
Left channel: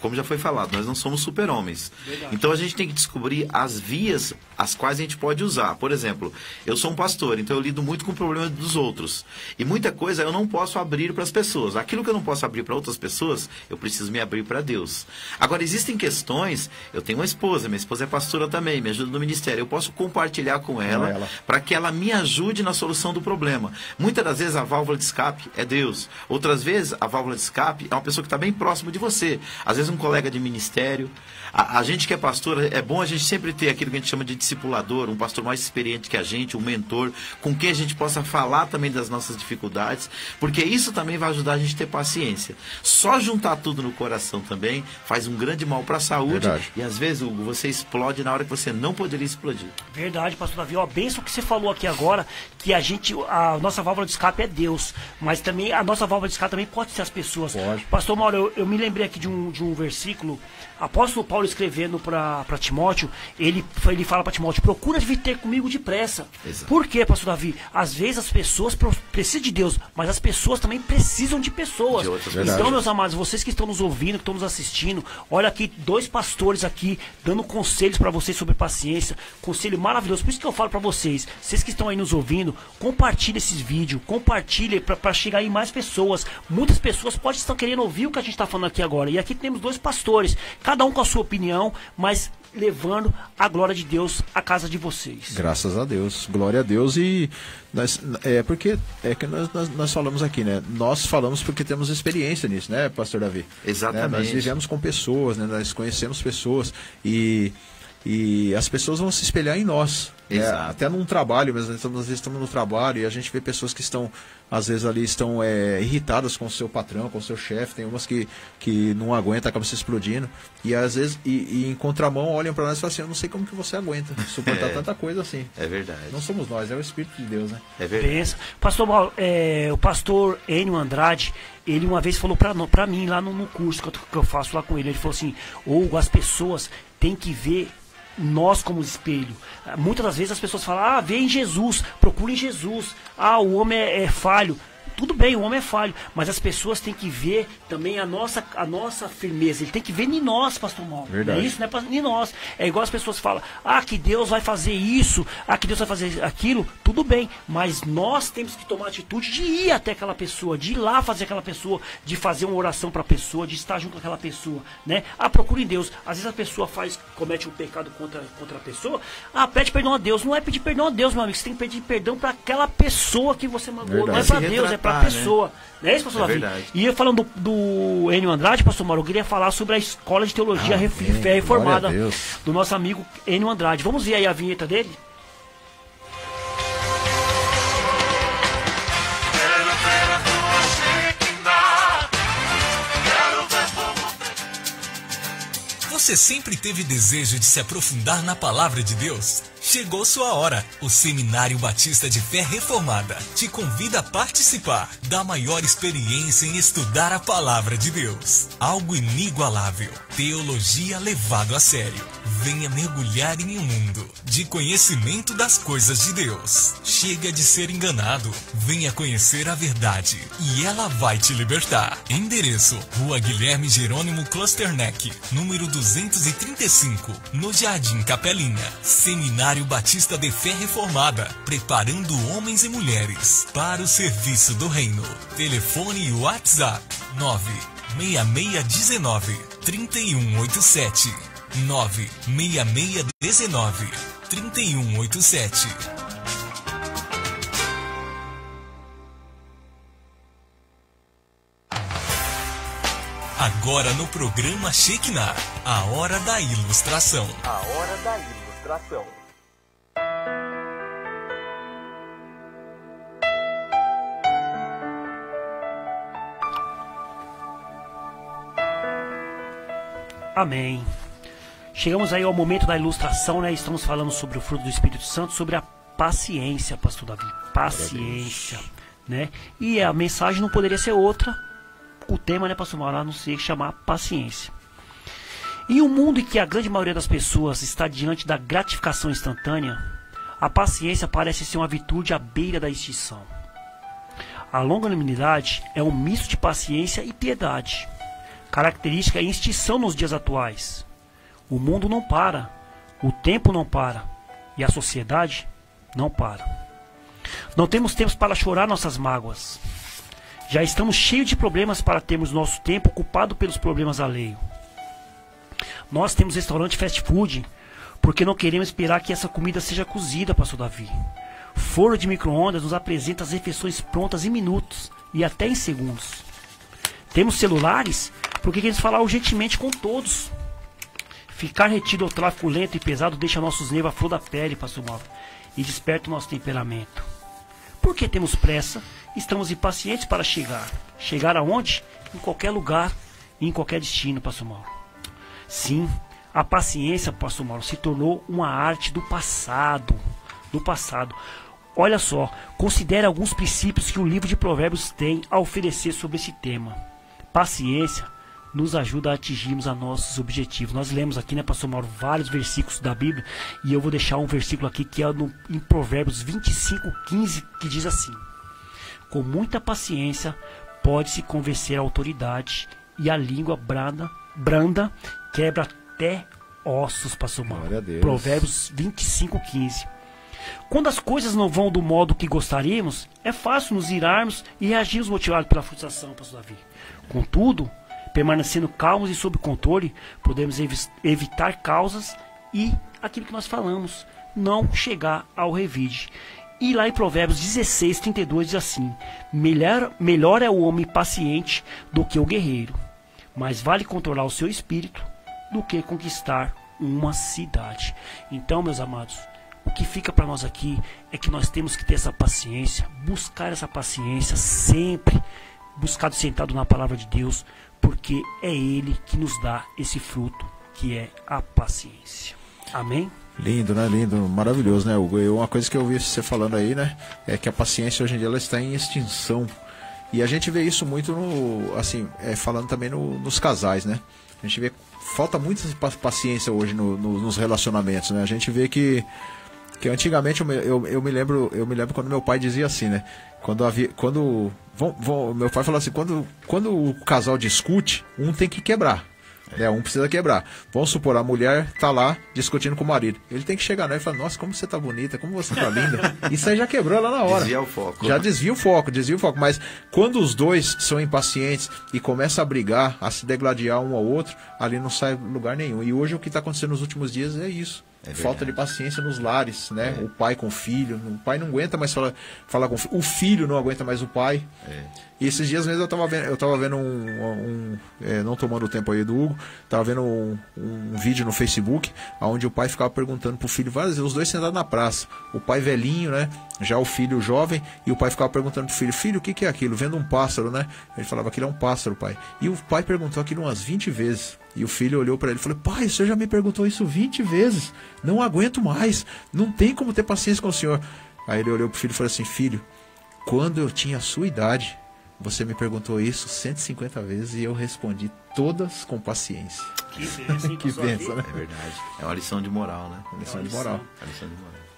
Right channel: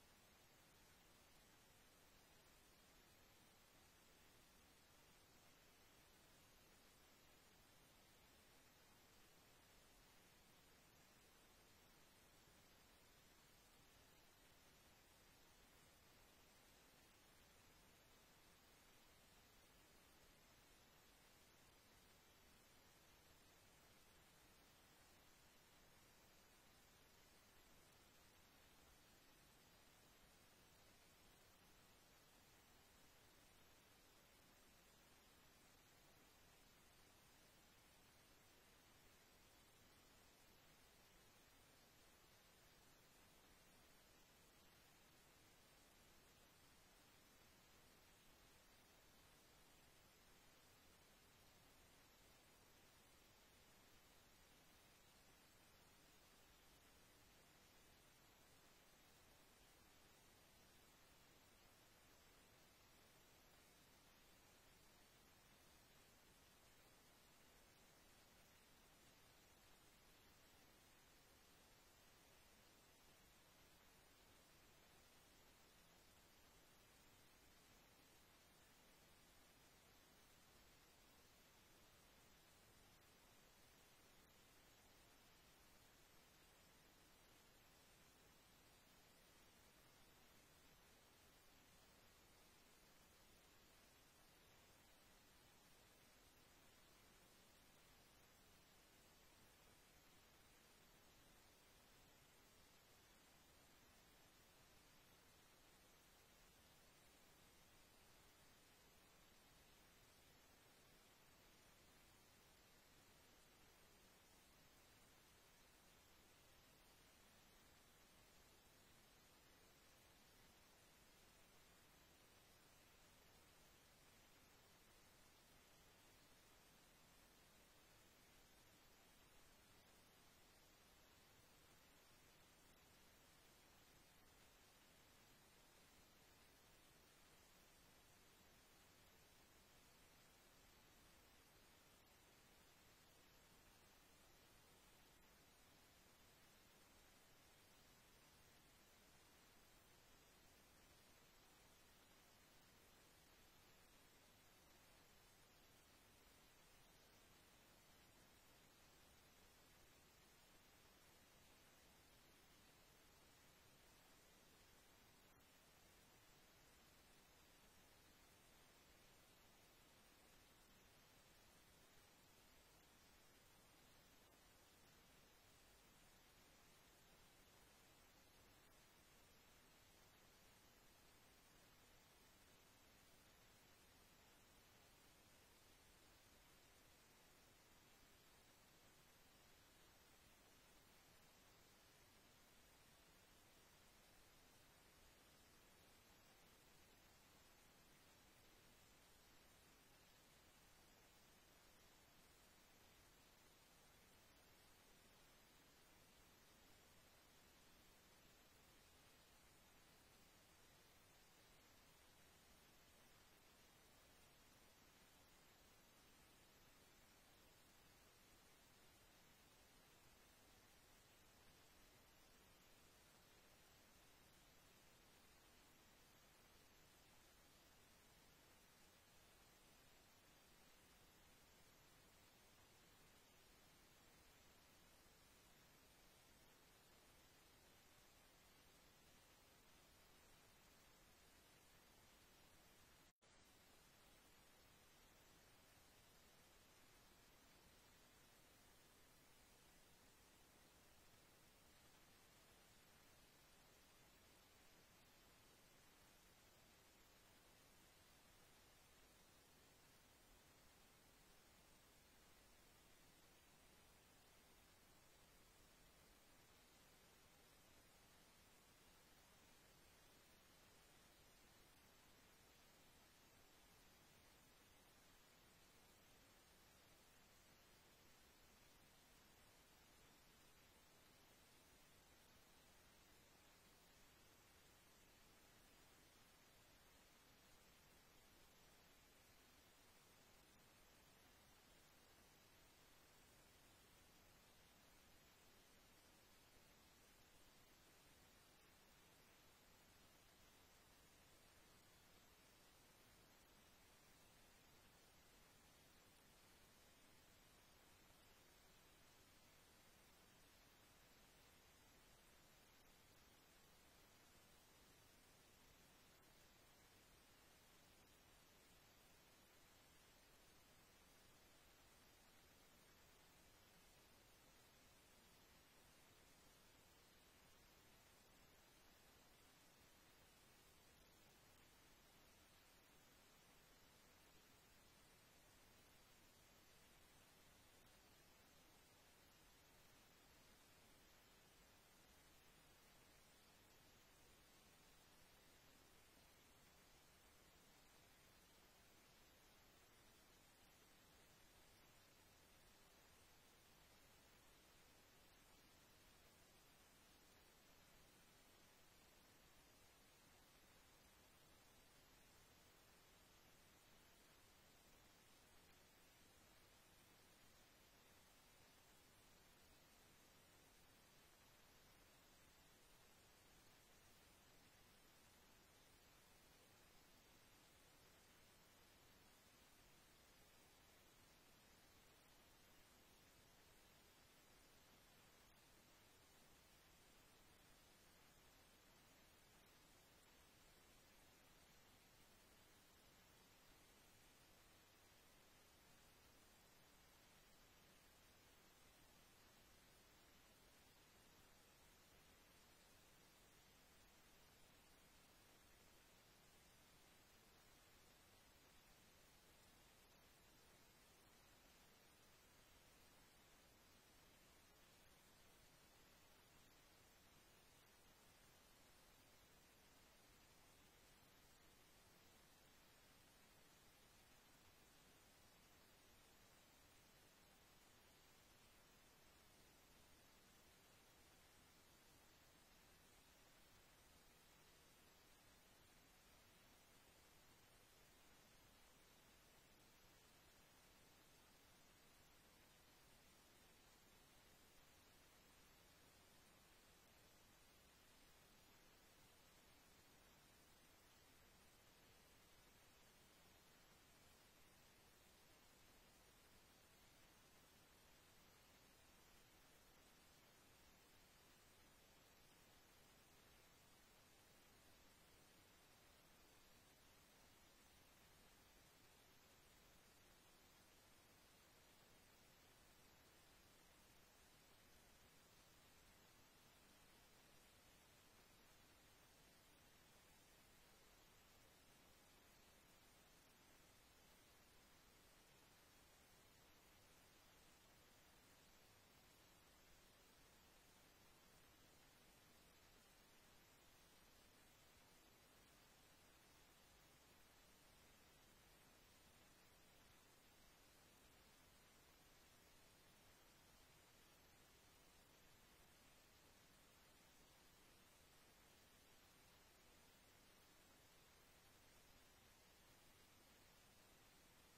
como já foi falado, nós não somos super-homens. Então a gente tem que descobrir as vias as quais a gente pode usar. Por exemplo, eu sou um pastor, então eu lido muito com o problema dos outros. E muita coisa eu não posso abrir para as pessoas. Aquilo que eu não posso abrir para outras pessoas, eu preciso me abrir para Deus. Agora, existem questões, eu tenho uma esposa, minha esposa é pastora também, me ajuda no ministério. Eu posso compartilhar com ela para que ela me ajude na solução do problema. Muitas das vezes a válvula de escape é Deus. Outras vezes a válvula de escape é uma pessoa que está bem próximo de você. Às vezes um colega de ministério. A gente que é pastor, é bom a gente sempre ter aquilo que a gente chama de discipulador, um pastor mais experiente que a gente, um mentor, com quem a gente possa falar também das nossas dificuldades, porque isso também vai ajudar a gente a ter paciência. Só juntar tudo no coração também faz um grande mal para a saúde. Verdade. E às vezes, Hugo, você explode na hora que você não poderia explodir. Verdade, pastor Davi. Ó, benção que você falou aqui agora, que a nossa válvula de escape é Deus, mas também a nossa válvula de escape também pode ser as pessoas. Pode. Pastor Mauro, eu me lembrei aqui de um versículo, apóstolo Paulo escrevendo para Timóteo, ele fala para Timóteo, procura vir ter comigo depressa. Exato. Por quê, pastor Davi? Às vezes as pessoas precisam de Deus, mas as pessoas também precisam de pessoas. De outras Então, pessoas. meus amados, vocês que estão nos ouvindo, que estão nos assistindo, olha aqui, 2 pastores aqui, dando conselhos para vocês sobre paciência, conselho maravilhoso. Por isso que eu falo para vocês que estão aí nos ouvindo, compartilhe esses vídeos, compartilhe para chegar em mais pessoas. Muitas pessoas podem estar querendo ouvir o que a gente está falando aqui agora. E aqui temos 2 pastores, cada um com a sua opinião, mas levando a glória de Deus à casa de vocês. Graças a Deus, glória a Deus. E porque nós falamos aqui, né? Nós falamos porque temos experiência nisso, né, pastor Davi? Exatamente. Né? Nós vivemos com pessoas, né? Nós conhecemos pessoas e as pessoas vão se espelhar em nós. Né? Até num trabalho, mas às vezes estamos no trabalho e a gente vê pessoas que estão, às vezes ali estão irritadas com o seu patrão, com o seu chefe. Tem umas que não aguentam, acabam se explodindo. E às vezes, em contramão, olham para nós e falam assim, eu não sei como que você aguenta suportar tanta coisa assim. É verdade. Não somos nós, é o Espírito de Deus, né? É verdade. Pastor Mauro, o pastor Enio Andrade, ele uma vez falou pra mim lá no curso que eu faço lá com ele, ele falou assim, Hugo, as pessoas têm que ver nós como espelho. Muitas das vezes as pessoas falam, vê em Jesus, procure em Jesus, o homem é falho. Tudo bem, o homem é falho, mas as pessoas têm que ver também a nossa firmeza. Ele tem que ver em nós, pastor Mauro. Verdade. É isso, né? Em nós. É igual as pessoas falam, que Deus vai fazer isso, que Deus vai fazer aquilo. Tudo bem, mas nós temos que tomar a atitude de ir até aquela pessoa, de ir lá fazer aquela pessoa, de fazer uma oração para a pessoa, de estar junto com aquela pessoa, né? Procure em Deus. Às vezes a pessoa comete um pecado contra a pessoa, pede perdão a Deus. Não é pedir perdão a Deus, meu amigo. Você tem que pedir perdão para aquela pessoa que você magoou. Não é para Deus, é para a pessoa. Não é isso, pastor Davi? Verdade. E eu falando do Enio Andrade, pastor Mauro, eu queria falar sobre a Escola de Teologia Fé Reformada do nosso amigo Enio Andrade. Vamos ver aí a vinheta dele? Você sempre teve desejo de se aprofundar na palavra de Deus? Chegou sua hora. O Seminário Batista de Fé Reformada te convida a participar da maior experiência em estudar a Palavra de Deus. Algo inigualável. Teologia levado a sério. Venha mergulhar em um mundo de conhecimento das coisas de Deus. Chega de ser enganado. Venha conhecer a verdade e ela vai te libertar. Endereço: Rua Guilherme Jerônimo Klosterneck, número 235, no Jardim Capelinha. Seminário Batista de Fé Reformada, preparando homens e mulheres para o serviço do reino. Telefone e WhatsApp 96619-3187. 96619-3187. Agora no programa Shekinah, a hora da ilustração. A hora da ilustração. Amém. Chegamos aí ao momento da ilustração, né? Estamos falando sobre o fruto do Espírito Santo, sobre a paciência, pastor Davi. Paciência, né? E a mensagem não poderia ser outra. O tema, né, pastor Mauro, a não ser chamar paciência. Em um mundo em que a grande maioria das pessoas está diante da gratificação instantânea, a paciência parece ser uma virtude à beira da extinção. A longanimidade é um misto de paciência e piedade, característica em extinção nos dias atuais. O mundo não para, o tempo não para e a sociedade não para. Não temos tempo para chorar nossas mágoas. Já estamos cheios de problemas para termos nosso tempo ocupado pelos problemas alheios. Nós temos restaurante fast food porque não queremos esperar que essa comida seja cozida, pastor Davi. Forno de micro-ondas nos apresenta as refeições prontas em minutos e até em segundos. Temos celulares porque queremos falar urgentemente com todos. Ficar retido ao tráfego lento e pesado deixa nossos nervos à flor da pele, pastor Mauro, e desperta o nosso temperamento. Porque temos pressa, estamos impacientes para chegar. Chegar aonde? Em qualquer lugar e em qualquer destino, pastor Mauro. Sim, a paciência, pastor Mauro, se tornou uma arte do passado. Olha só, considere alguns princípios que o livro de Provérbios tem a oferecer sobre esse tema. Paciência nos ajuda a atingirmos a nossos objetivos. Nós lemos aqui, né, pastor Mauro, vários versículos da Bíblia, e eu vou deixar um versículo aqui que é em Provérbios 25:15, que diz assim: com muita paciência pode-se convencer a autoridade, e a língua branda quebra até ossos, pastor Mauro. Provérbios 25:15. Quando as coisas não vão do modo que gostaríamos, é fácil nos irarmos e reagirmos motivados pela frustração, pastor Davi. Contudo, permanecendo calmos e sob controle, podemos evitar causas e aquilo que nós falamos, não chegar ao revide. E lá em Provérbios 16:32 diz assim: melhor é o homem paciente do que o guerreiro, mas vale controlar o seu espírito do que conquistar uma cidade. Então, meus amados, o que fica para nós aqui é que nós temos que ter essa paciência, buscar essa paciência sempre, buscado sentado na palavra de Deus, porque é Ele que nos dá esse fruto, que é a paciência. Amém? Lindo, né? Lindo, maravilhoso, né, Hugo? Uma coisa que eu ouvi você falando aí, né, é que a paciência hoje em dia ela está em extinção. E a gente vê isso muito falando também nos casais, né? A gente vê falta muita paciência hoje nos relacionamentos, né? A gente vê que antigamente eu me lembro quando meu pai dizia assim, né? Meu pai falou assim, quando o casal discute, um tem que quebrar. Um precisa quebrar. Vamos supor, a mulher tá lá discutindo com o marido. Ele tem que chegar, né? E falar: nossa, como você tá bonita, como você tá linda. Isso aí já quebrou lá na hora. Desvia o foco. Já desvia o foco. Mas quando os dois são impacientes e começam a brigar, a se degladiar um ao outro, ali não sai lugar nenhum. E hoje o que tá acontecendo nos últimos dias é isso. Falta de paciência nos lares, né? O pai com o filho. O pai não aguenta mais falar com o filho. O filho não aguenta mais o pai. E esses dias mesmo eu tava vendo não tomando o tempo aí do Hugo, tava vendo um vídeo no Facebook, onde o pai ficava perguntando pro filho várias vezes, os dois sentados na praça, o pai velhinho, né, já o filho jovem, e o pai ficava perguntando pro filho, o que é aquilo? Vendo um pássaro, né? Ele falava, aquilo é um pássaro, pai. E o pai perguntou aquilo umas 20 vezes, e o filho olhou para ele e falou, pai, o senhor já me perguntou isso 20 vezes, não aguento mais, não tem como ter paciência com o senhor. Aí ele olhou pro filho e falou assim, filho, quando eu tinha a sua idade, você me perguntou isso 150 vezes e eu respondi todas com paciência. Que benção, hein, que benção, né? É verdade. É uma lição de moral, né? Uma lição de moral.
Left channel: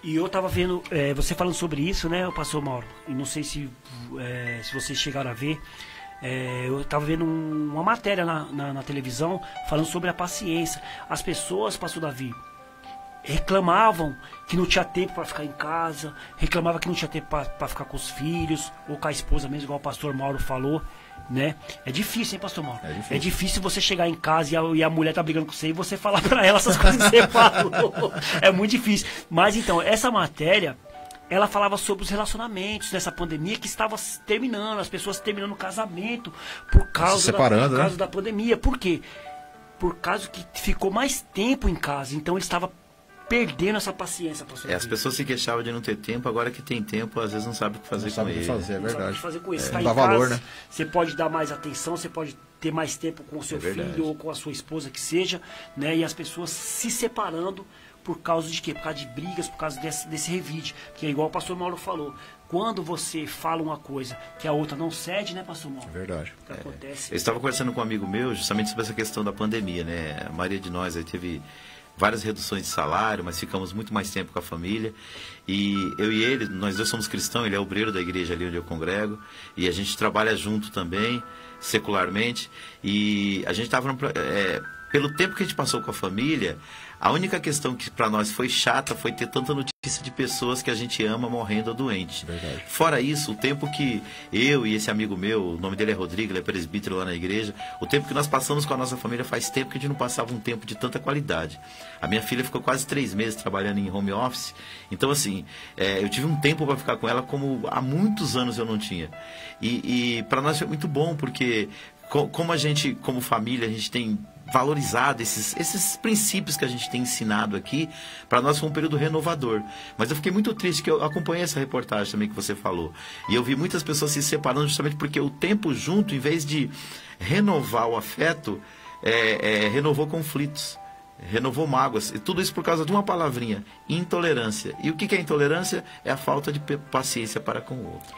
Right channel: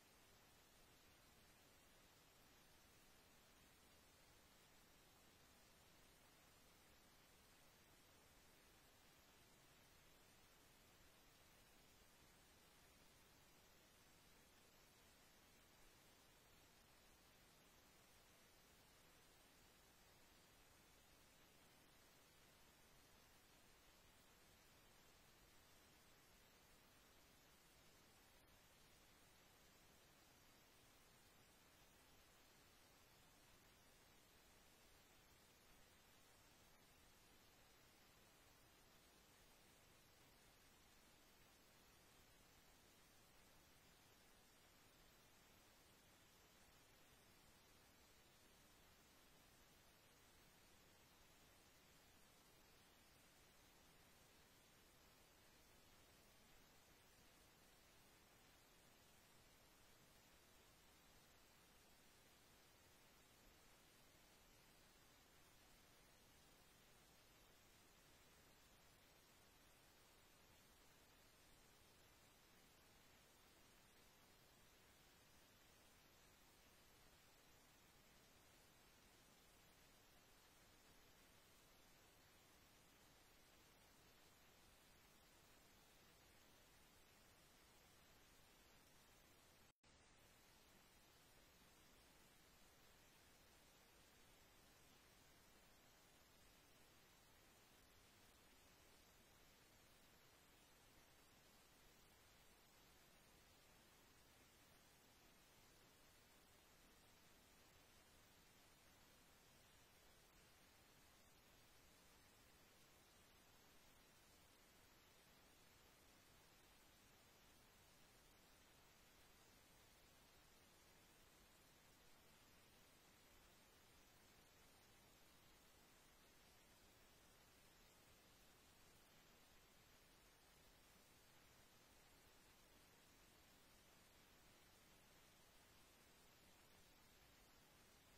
E eu tava vendo, você falando sobre isso, né, pastor Mauro? E não sei se vocês chegaram a ver. Eu tava vendo uma matéria na televisão falando sobre a paciência. As pessoas, pastor Davi, reclamavam que não tinha tempo para ficar em casa, reclamavam que não tinha tempo para ficar com os filhos, ou com a esposa mesmo, igual o pastor Mauro falou, né? É difícil, hein, pastor Mauro? É difícil você chegar em casa e a mulher tá brigando com você e você falar para ela essas coisas que você falou. É muito difícil. Mas então, essa matéria, ela falava sobre os relacionamentos nessa pandemia que estava terminando, as pessoas terminando o casamento por causa da pandemia. Por quê? Por causa que ficou mais tempo em casa, então ele estava perdendo essa paciência. As pessoas se queixavam de não ter tempo, agora que tem tempo, às vezes não sabe o que fazer com ele. É verdade. Não sabe o que fazer com isso. Você tá não em dá casa, valor, né? Você pode dar mais atenção, você pode ter mais tempo com o seu filho ou com a sua esposa, que seja, né? E as pessoas se separando por causa de quê? Por causa de brigas, por causa desse revide. Que é igual o pastor Mauro falou. Quando você fala uma coisa que a outra não cede, né, pastor Mauro? É verdade. O que acontece? Eu estava conversando com um amigo meu justamente sobre essa questão da pandemia, né? A maioria de nós aí teve várias reduções de salário, mas ficamos muito mais tempo com a família. E eu e ele, nós dois somos cristãos, ele é obreiro da igreja ali onde eu congrego, e a gente trabalha junto também, secularmente, e a gente estava... pelo tempo que a gente passou com a família, a única questão que para nós foi chata foi ter tanta notícia de pessoas que a gente ama morrendo ou doente. Verdade. Fora isso, o tempo que eu e esse amigo meu, o nome dele é Rodrigo, ele é presbítero lá na igreja, o tempo que nós passamos com a nossa família faz tempo que a gente não passava um tempo de tanta qualidade. A minha filha ficou quase 3 meses trabalhando em home office, então assim, eu tive um tempo para ficar com ela como há muitos anos eu não tinha. E para nós foi muito bom, porque como a gente, como família, a gente tem valorizado esses princípios que a gente tem ensinado aqui, para nós foi um período renovador. Mas eu fiquei muito triste, que eu acompanhei essa reportagem também que você falou, e eu vi muitas pessoas se separando justamente porque o tempo junto, em vez de renovar o afeto, renovou conflitos, renovou mágoas, e tudo isso por causa de uma palavrinha: intolerância. E o que é intolerância? É a falta de paciência para com o outro.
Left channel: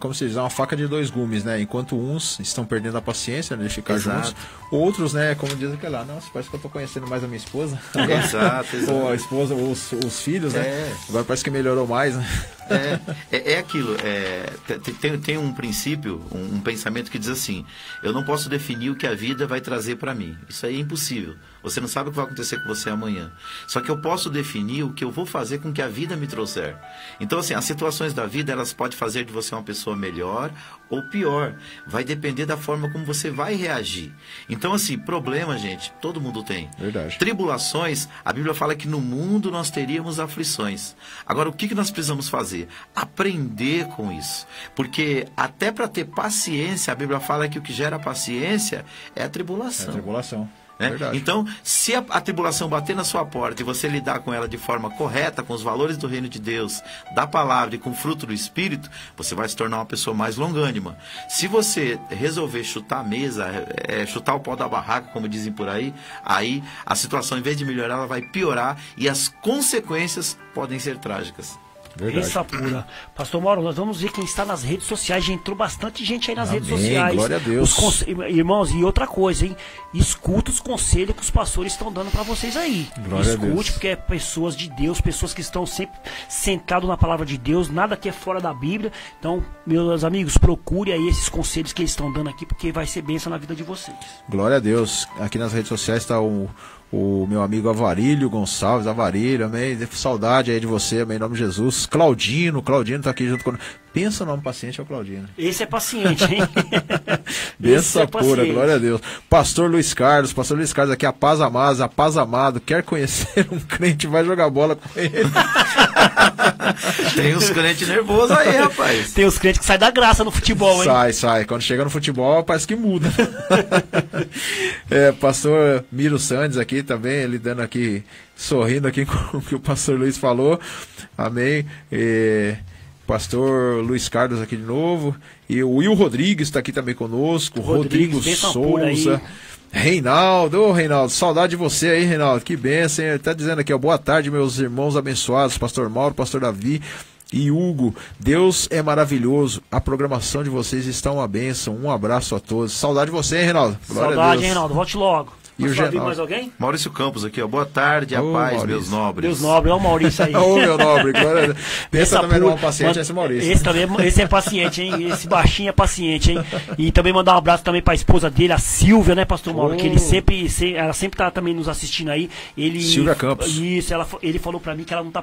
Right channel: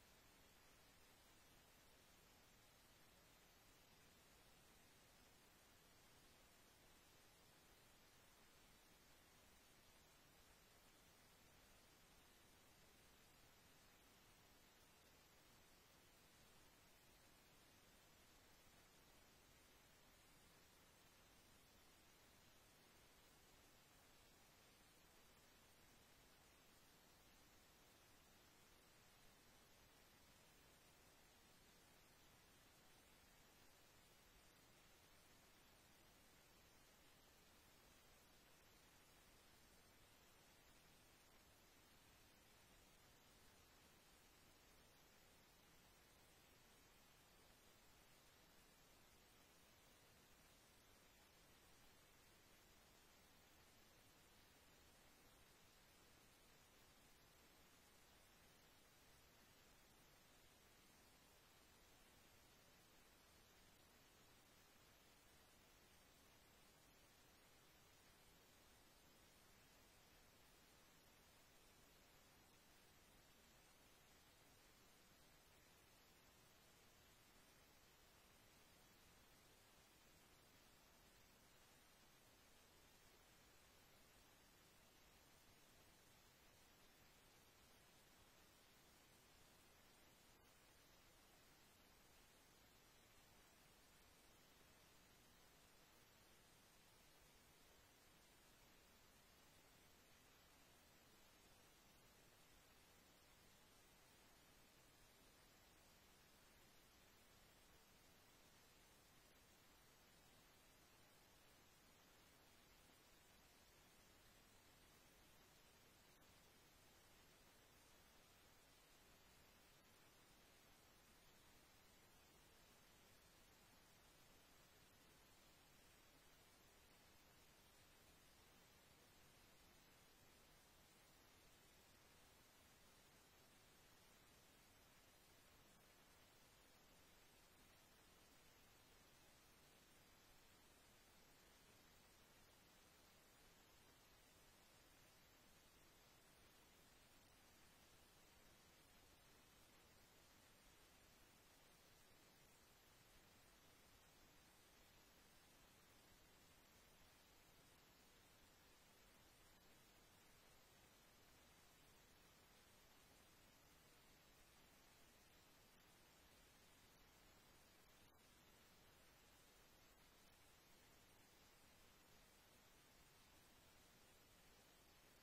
Como se diz, uma faca de 2 gumes, né? Enquanto uns estão perdendo a paciência, né, de ficar juntos, outros, né, como diz aquele lá, nossa, parece que eu tô conhecendo mais a minha esposa. Exato. Ou a esposa, ou os filhos, né? Agora parece que melhorou mais, né? Aquilo, tem um princípio, um pensamento que diz assim: eu não posso definir o que a vida vai trazer para mim. Isso aí é impossível. Você não sabe o que vai acontecer com você amanhã. Só que eu posso definir o que eu vou fazer com que a vida me trouxer. Então, assim, as situações da vida, elas podem fazer de você uma pessoa melhor ou pior. Vai depender da forma como você vai reagir. Então, assim, problema, gente, todo mundo tem. Verdade. Tribulações, a Bíblia fala que no mundo nós teríamos aflições. Agora, o que nós precisamos fazer? Aprender com isso. Porque até para ter paciência, a Bíblia fala que o que gera paciência é a tribulação. É a tribulação. Então, se a tribulação bater na sua porta e você lidar com ela de forma correta, com os valores do reino de Deus, da palavra e com o fruto do Espírito, você vai se tornar uma pessoa mais longânima. Se você resolver chutar a mesa, chutar o pau da barraca, como dizem por aí a situação, em vez de melhorar, ela vai piorar e as consequências podem ser trágicas. Essa pura. Pastor Mauro, nós vamos ver quem está nas redes sociais. Já entrou bastante gente aí nas redes sociais. Glória a Deus. Irmãos, e outra coisa, hein? Escuta os conselhos que os pastores estão dando para vocês aí. Glória a Deus. Escute, porque é pessoas de Deus, pessoas que estão sempre sentadas na palavra de Deus, nada que é fora da Bíblia. Então, meus amigos, procure aí esses conselhos que eles estão dando aqui, porque vai ser bênção na vida de vocês. Glória a Deus. Aqui nas redes sociais está o meu amigo Avarílio Gonçalves, Avarílio, amém, saudade aí de você, amém, em nome de Jesus. Claudino tá aqui junto com... Pensa no nome paciente, é o Claudino. Esse é paciente, hein? Benção pura, glória a Deus. Pastor Luiz Carlos aqui, a paz amado, quer conhecer um crente, vai jogar bola com ele. Tem uns crentes nervosos aí, rapaz. Tem os crentes que saem da graça no futebol, hein? Sai. Quando chega no futebol, parece que muda. Pastor Miro Sandes aqui também, ele dando aqui, sorrindo aqui com o que o pastor Luiz falou. Amém. Pastor Luiz Carlos aqui de novo. E o Will Rodrigues está aqui também conosco. Rodrigo Souza. Reinaldo, saudade de você aí, Reinaldo, que bênção, ele tá dizendo aqui, ó, boa tarde, meus irmãos abençoados, pastor Mauro, pastor Davi e Hugo, Deus é maravilhoso, a programação de vocês está uma bênção, um abraço a todos, saudade de você, hein, Reinaldo? Saudade, hein, Reinaldo, volte logo. E o Genaldo. Mais alguém? Maurício Campos aqui, ó. Boa tarde, a paz, Maurício. meus nobres. Meus nobres, olha o Maurício aí. Ô, meu nobre, glória. Pensa também num paciente, esse Maurício. Esse é paciente, hein? Esse baixinho é paciente, hein? E também mandar um abraço também pra esposa dele, a Silvia, né, pastor Mauro? Que ela sempre tá também nos assistindo aí. Silvia Campos. Isso, ele falou pra mim que ela não tá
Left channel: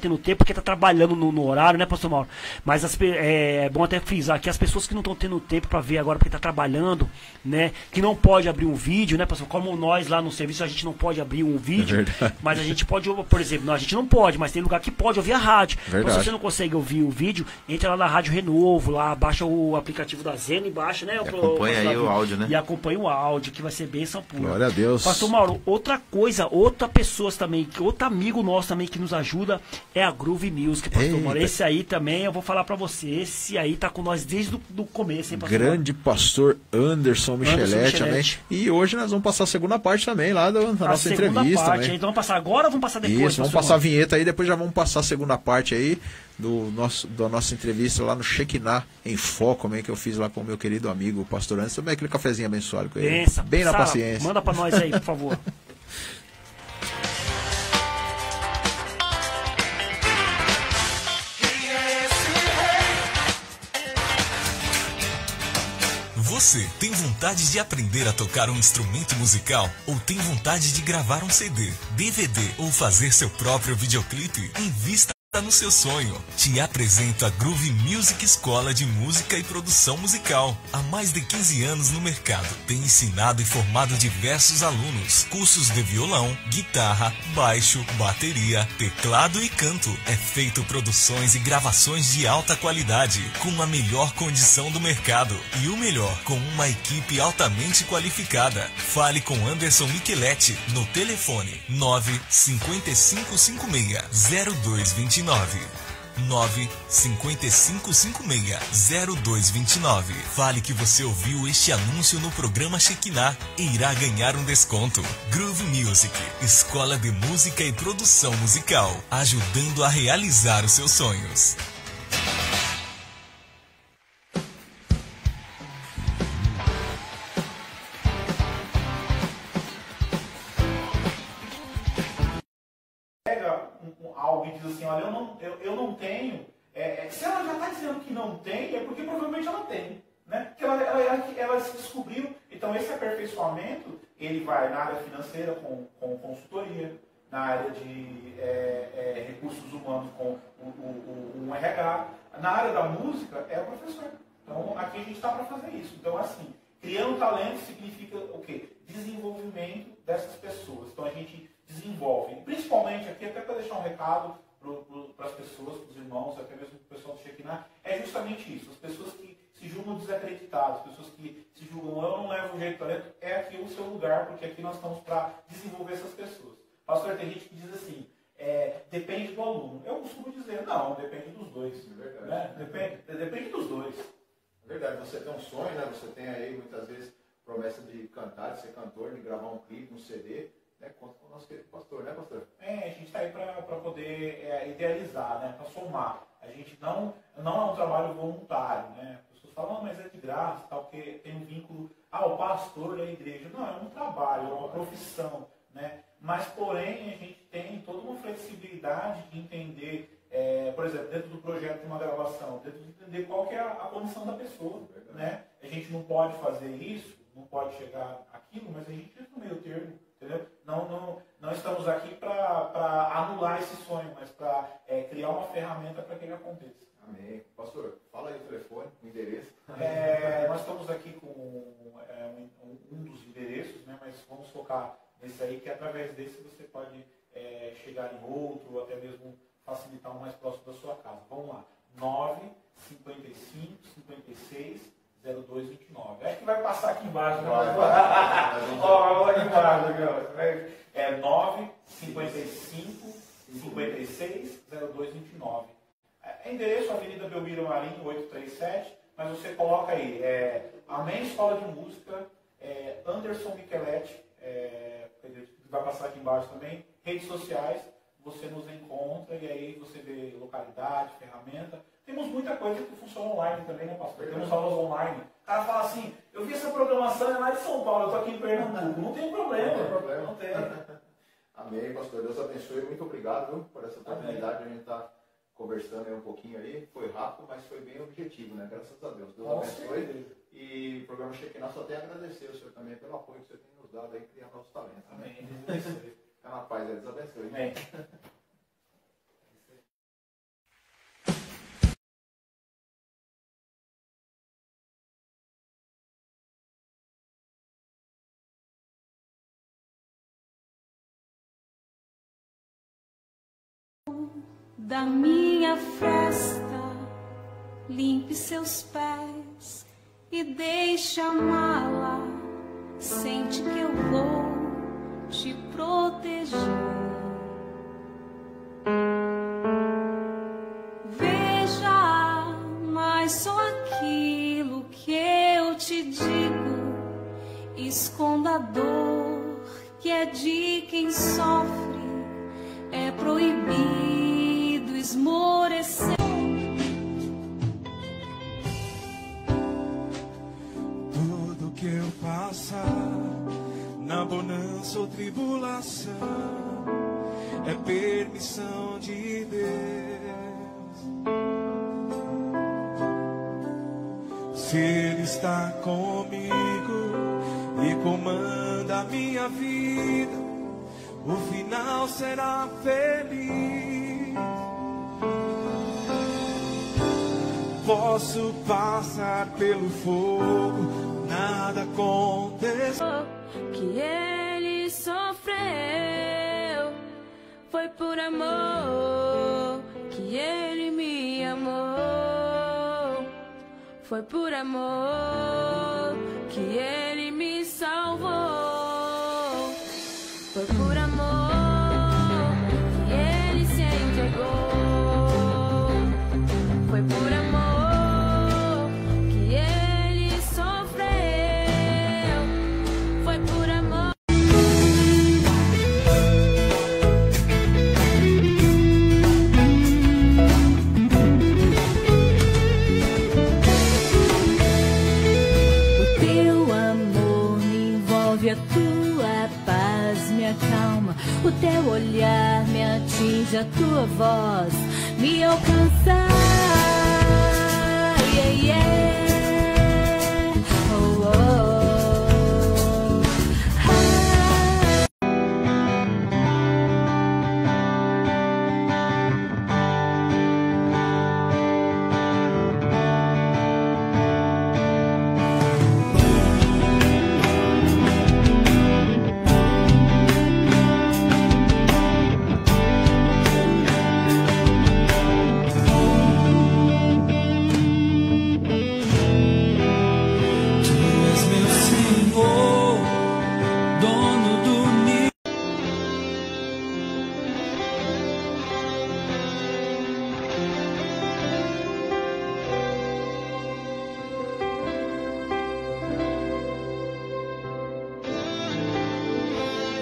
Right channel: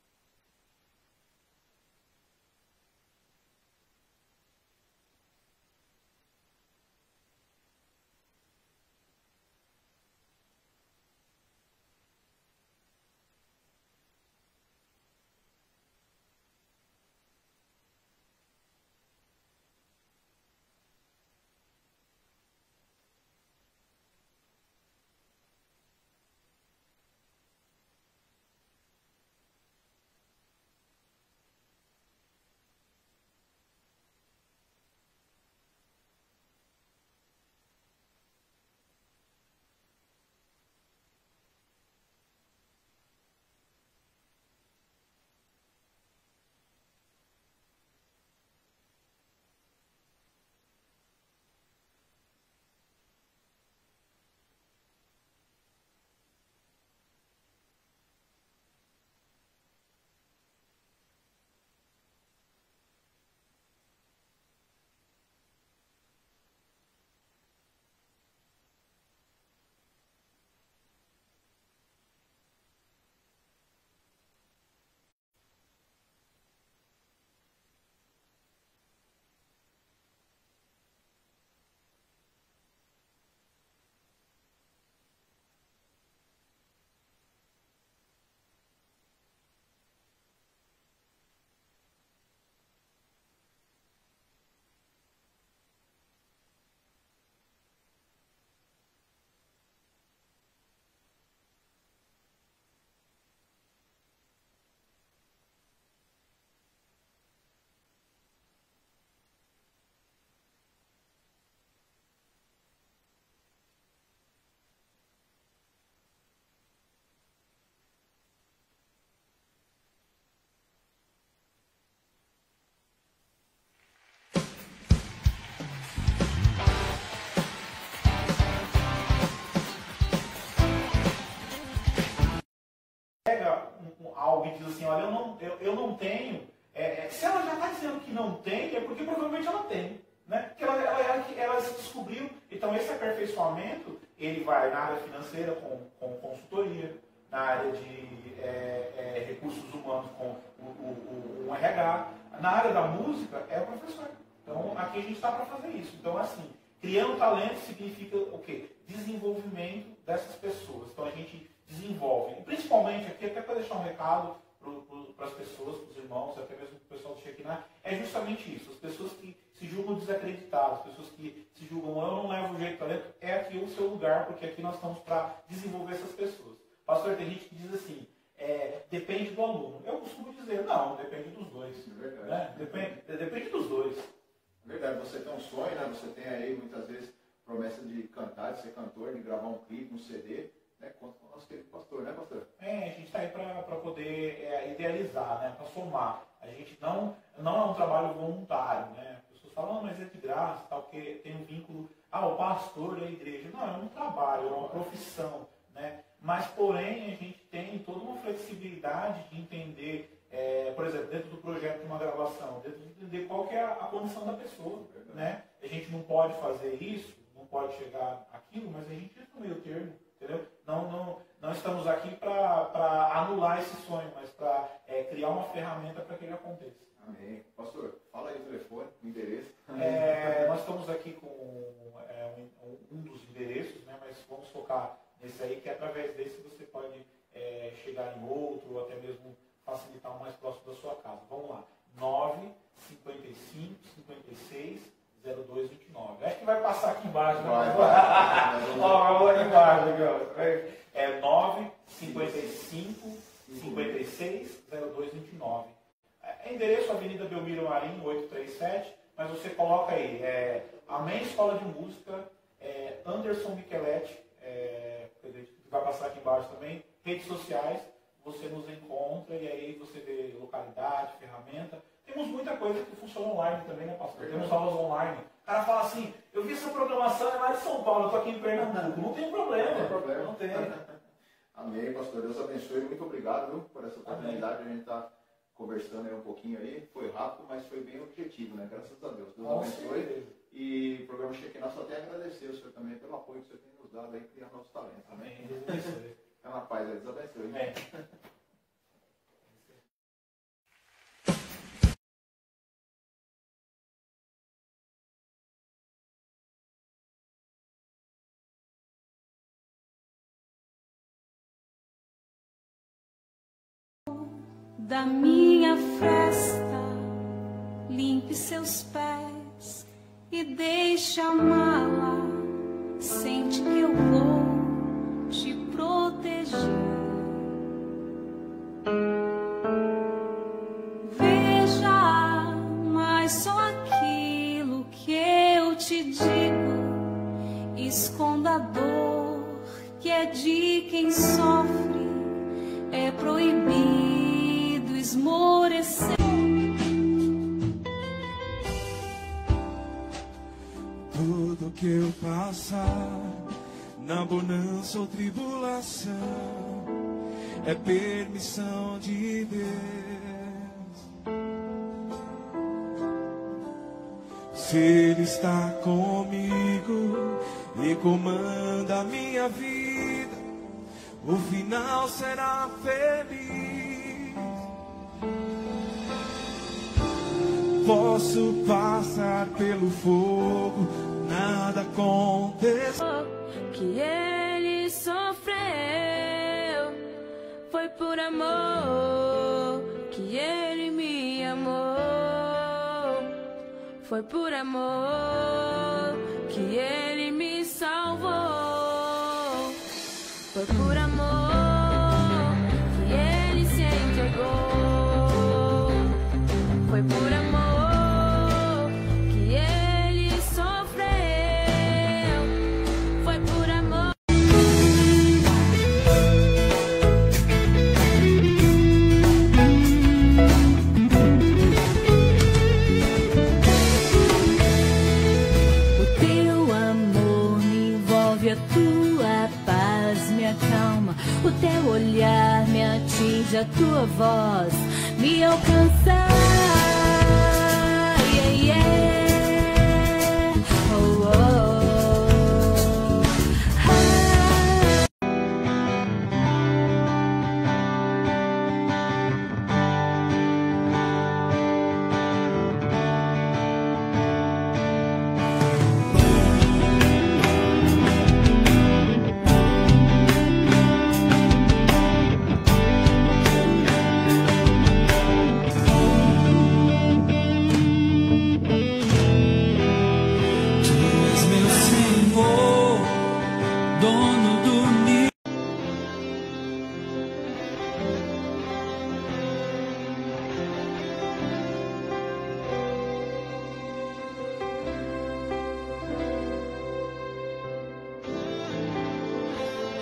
tendo tempo porque tá trabalhando no horário, né, pastor Mauro? Mas é bom até frisar que as pessoas que não estão tendo tempo pra ver agora porque tá trabalhando, né, que não pode abrir um vídeo, né, pastor? Como nós lá no serviço a gente não pode abrir um vídeo, mas a gente pode, por exemplo, não, a gente não pode, mas tem lugar que pode ouvir a rádio. Então, se você não consegue ouvir o vídeo, entra lá na Rádio Renovo, lá baixa o aplicativo da Zena e baixa, né? Acompanha aí o áudio, né? E acompanha o áudio, que vai ser bênção pura. Glória a Deus. Pastor Mauro, outra coisa, outra pessoa também, outro amigo nosso também que nos ajuda é a Groove Music, pastor Mauro. Esse aí também, eu vou falar pra você, esse aí tá com nós desde o começo, hein, pastor Grande Mauro? Pastor Anderson Michelete também. E hoje nós vamos passar a segunda parte também lá da nossa entrevista. Parte, então vamos passar agora ou vamos passar depois? Isso, vamos passar a vinheta aí, depois já vamos passar a segunda parte aí da nossa entrevista lá no Shekinah em Foco, também, que eu fiz lá com o meu querido amigo, o pastor Anderson, também aquele cafezinho abençoado com ele. Bem na paciência. Manda pra nós aí, por favor. Você tem vontade de aprender a tocar um instrumento musical? Ou tem vontade de gravar um CD, DVD ou fazer seu próprio videoclipe? Invista no seu sonho. Te apresento a Groove Music Escola de Música e Produção Musical. Há mais de 15 anos no mercado, tem ensinado e formado diversos alunos. Cursos de violão, guitarra, baixo, bateria, teclado e canto. É feito produções e gravações de alta qualidade, com a melhor condição do mercado. E o melhor, com uma equipe altamente qualificada. Fale com Anderson Michelete no telefone 95556-0229. 95556-0229. Fale que você ouviu este anúncio no programa Shekinah e irá ganhar um desconto. Groove Music, escola de música e produção musical, ajudando a realizar os seus sonhos. Algo diz assim, olha, eu não tenho. Se ela já está dizendo que não tem, é porque provavelmente ela tem. Né? Porque ela se descobriu. Então, esse aperfeiçoamento, ele vai na área financeira com consultoria, na área de recursos humanos com o RH, na área da música é o professor. Então, aqui a gente está para fazer isso. Então, assim, criando talento significa o quê? Desenvolvimento dessas pessoas. Então, a gente desenvolve. Principalmente aqui, até para deixar um recado para as pessoas, para os irmãos, até mesmo para o pessoal do Shekinah, é justamente isso. As pessoas que se julgam desacreditadas, as pessoas que se julgam, eu não levo jeito de talento, é aqui o seu lugar, porque aqui nós estamos para desenvolver essas pessoas. Pastor, tem gente que diz assim, depende do aluno. Eu costumo dizer, não, depende dos dois. Né? Depende dos dois. É verdade, você tem um sonho, né? Você tem aí muitas vezes promessa de cantar, de ser cantor, de gravar um clipe, um CD. Conta com o nosso querido pastor, né, pastor? A gente está aí para poder idealizar, né, para somar. A gente não é um trabalho voluntário, né? As pessoas falam, mas é de graça, tal, porque tem um vínculo, o pastor da igreja. Não, é um trabalho, é uma profissão, né? Mas, porém, a gente tem toda uma flexibilidade de entender, por exemplo, dentro do projeto de uma gravação, dentro de entender qual que é a condição da pessoa, né? A gente não pode fazer isso, não pode chegar àquilo, mas a gente fica no meio termo. Entendeu? Não estamos aqui para anular esse sonho, mas para criar uma ferramenta para que ele aconteça. Amém. Pastor, fala aí o telefone, o endereço. Nós estamos aqui com um dos endereços, né, mas vamos focar nesse aí, que através desse você pode chegar em outro, ou até mesmo facilitar o mais próximo 996-0229. Endereço Avenida Belmiro Marinho, 837, mas você coloca aí, Amém Escola de Música, Anderson Micheletti, vai passar aqui embaixo também, redes sociais, você nos encontra e aí você vê localidade, ferramenta. Temos muita coisa que funciona online também, né, pastor? Temos aulas online. O cara fala assim, eu vi essa programação, é lá de São Paulo, eu estou aqui em Pernambuco. Não tem problema. Não tem problema. Não tem. Amém, pastor. Deus abençoe. Muito obrigado, viu, por essa oportunidade de a gente estar conversando aí um pouquinho aí. Foi rápido, mas foi bem objetivo, né? Graças a Deus. Deus abençoe. E o programa Shekinah só tem a agradecer o senhor também pelo apoio que o senhor tem nos dado aí, criar nossos talentos. Amém. É uma paz, Deus abençoe. Amém. Da minha festa, limpe seus pés e deixe a mala. Sente que eu vou te proteger. Veja, mas só aquilo que eu te digo. Esconda a dor que é de quem sofre. É proibido esmorecer. Tudo que eu passar, na bonança ou tribulação, é permissão de Deus. Se Ele está comigo e comanda a minha vida, o final será feliz. Posso passar pelo fogo, nada aconteceu. Que ele sofreu, foi por amor que ele me amou. Foi por amor que ele me salvou. Foi por amor que ele se entregou. Foi por amor que ele sofreu. Foi por amor. O teu amor me envolve, a tua paz me acalma, o teu olhar me atinge, a tua voz me alcança. Yeah, yeah. Oh, oh.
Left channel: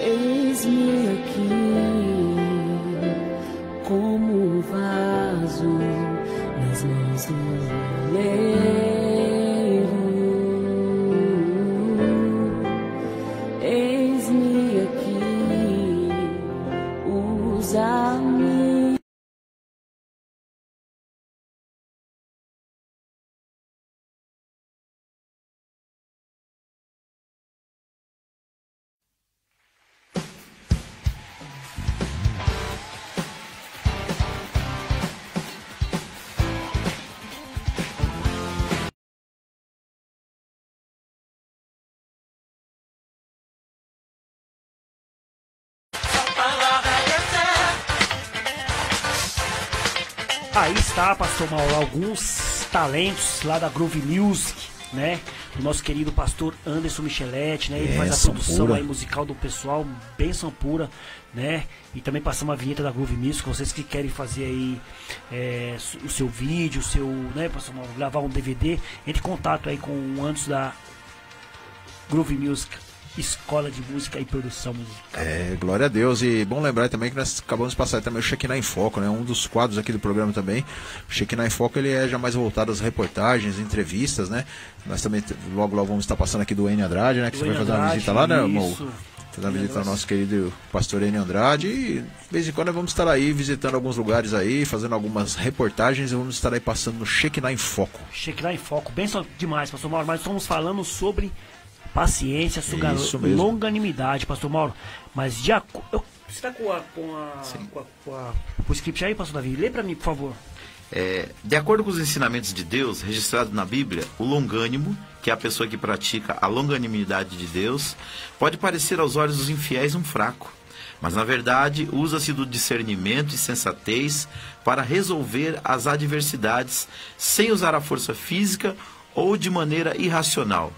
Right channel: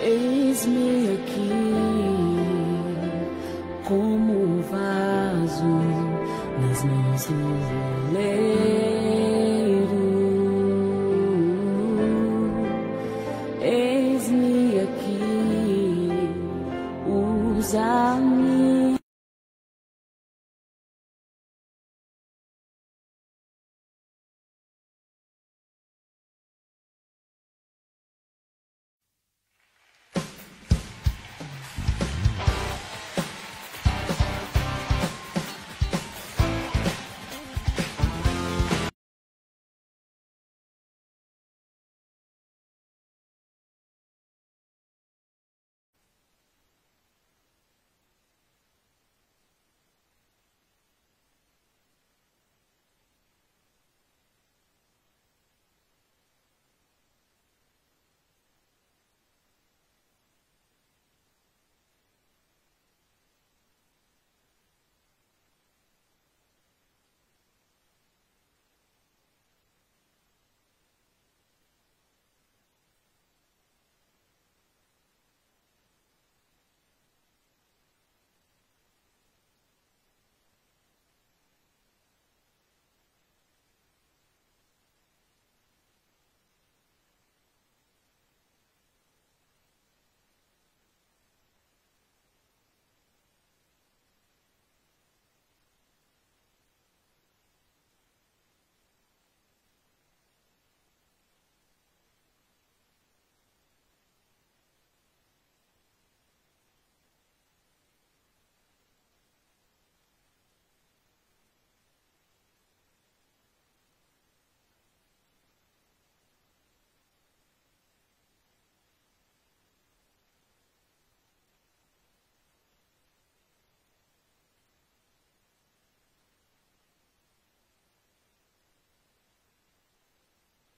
Eis-me aqui como um vaso nas mãos do oleiro. Eis-me aqui, usa-me. Aí está, pastor Mauro, alguns talentos lá da Groove Music, né? Do nosso querido pastor Anderson Micheletti, né? Ele faz a produção aí musical do pessoal, bênção pura, né? E também passamos a vinheta da Groove Music, vocês que querem fazer aí o seu vídeo, né? Gravar um DVD, entre em contato aí com o Anderson da Groove Music, Escola de Música e Produção Musical. Glória a Deus. E bom lembrar também que nós acabamos de passar também o Shekinah em Foco, né? Um dos quadros aqui do programa também. O Shekinah em Foco, ele é já mais voltado às reportagens, entrevistas, né? Nós também logo vamos estar passando aqui do Enio Andrade, né? Que você vai fazer uma visita lá, né, amor? Fazer uma visita ao nosso querido pastor Enio Andrade. E de vez em quando nós vamos estar aí visitando alguns lugares aí, fazendo algumas reportagens e vamos estar aí passando no Shekinah em Foco. Shekinah em Foco, bem demais, pastor Mauro. Mas estamos falando sobre paciência, longanimidade, pastor Mauro. Mas você está com o script aí, pastor Davi? Lê para mim, por favor. De acordo com os ensinamentos de Deus, registrados na Bíblia, o longânimo, que é a pessoa que pratica a longanimidade de Deus, pode parecer aos olhos dos infiéis um fraco. Mas, na verdade, usa-se do discernimento e sensatez para resolver as adversidades sem usar a força física ou de maneira irracional.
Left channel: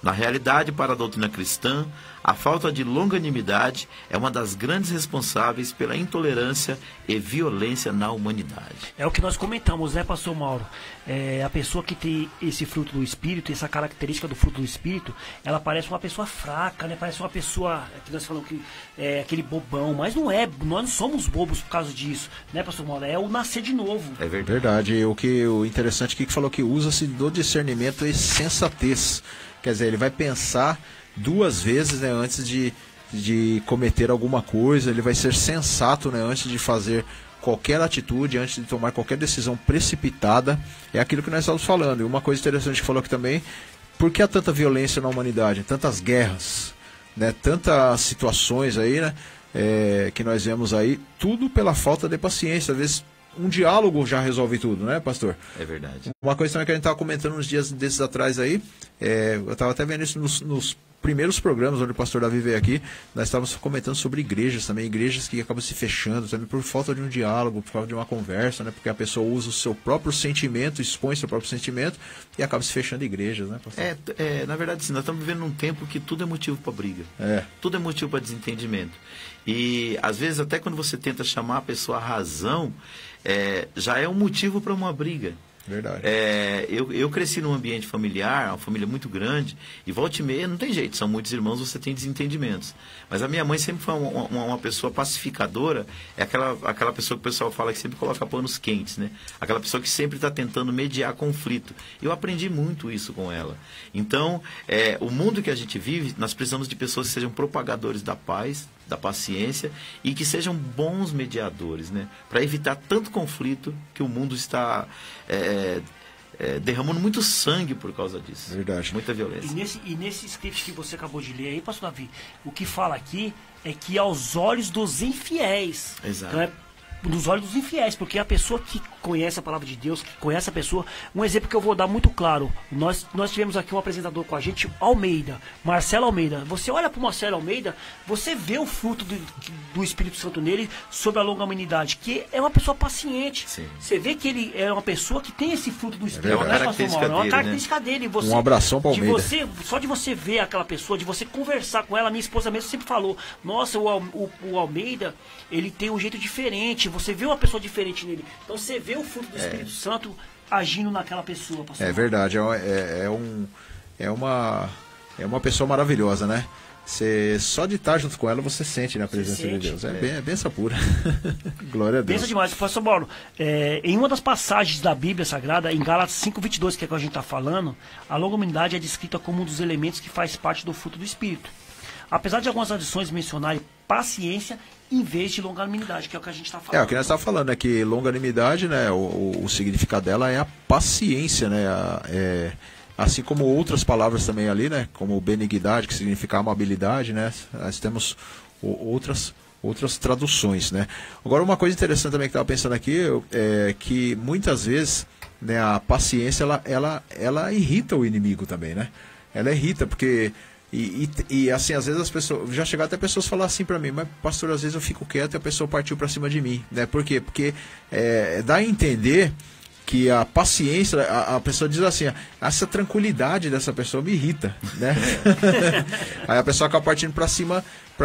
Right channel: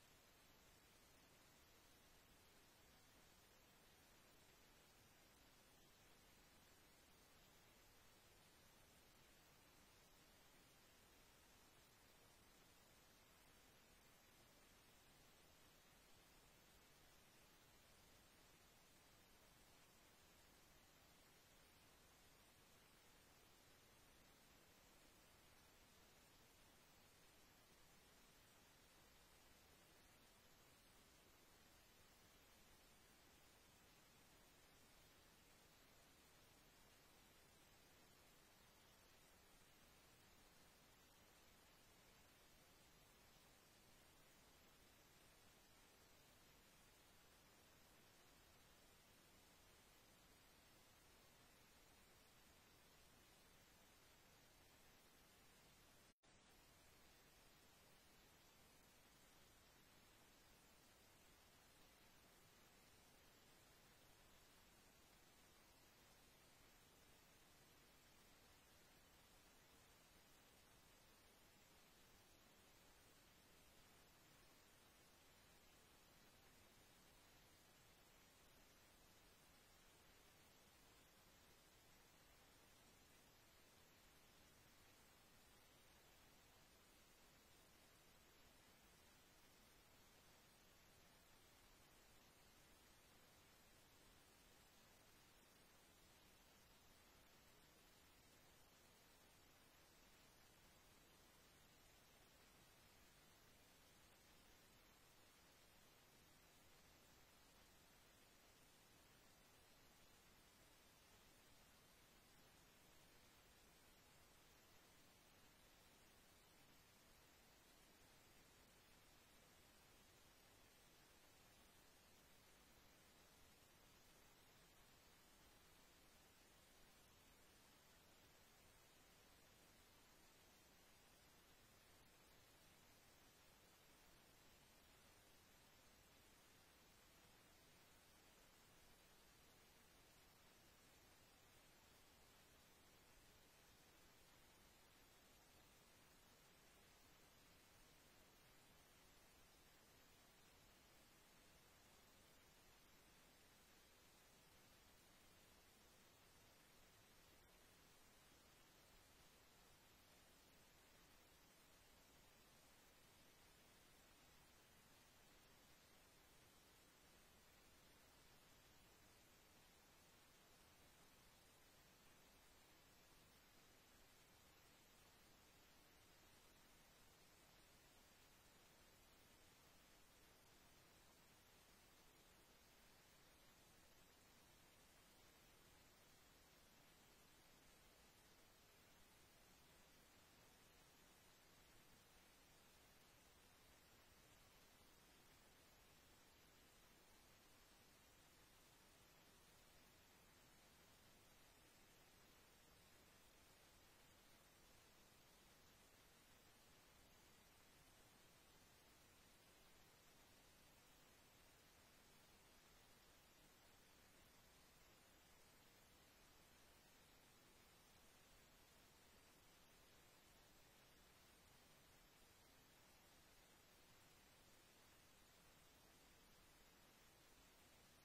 Na realidade, para a doutrina cristã, a falta de longanimidade é uma das grandes responsáveis pela intolerância e violência na humanidade. É o que nós comentamos, né, pastor Mauro? A pessoa que tem esse fruto do Espírito, essa característica do fruto do Espírito, ela parece uma pessoa fraca, né? Parece uma pessoa, que nós falamos que é aquele bobão, mas não é, nós não somos bobos por causa disso, né, pastor Mauro? É o nascer de novo. É verdade. O interessante aqui que falou que usa-se do discernimento e sensatez. Quer dizer, ele vai pensar 2 vezes, né, antes de cometer alguma coisa, ele vai ser sensato, né, antes de fazer qualquer atitude, antes de tomar qualquer decisão precipitada. É aquilo que nós estamos falando. E uma coisa interessante que falou aqui também, por que há tanta violência na humanidade, tantas guerras, né, tantas situações aí, né, que nós vemos aí, tudo pela falta de paciência. Às vezes um diálogo já resolve tudo, né, pastor? É verdade. Uma coisa também que a gente estava comentando uns dias desses atrás aí, eu estava até vendo isso nos primeiros programas onde o pastor Davi veio aqui, nós estávamos comentando sobre igrejas também, igrejas que acabam se fechando também por falta de um diálogo, por falta de uma conversa, né? Porque a pessoa usa o seu próprio sentimento, expõe seu próprio sentimento e acaba se fechando igrejas, né, pastor? Na verdade, sim, nós estamos vivendo num tempo que tudo é motivo para briga, tudo é motivo para desentendimento. E às vezes até quando você tenta chamar a pessoa à razão, já é um motivo para uma briga. Verdade. Eu cresci num ambiente familiar, uma família muito grande, e volta e meia não tem jeito, são muitos irmãos, você tem desentendimentos. Mas a minha mãe sempre foi uma pessoa pacificadora, é aquela pessoa que o pessoal fala que sempre coloca panos quentes, né? Aquela pessoa que sempre está tentando mediar conflito. Eu aprendi muito isso com ela. Então, o mundo que a gente vive, nós precisamos de pessoas que sejam propagadores da paz, da paciência e que sejam bons mediadores, né? Para evitar tanto conflito que o mundo está derramando muito sangue por causa disso. Verdade. Muita violência. E nesse script que você acabou de ler aí, pastor Davi, o que fala aqui é que aos olhos dos infiéis. Exato. Então dos olhos dos infiéis, porque a pessoa que conhece a palavra de Deus, que conhece a pessoa, um exemplo que eu vou dar muito claro, nós tivemos aqui um apresentador com a gente, Almeida, Marcelo Almeida. Você olha para o Marcelo Almeida, você vê o fruto do Espírito Santo nele sobre a longanimidade, que é uma pessoa paciente. Sim. Você vê que ele é uma pessoa que tem esse fruto do Espírito, uma característica é uma característica dele. Você, um abração para Almeida. Só de você ver aquela pessoa, de você conversar com ela, minha esposa mesmo sempre falou, nossa, o Almeida, ele tem um jeito diferente, você vê uma pessoa diferente nele. Então você vê o fruto do Espírito Santo agindo naquela pessoa, pastor. É verdade, é uma pessoa maravilhosa, né? Você, só de estar junto com ela, você sente na presença de Deus. É benção pura. Glória a Deus. Benção demais. Pastor Mauro, em uma das passagens da Bíblia Sagrada, em Gálatas 5:22, que é o que a gente está falando, a longanimidade é descrita como um dos elementos que faz parte do fruto do Espírito. Apesar de algumas adições mencionarem paciência em vez de longanimidade, que é o que a gente está falando. O que nós estamos falando é que longanimidade, né, o significado dela é a paciência, né, assim como outras palavras também ali, né, como benignidade, que significa amabilidade, né, nós temos outras traduções, né. Agora, uma coisa interessante também que eu estava pensando aqui é que muitas vezes, né, a paciência ela irrita o inimigo também, né. Ela irrita porque E assim, às vezes as pessoas, já chegaram até pessoas falar assim pra mim, mas pastor, às vezes eu fico quieto e a pessoa partiu pra cima de mim, né? Por quê? Porque dá a entender que a paciência, a pessoa diz assim, essa tranquilidade dessa pessoa me irrita, né? Aí a pessoa acaba partindo para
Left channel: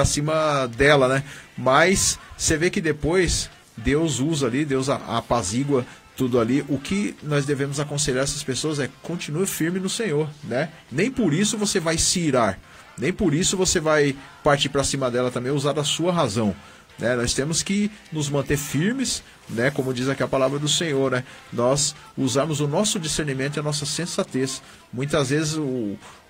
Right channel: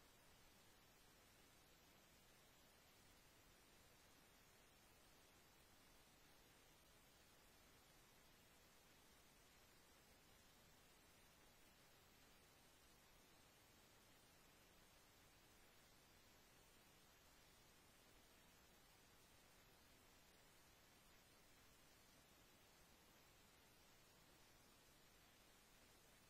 cima dela, né? Mas você vê que depois Deus usa ali, Deus apazigua tudo ali. O que nós devemos aconselhar essas pessoas é: continue firme no Senhor, né? Nem por isso você vai se irar, nem por isso você vai partir para cima dela também, usar da sua razão, né? Nós temos que nos manter firmes, né? Como diz aqui a palavra do Senhor, né? Nós usamos o nosso discernimento e a nossa sensatez. Muitas vezes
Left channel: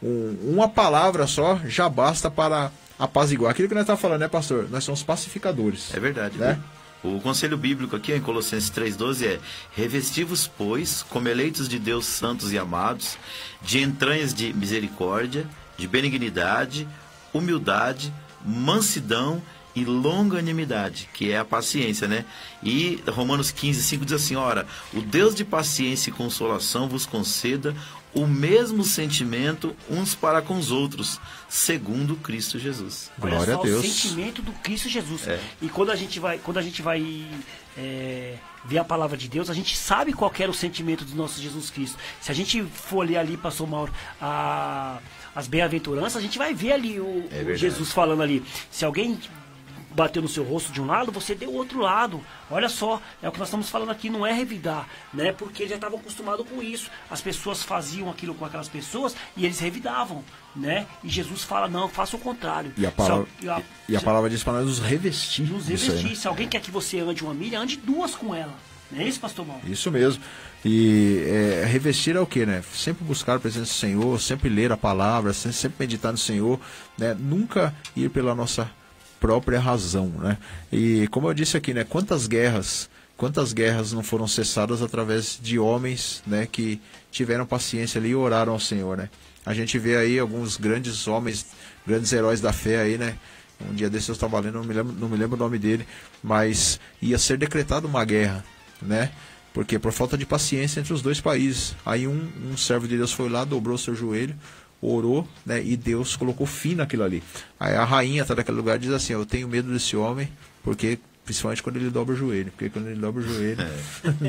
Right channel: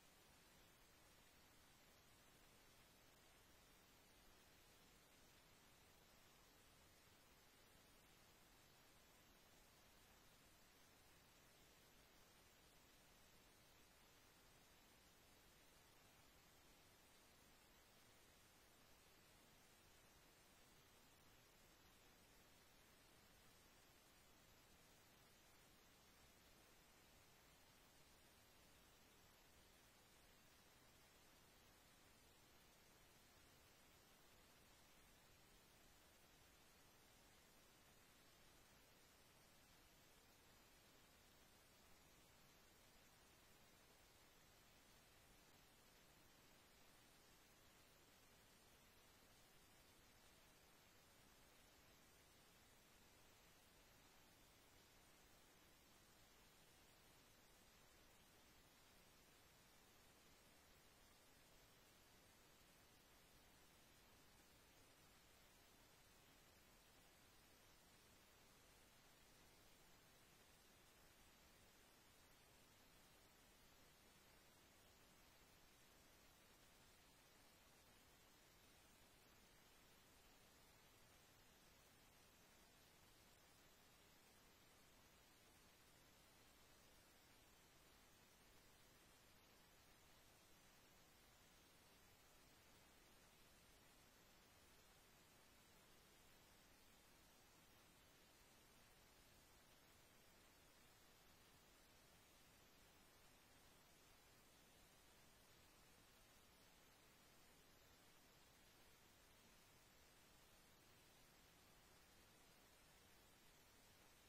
uma palavra só já basta para apaziguar. Aquilo que nós estamos falando, né, pastor? Nós somos pacificadores. É verdade, né? O conselho bíblico aqui em Colossenses 3,12 é: revesti-vos, pois, como eleitos de Deus, santos e amados, de entranhas de misericórdia, de benignidade, humildade, mansidão e longanimidade, que é a paciência, né? E Romanos 15:5 diz assim: ora, o Deus de paciência e consolação vos conceda o mesmo sentimento uns para com os outros, segundo Cristo Jesus. Glória a Deus. O sentimento do Cristo Jesus. E quando a gente vai ver a palavra de Deus, a gente sabe qual que era o sentimento do nosso Jesus Cristo. Se a gente for ler ali, pastor Mauro, as bem-aventuranças, a gente vai ver ali o Jesus falando ali: se alguém bateu no seu rosto de um lado, você deu o outro lado. Olha só, é o que nós estamos falando aqui, não é revidar, né? Porque eles já estavam acostumados com isso. As pessoas faziam aquilo com aquelas pessoas e eles revidavam, né? E Jesus fala: não, faça o contrário. E a palavra diz para nós nos revestir. Nos revestir. Né? Se alguém quer que você ande uma milha, ande duas com ela. Não é isso, pastor Mauro? Isso mesmo. E revestir é o que, né? Sempre buscar a presença do Senhor, sempre ler a palavra, sempre meditar no Senhor, né? Nunca ir pela nossa própria razão, né? E como eu disse aqui, né? Quantas guerras não foram cessadas através de homens, né? Que tiveram paciência ali e oraram ao Senhor, né? A gente vê aí alguns grandes homens, grandes heróis da fé aí, né? Um dia desses eu estava lendo, não me lembro o nome dele, mas ia ser decretada uma guerra, né? Porque por falta de paciência entre os dois países. Aí um servo de Deus foi lá, dobrou seu joelho, orou, né, e Deus colocou fim naquilo ali. Aí a rainha tá naquele lugar e diz assim: eu tenho medo desse homem, porque principalmente quando ele dobra o joelho, porque quando ele dobra o joelho,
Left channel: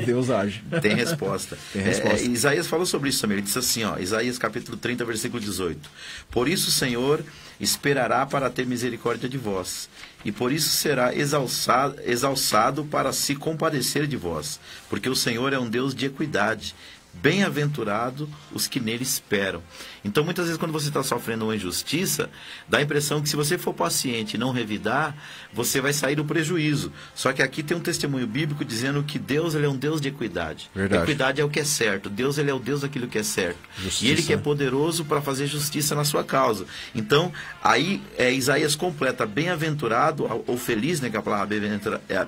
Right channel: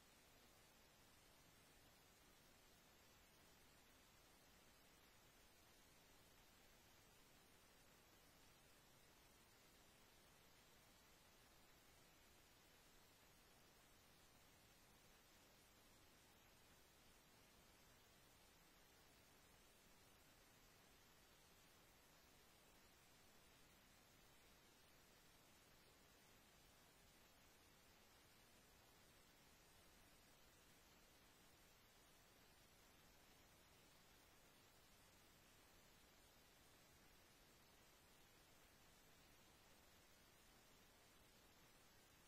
Deus age. Tem resposta. Tem resposta. Isaías falou sobre isso também. Ele disse assim, ó, Isaías capítulo 30, versículo 18: por isso o Senhor esperará para ter misericórdia de vós, e por isso será exalçado para se compadecer de vós, porque o Senhor é um Deus de equidade. Bem-aventurado os que nele esperam. Então, muitas vezes, quando você está sofrendo uma injustiça, dá a impressão que se você for paciente e não revidar, você vai sair do prejuízo. Só que aqui tem um testemunho bíblico dizendo que Deus, ele é um Deus de equidade. Verdade. Equidade é o que é certo. Deus, ele é o Deus daquilo que é certo. Justiça. E ele que é poderoso para fazer justiça na sua causa. Então, aí Isaías completa: bem-aventurado, ou feliz, né, que a palavra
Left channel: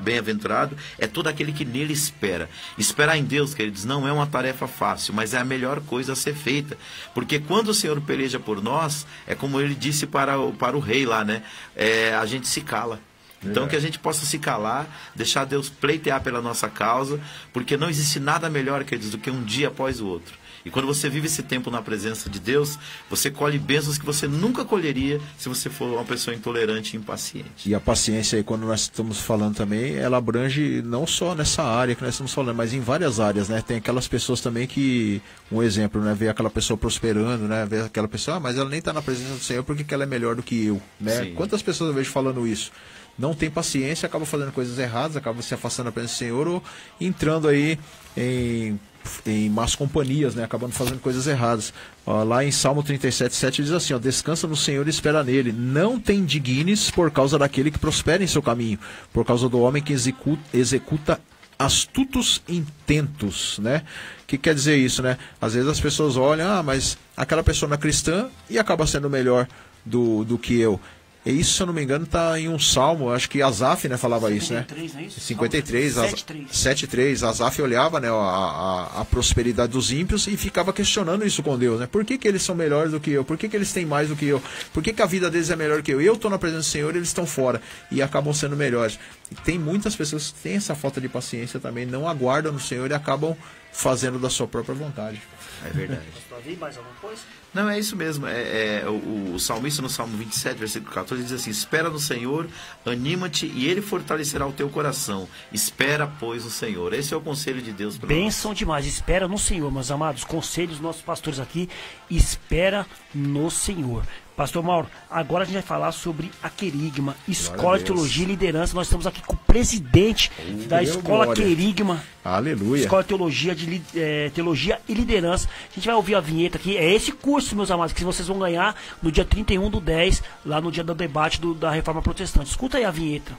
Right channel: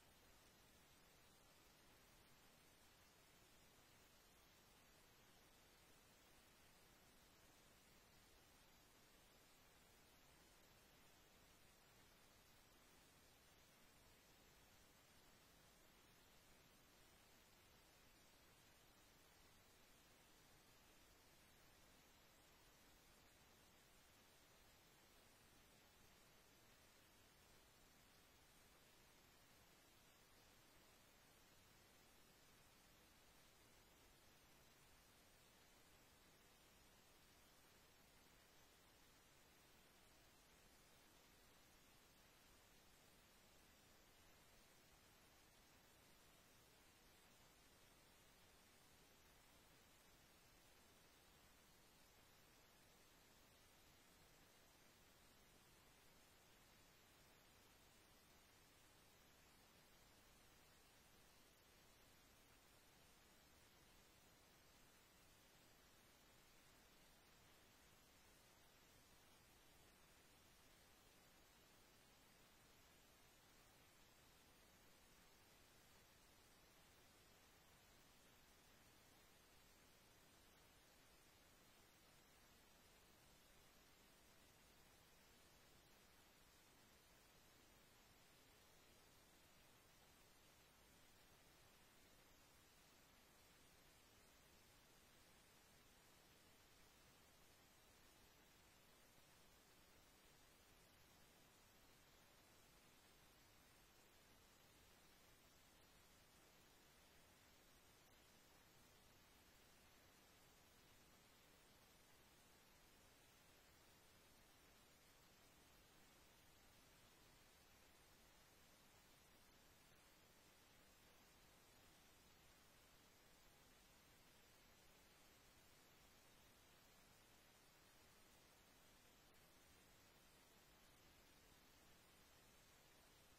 bem-aventurado, é todo aquele que nele espera. Esperar em Deus, queridos, não é uma tarefa fácil, mas é a melhor coisa a ser feita. Porque quando o Senhor peleja por nós, é como ele disse para o rei lá, né? A gente se cala. Então que a gente possa se calar, deixar Deus pleitear pela nossa causa, porque não existe nada melhor, queridos, do que um dia após o outro. E quando você vive esse tempo na presença de Deus, você colhe bênçãos que você nunca colheria se você for uma pessoa intolerante e impaciente. E a paciência aí, quando nós estamos falando também, ela abrange não só nessa área que nós estamos falando, mas em várias áreas, né? Tem aquelas pessoas também que, um exemplo, né? Vê aquela pessoa prosperando, né? Vê aquela pessoa, mas ela nem está na presença do Senhor porque ela é melhor do que eu, né? Sim. Quantas pessoas eu vejo falando isso? Não tem paciência, acaba fazendo coisas erradas, acaba se afastando da presença do Senhor ou entrando aí em más companhias, né? Acabando fazendo coisas erradas. Lá em Salmo 37:7 diz assim: descansa no Senhor e espera nele, não te indignes por causa daquele que prospera em seu caminho, por causa do homem que executa astutos intentos, né? O que quer dizer isso, né? Às vezes as pessoas olham, mas aquela pessoa não é cristã e acaba sendo melhor do que eu. E isso, se eu não me engano, está em um salmo, acho que Asaf, né, falava 53, isso, né? É isso? 53, 7:3. Asaf olhava, né, a prosperidade dos ímpios e ficava questionando isso com Deus, né? Por que eles são melhores do que eu? Por que eles têm mais do que eu? Por que a vida deles é melhor que eu? Eu estou na presença do Senhor e eles estão fora e acabam sendo melhores. E tem muitas pessoas que têm essa falta de paciência também, não aguardam no Senhor e acabam fazendo da sua própria vontade. É verdade. ver mais alguma coisa? Não, é isso mesmo. O salmista no Salmo 27, versículo 14, diz assim: espera no Senhor, anima-te e Ele fortalecerá o teu coração. Espera, pois, no Senhor. Esse é o conselho de Deus para nós. Bênção demais. Espera no Senhor, meus amados. Conselhos dos nossos pastores aqui. Espera no Senhor. Pastor Mauro, agora a gente vai falar sobre a Querigma, Escola de Teologia e Liderança. Nós estamos aqui com o presidente da Escola glória. Querigma. Aleluia. Escola de Teologia e Liderança. A gente vai ouvir a vinheta aqui. É esse curso, meus amados, que vocês vão ganhar no dia 31/10, lá no dia do debate da Reforma Protestante. Escuta aí a vinheta.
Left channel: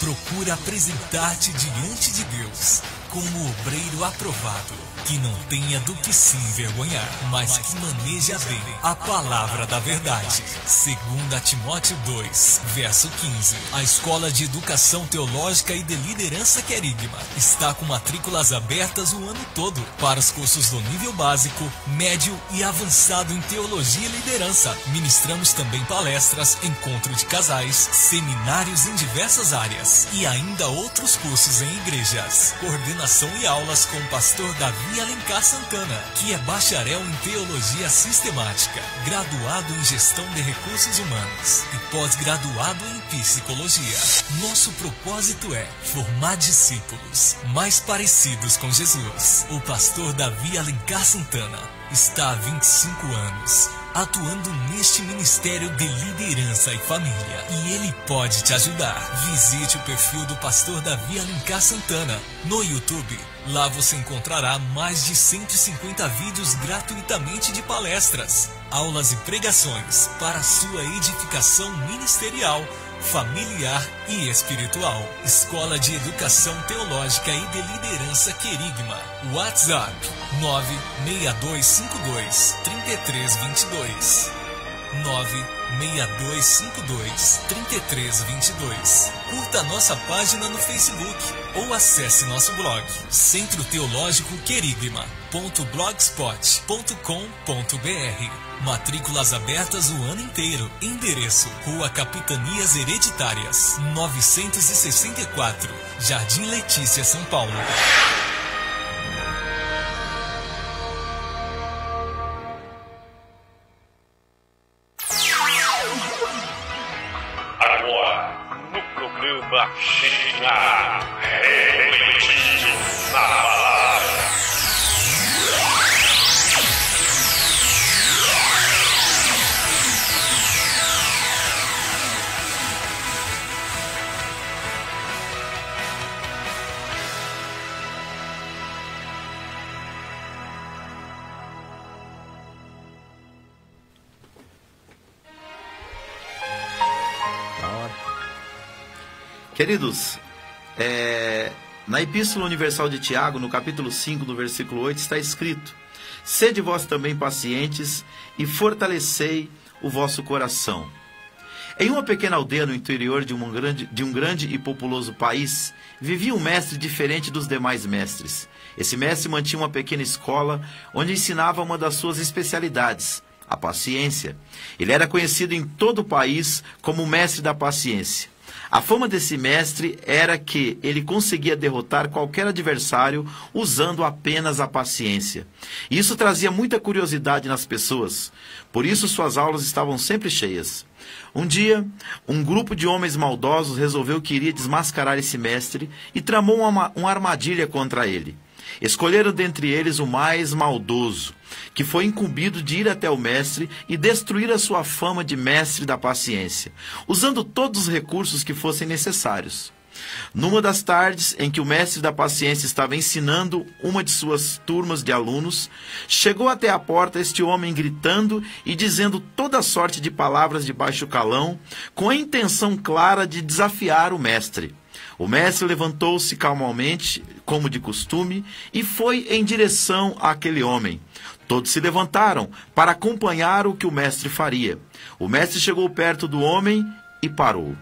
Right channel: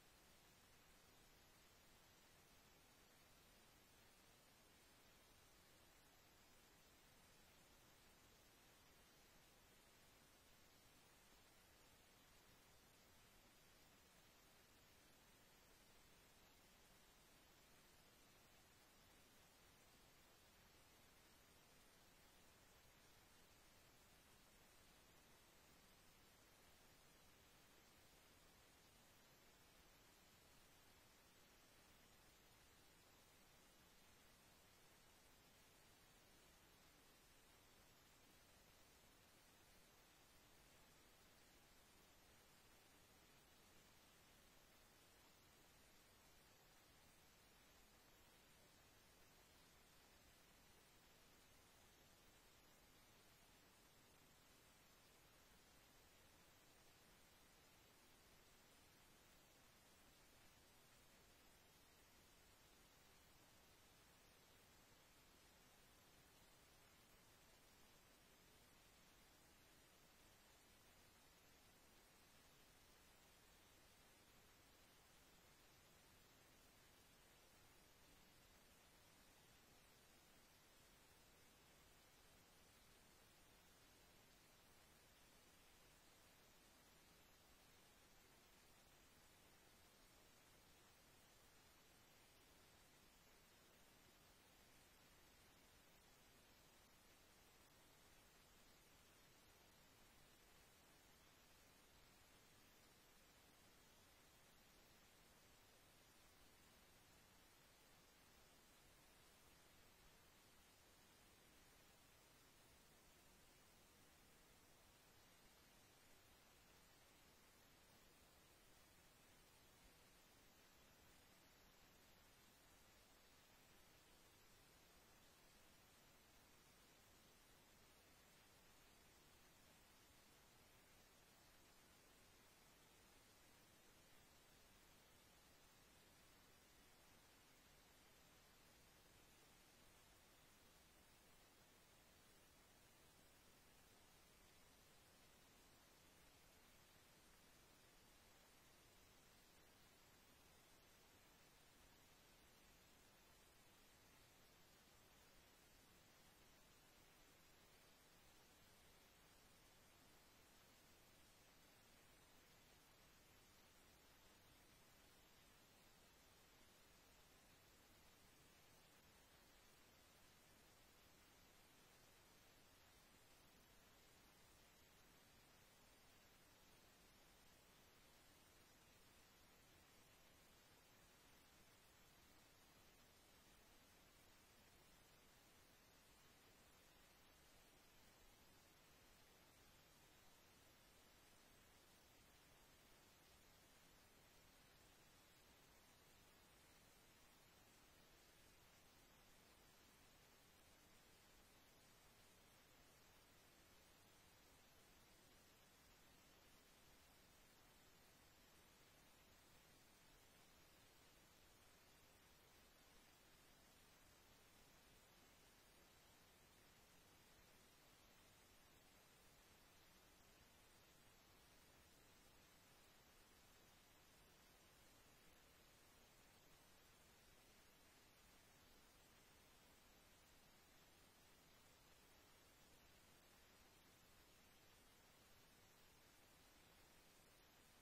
Procura apresentar-te diante de Deus como obreiro aprovado, que não tenha do que se envergonhar, mas que maneja bem a palavra da verdade. 2 Timóteo 2, verso 15. A Escola de Educação Teológica e de Liderança Querigma está com matrículas abertas o ano todo para os cursos do nível básico, médio e avançado em Teologia e Liderança. Ministramos também palestras, encontro de casais, seminários em diversas áreas e ainda outros cursos em igrejas. Coordenação e aulas com o pastor Davi Alencar Santana, que é bacharel em Teologia Sistemática, graduado em Gestão de Recursos Humanos e pós-graduado em Psicologia. Nosso propósito é formar discípulos mais parecidos com Jesus. O pastor Davi Alencar Santana está há 25 anos atuando neste ministério de liderança e família, e ele pode te ajudar. Visite o perfil do pastor Davi Alencar Santana no YouTube. Lá você encontrará mais de 150 vídeos gratuitamente de palestras, aulas e pregações para sua edificação ministerial, familiar e espiritual. Escola de Educação Teológica e de Liderança Querigma. WhatsApp 96252-3322. 96252-3322. Curta nossa página no Facebook ou acesse nosso blog Centro Teológico Querigma.blogspot.com.br. Matrículas abertas o ano inteiro. Endereço: Rua Capitanias Hereditárias, 964, Jardim Letícia, São Paulo. Agora, no programa Shekinah, refletindo na palavra. Queridos, na Epístola Universal de Tiago, no capítulo 5, no versículo 8, está escrito: sede vós também pacientes e fortalecei o vosso coração. Em uma pequena aldeia no interior de um grande e populoso país, vivia um mestre diferente dos demais mestres. Esse mestre mantinha uma pequena escola onde ensinava uma das suas especialidades, a paciência. Ele era conhecido em todo o país como o mestre da paciência. A fama desse mestre era que ele conseguia derrotar qualquer adversário usando apenas a paciência. Isso trazia muita curiosidade nas pessoas, por isso suas aulas estavam sempre cheias. Um dia, um grupo de homens maldosos resolveu que iria desmascarar esse mestre e tramou uma armadilha contra ele. Escolheram dentre eles o mais maldoso, que foi incumbido de ir até o mestre e destruir a sua fama de mestre da paciência, usando todos os recursos que fossem necessários. Numa das tardes em que o mestre da paciência estava ensinando uma de suas turmas de alunos, chegou até a porta este homem gritando e dizendo toda sorte de palavras de baixo calão, com a intenção clara de desafiar o mestre. O mestre levantou-se calmamente, como de costume, e foi em direção àquele homem. Todos se levantaram para acompanhar o que o mestre faria. O mestre chegou perto do homem e parou.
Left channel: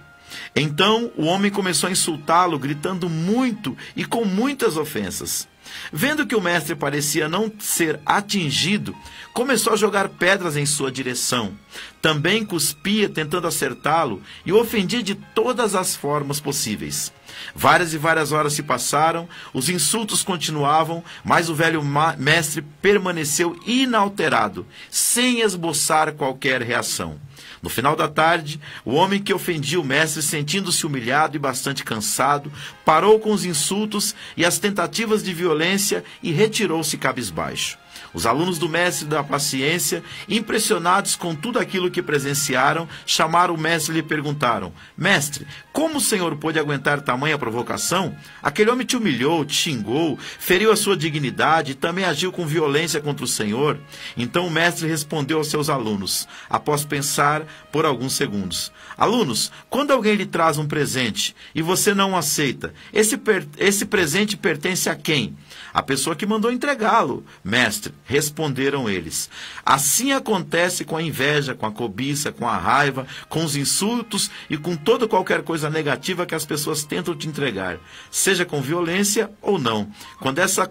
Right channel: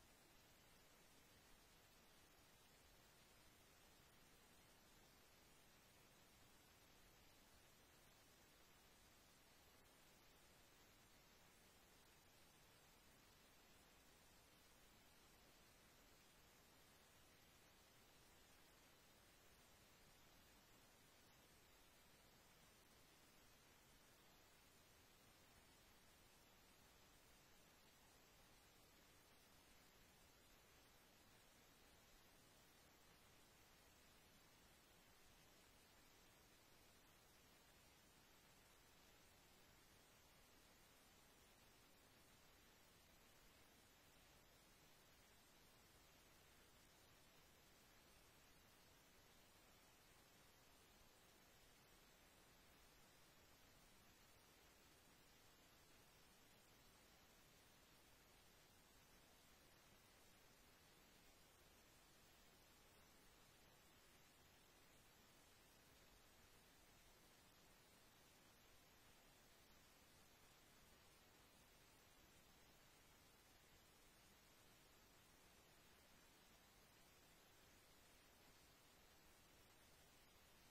Então o homem começou a insultá-lo, gritando muito e com muitas ofensas. Vendo que o mestre parecia não ser atingido, começou a jogar pedras em sua direção. Também cuspia tentando acertá-lo e o ofendia de todas as formas possíveis. Várias e várias horas se passaram, os insultos continuavam, mas o velho mestre permaneceu inalterado, sem esboçar qualquer reação. No final da tarde, o homem que ofendia o mestre, sentindo-se humilhado e bastante cansado, parou com os insultos e as tentativas de violência e retirou-se cabisbaixo. Os alunos do mestre da paciência, impressionados com tudo aquilo que presenciaram, chamaram o mestre e lhe perguntaram: Mestre, como o senhor pôde aguentar tamanha provocação? Aquele homem te humilhou, te xingou, feriu a sua dignidade e também agiu com violência contra o senhor. Então o mestre respondeu aos seus alunos, após pensar por alguns segundos: Alunos, quando alguém lhe traz um presente e você não o aceita, esse presente pertence a quem? A pessoa que mandou entregá-lo, mestre, responderam eles. Assim acontece com a inveja, com a cobiça, com a raiva, com os insultos e com toda qualquer coisa negativa que as pessoas tentam te entregar, seja com violência ou não. Quando essas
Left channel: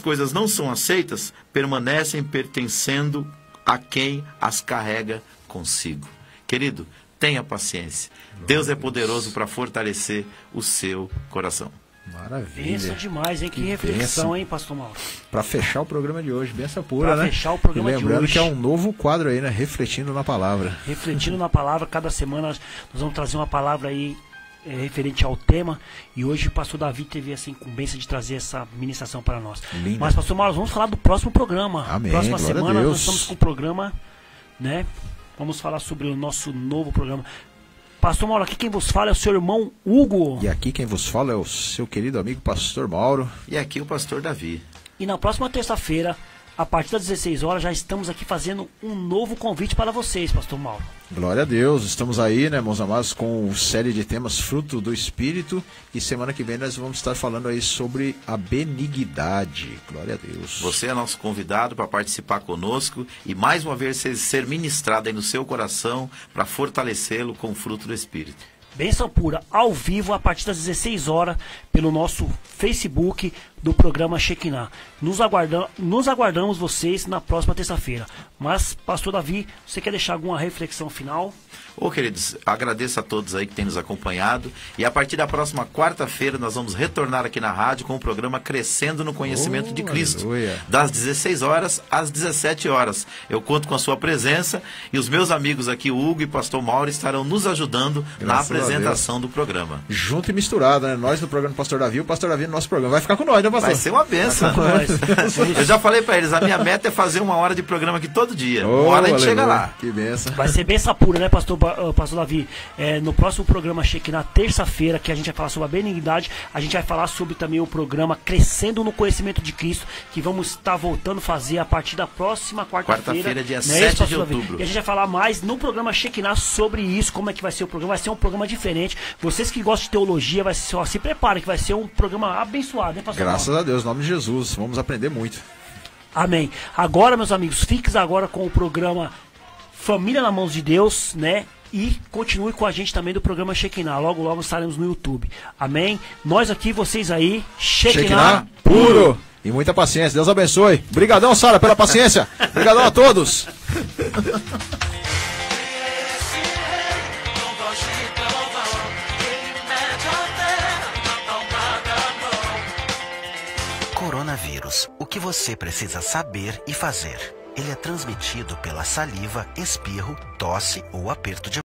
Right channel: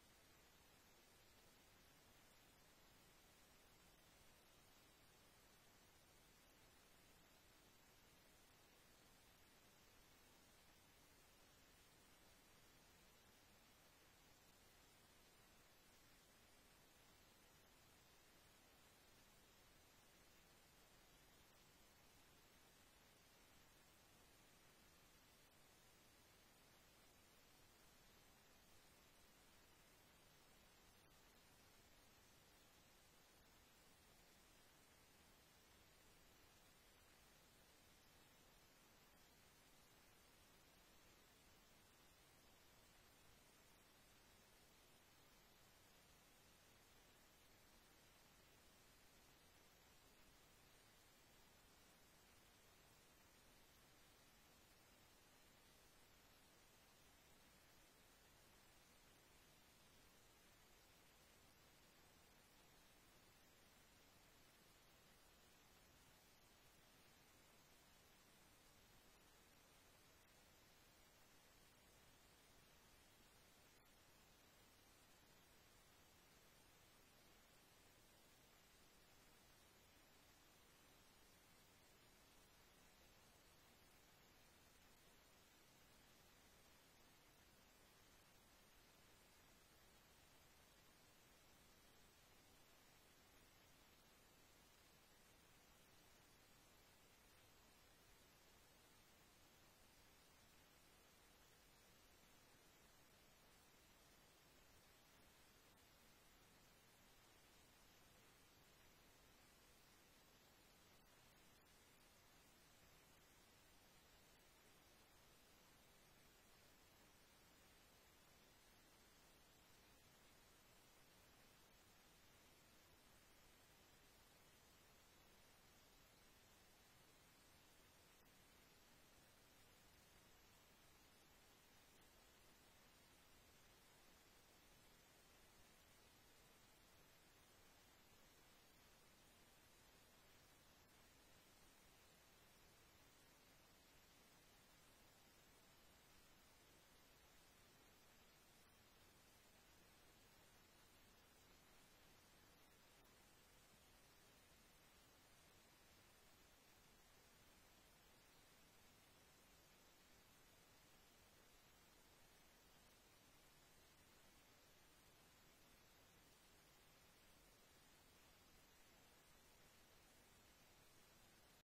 coisas não são aceitas, permanecem pertencendo a quem as carrega consigo. Querido, tenha paciência. Deus é poderoso para fortalecer o seu coração. Maravilha. Benção demais, hein? Que reflexão, hein, pastor Mauro? Para fechar o programa de hoje, benção pura, né? Para fechar o programa de hoje. E lembrando que é um novo quadro aí, né? Refletindo na palavra. Refletindo na palavra, cada semana nós vamos trazer uma palavra aí referente ao tema. E hoje o pastor Davi teve essa incumbência de trazer essa ministração para nós. Linda. Mas, pastor Mauro, vamos falar do próximo programa. Amém. Próxima Glória semana a Deus. nós estamos com o programa, né? Vamos falar sobre o nosso novo programa. Pastor Mauro, aqui quem vos fala é o seu irmão Hugo. E aqui quem vos fala é o seu querido amigo pastor Mauro. E aqui o pastor Davi. E na próxima terça-feira, a partir das 16 horas, já estamos aqui fazendo um novo convite para vocês, pastor Mauro. Glória a Deus, estamos aí, né, meus amados, com série de temas Fruto do Espírito, e semana que vem nós vamos estar falando aí sobre a benignidade. Glória a Deus. Você é nosso convidado para participar conosco e mais uma vez ser ministrado aí no seu coração para fortalecê-lo com o fruto do Espírito. Bênção pura, ao vivo, a partir das 16 horas, pelo nosso Facebook do programa Shekinah. Nos aguardamos vocês na próxima terça-feira. Mas, pastor Davi, você quer deixar alguma reflexão final? Queridos, agradeço a todos aí que têm nos acompanhado. E a partir da próxima quarta-feira nós vamos retornar aqui na rádio com o programa Crescendo no Conhecimento de Cristo. Aleluia. Das 16 horas às 17 horas. Eu conto com a sua presença e os meus amigos aqui, Hugo e pastor Mauro, estarão nos ajudando na apresentação do programa. Junto e misturado, né? Nós no programa do pastor Davi, o pastor Davi no nosso programa. Vai ficar com nós, né, pastor? Vai ser uma benção. Eu já falei para eles, a minha meta é fazer 1 hora de programa aqui todo dia. 1 hora a gente chega lá. Que benção. Vai ser benção pura, né, pastor Davi? No próximo programa Shekinah, terça-feira, que a gente vai falar sobre a benignidade, a gente vai falar sobre também o programa Crescendo no Conhecimento de Cristo, que vamos estar voltando a fazer a partir da próxima quarta-feira. Dia 7 de outubro. E a gente vai falar mais no programa Shekinah sobre isso, como é que vai ser o programa. Vai ser um programa diferente. Vocês que gostam de teologia, se preparem, que vai ser um programa abençoado, né, pastor? Graças a Deus, em nome de Jesus. Vamos aprender muito. Amém. Agora, meus amigos, fiquem agora com o programa Família nas Mãos de Deus, né? E continue com a gente também do programa Shekinah. Logo, logo estaremos no YouTube. Amém? Nós aqui, vocês aí. Shekinah puro. E muita paciência. Deus abençoe. Obrigadão, Sara, pela paciência. Obrigadão a todos. Coronavírus. O que você precisa saber e fazer? Ele é transmitido pela saliva, espirro, tosse ou aperto de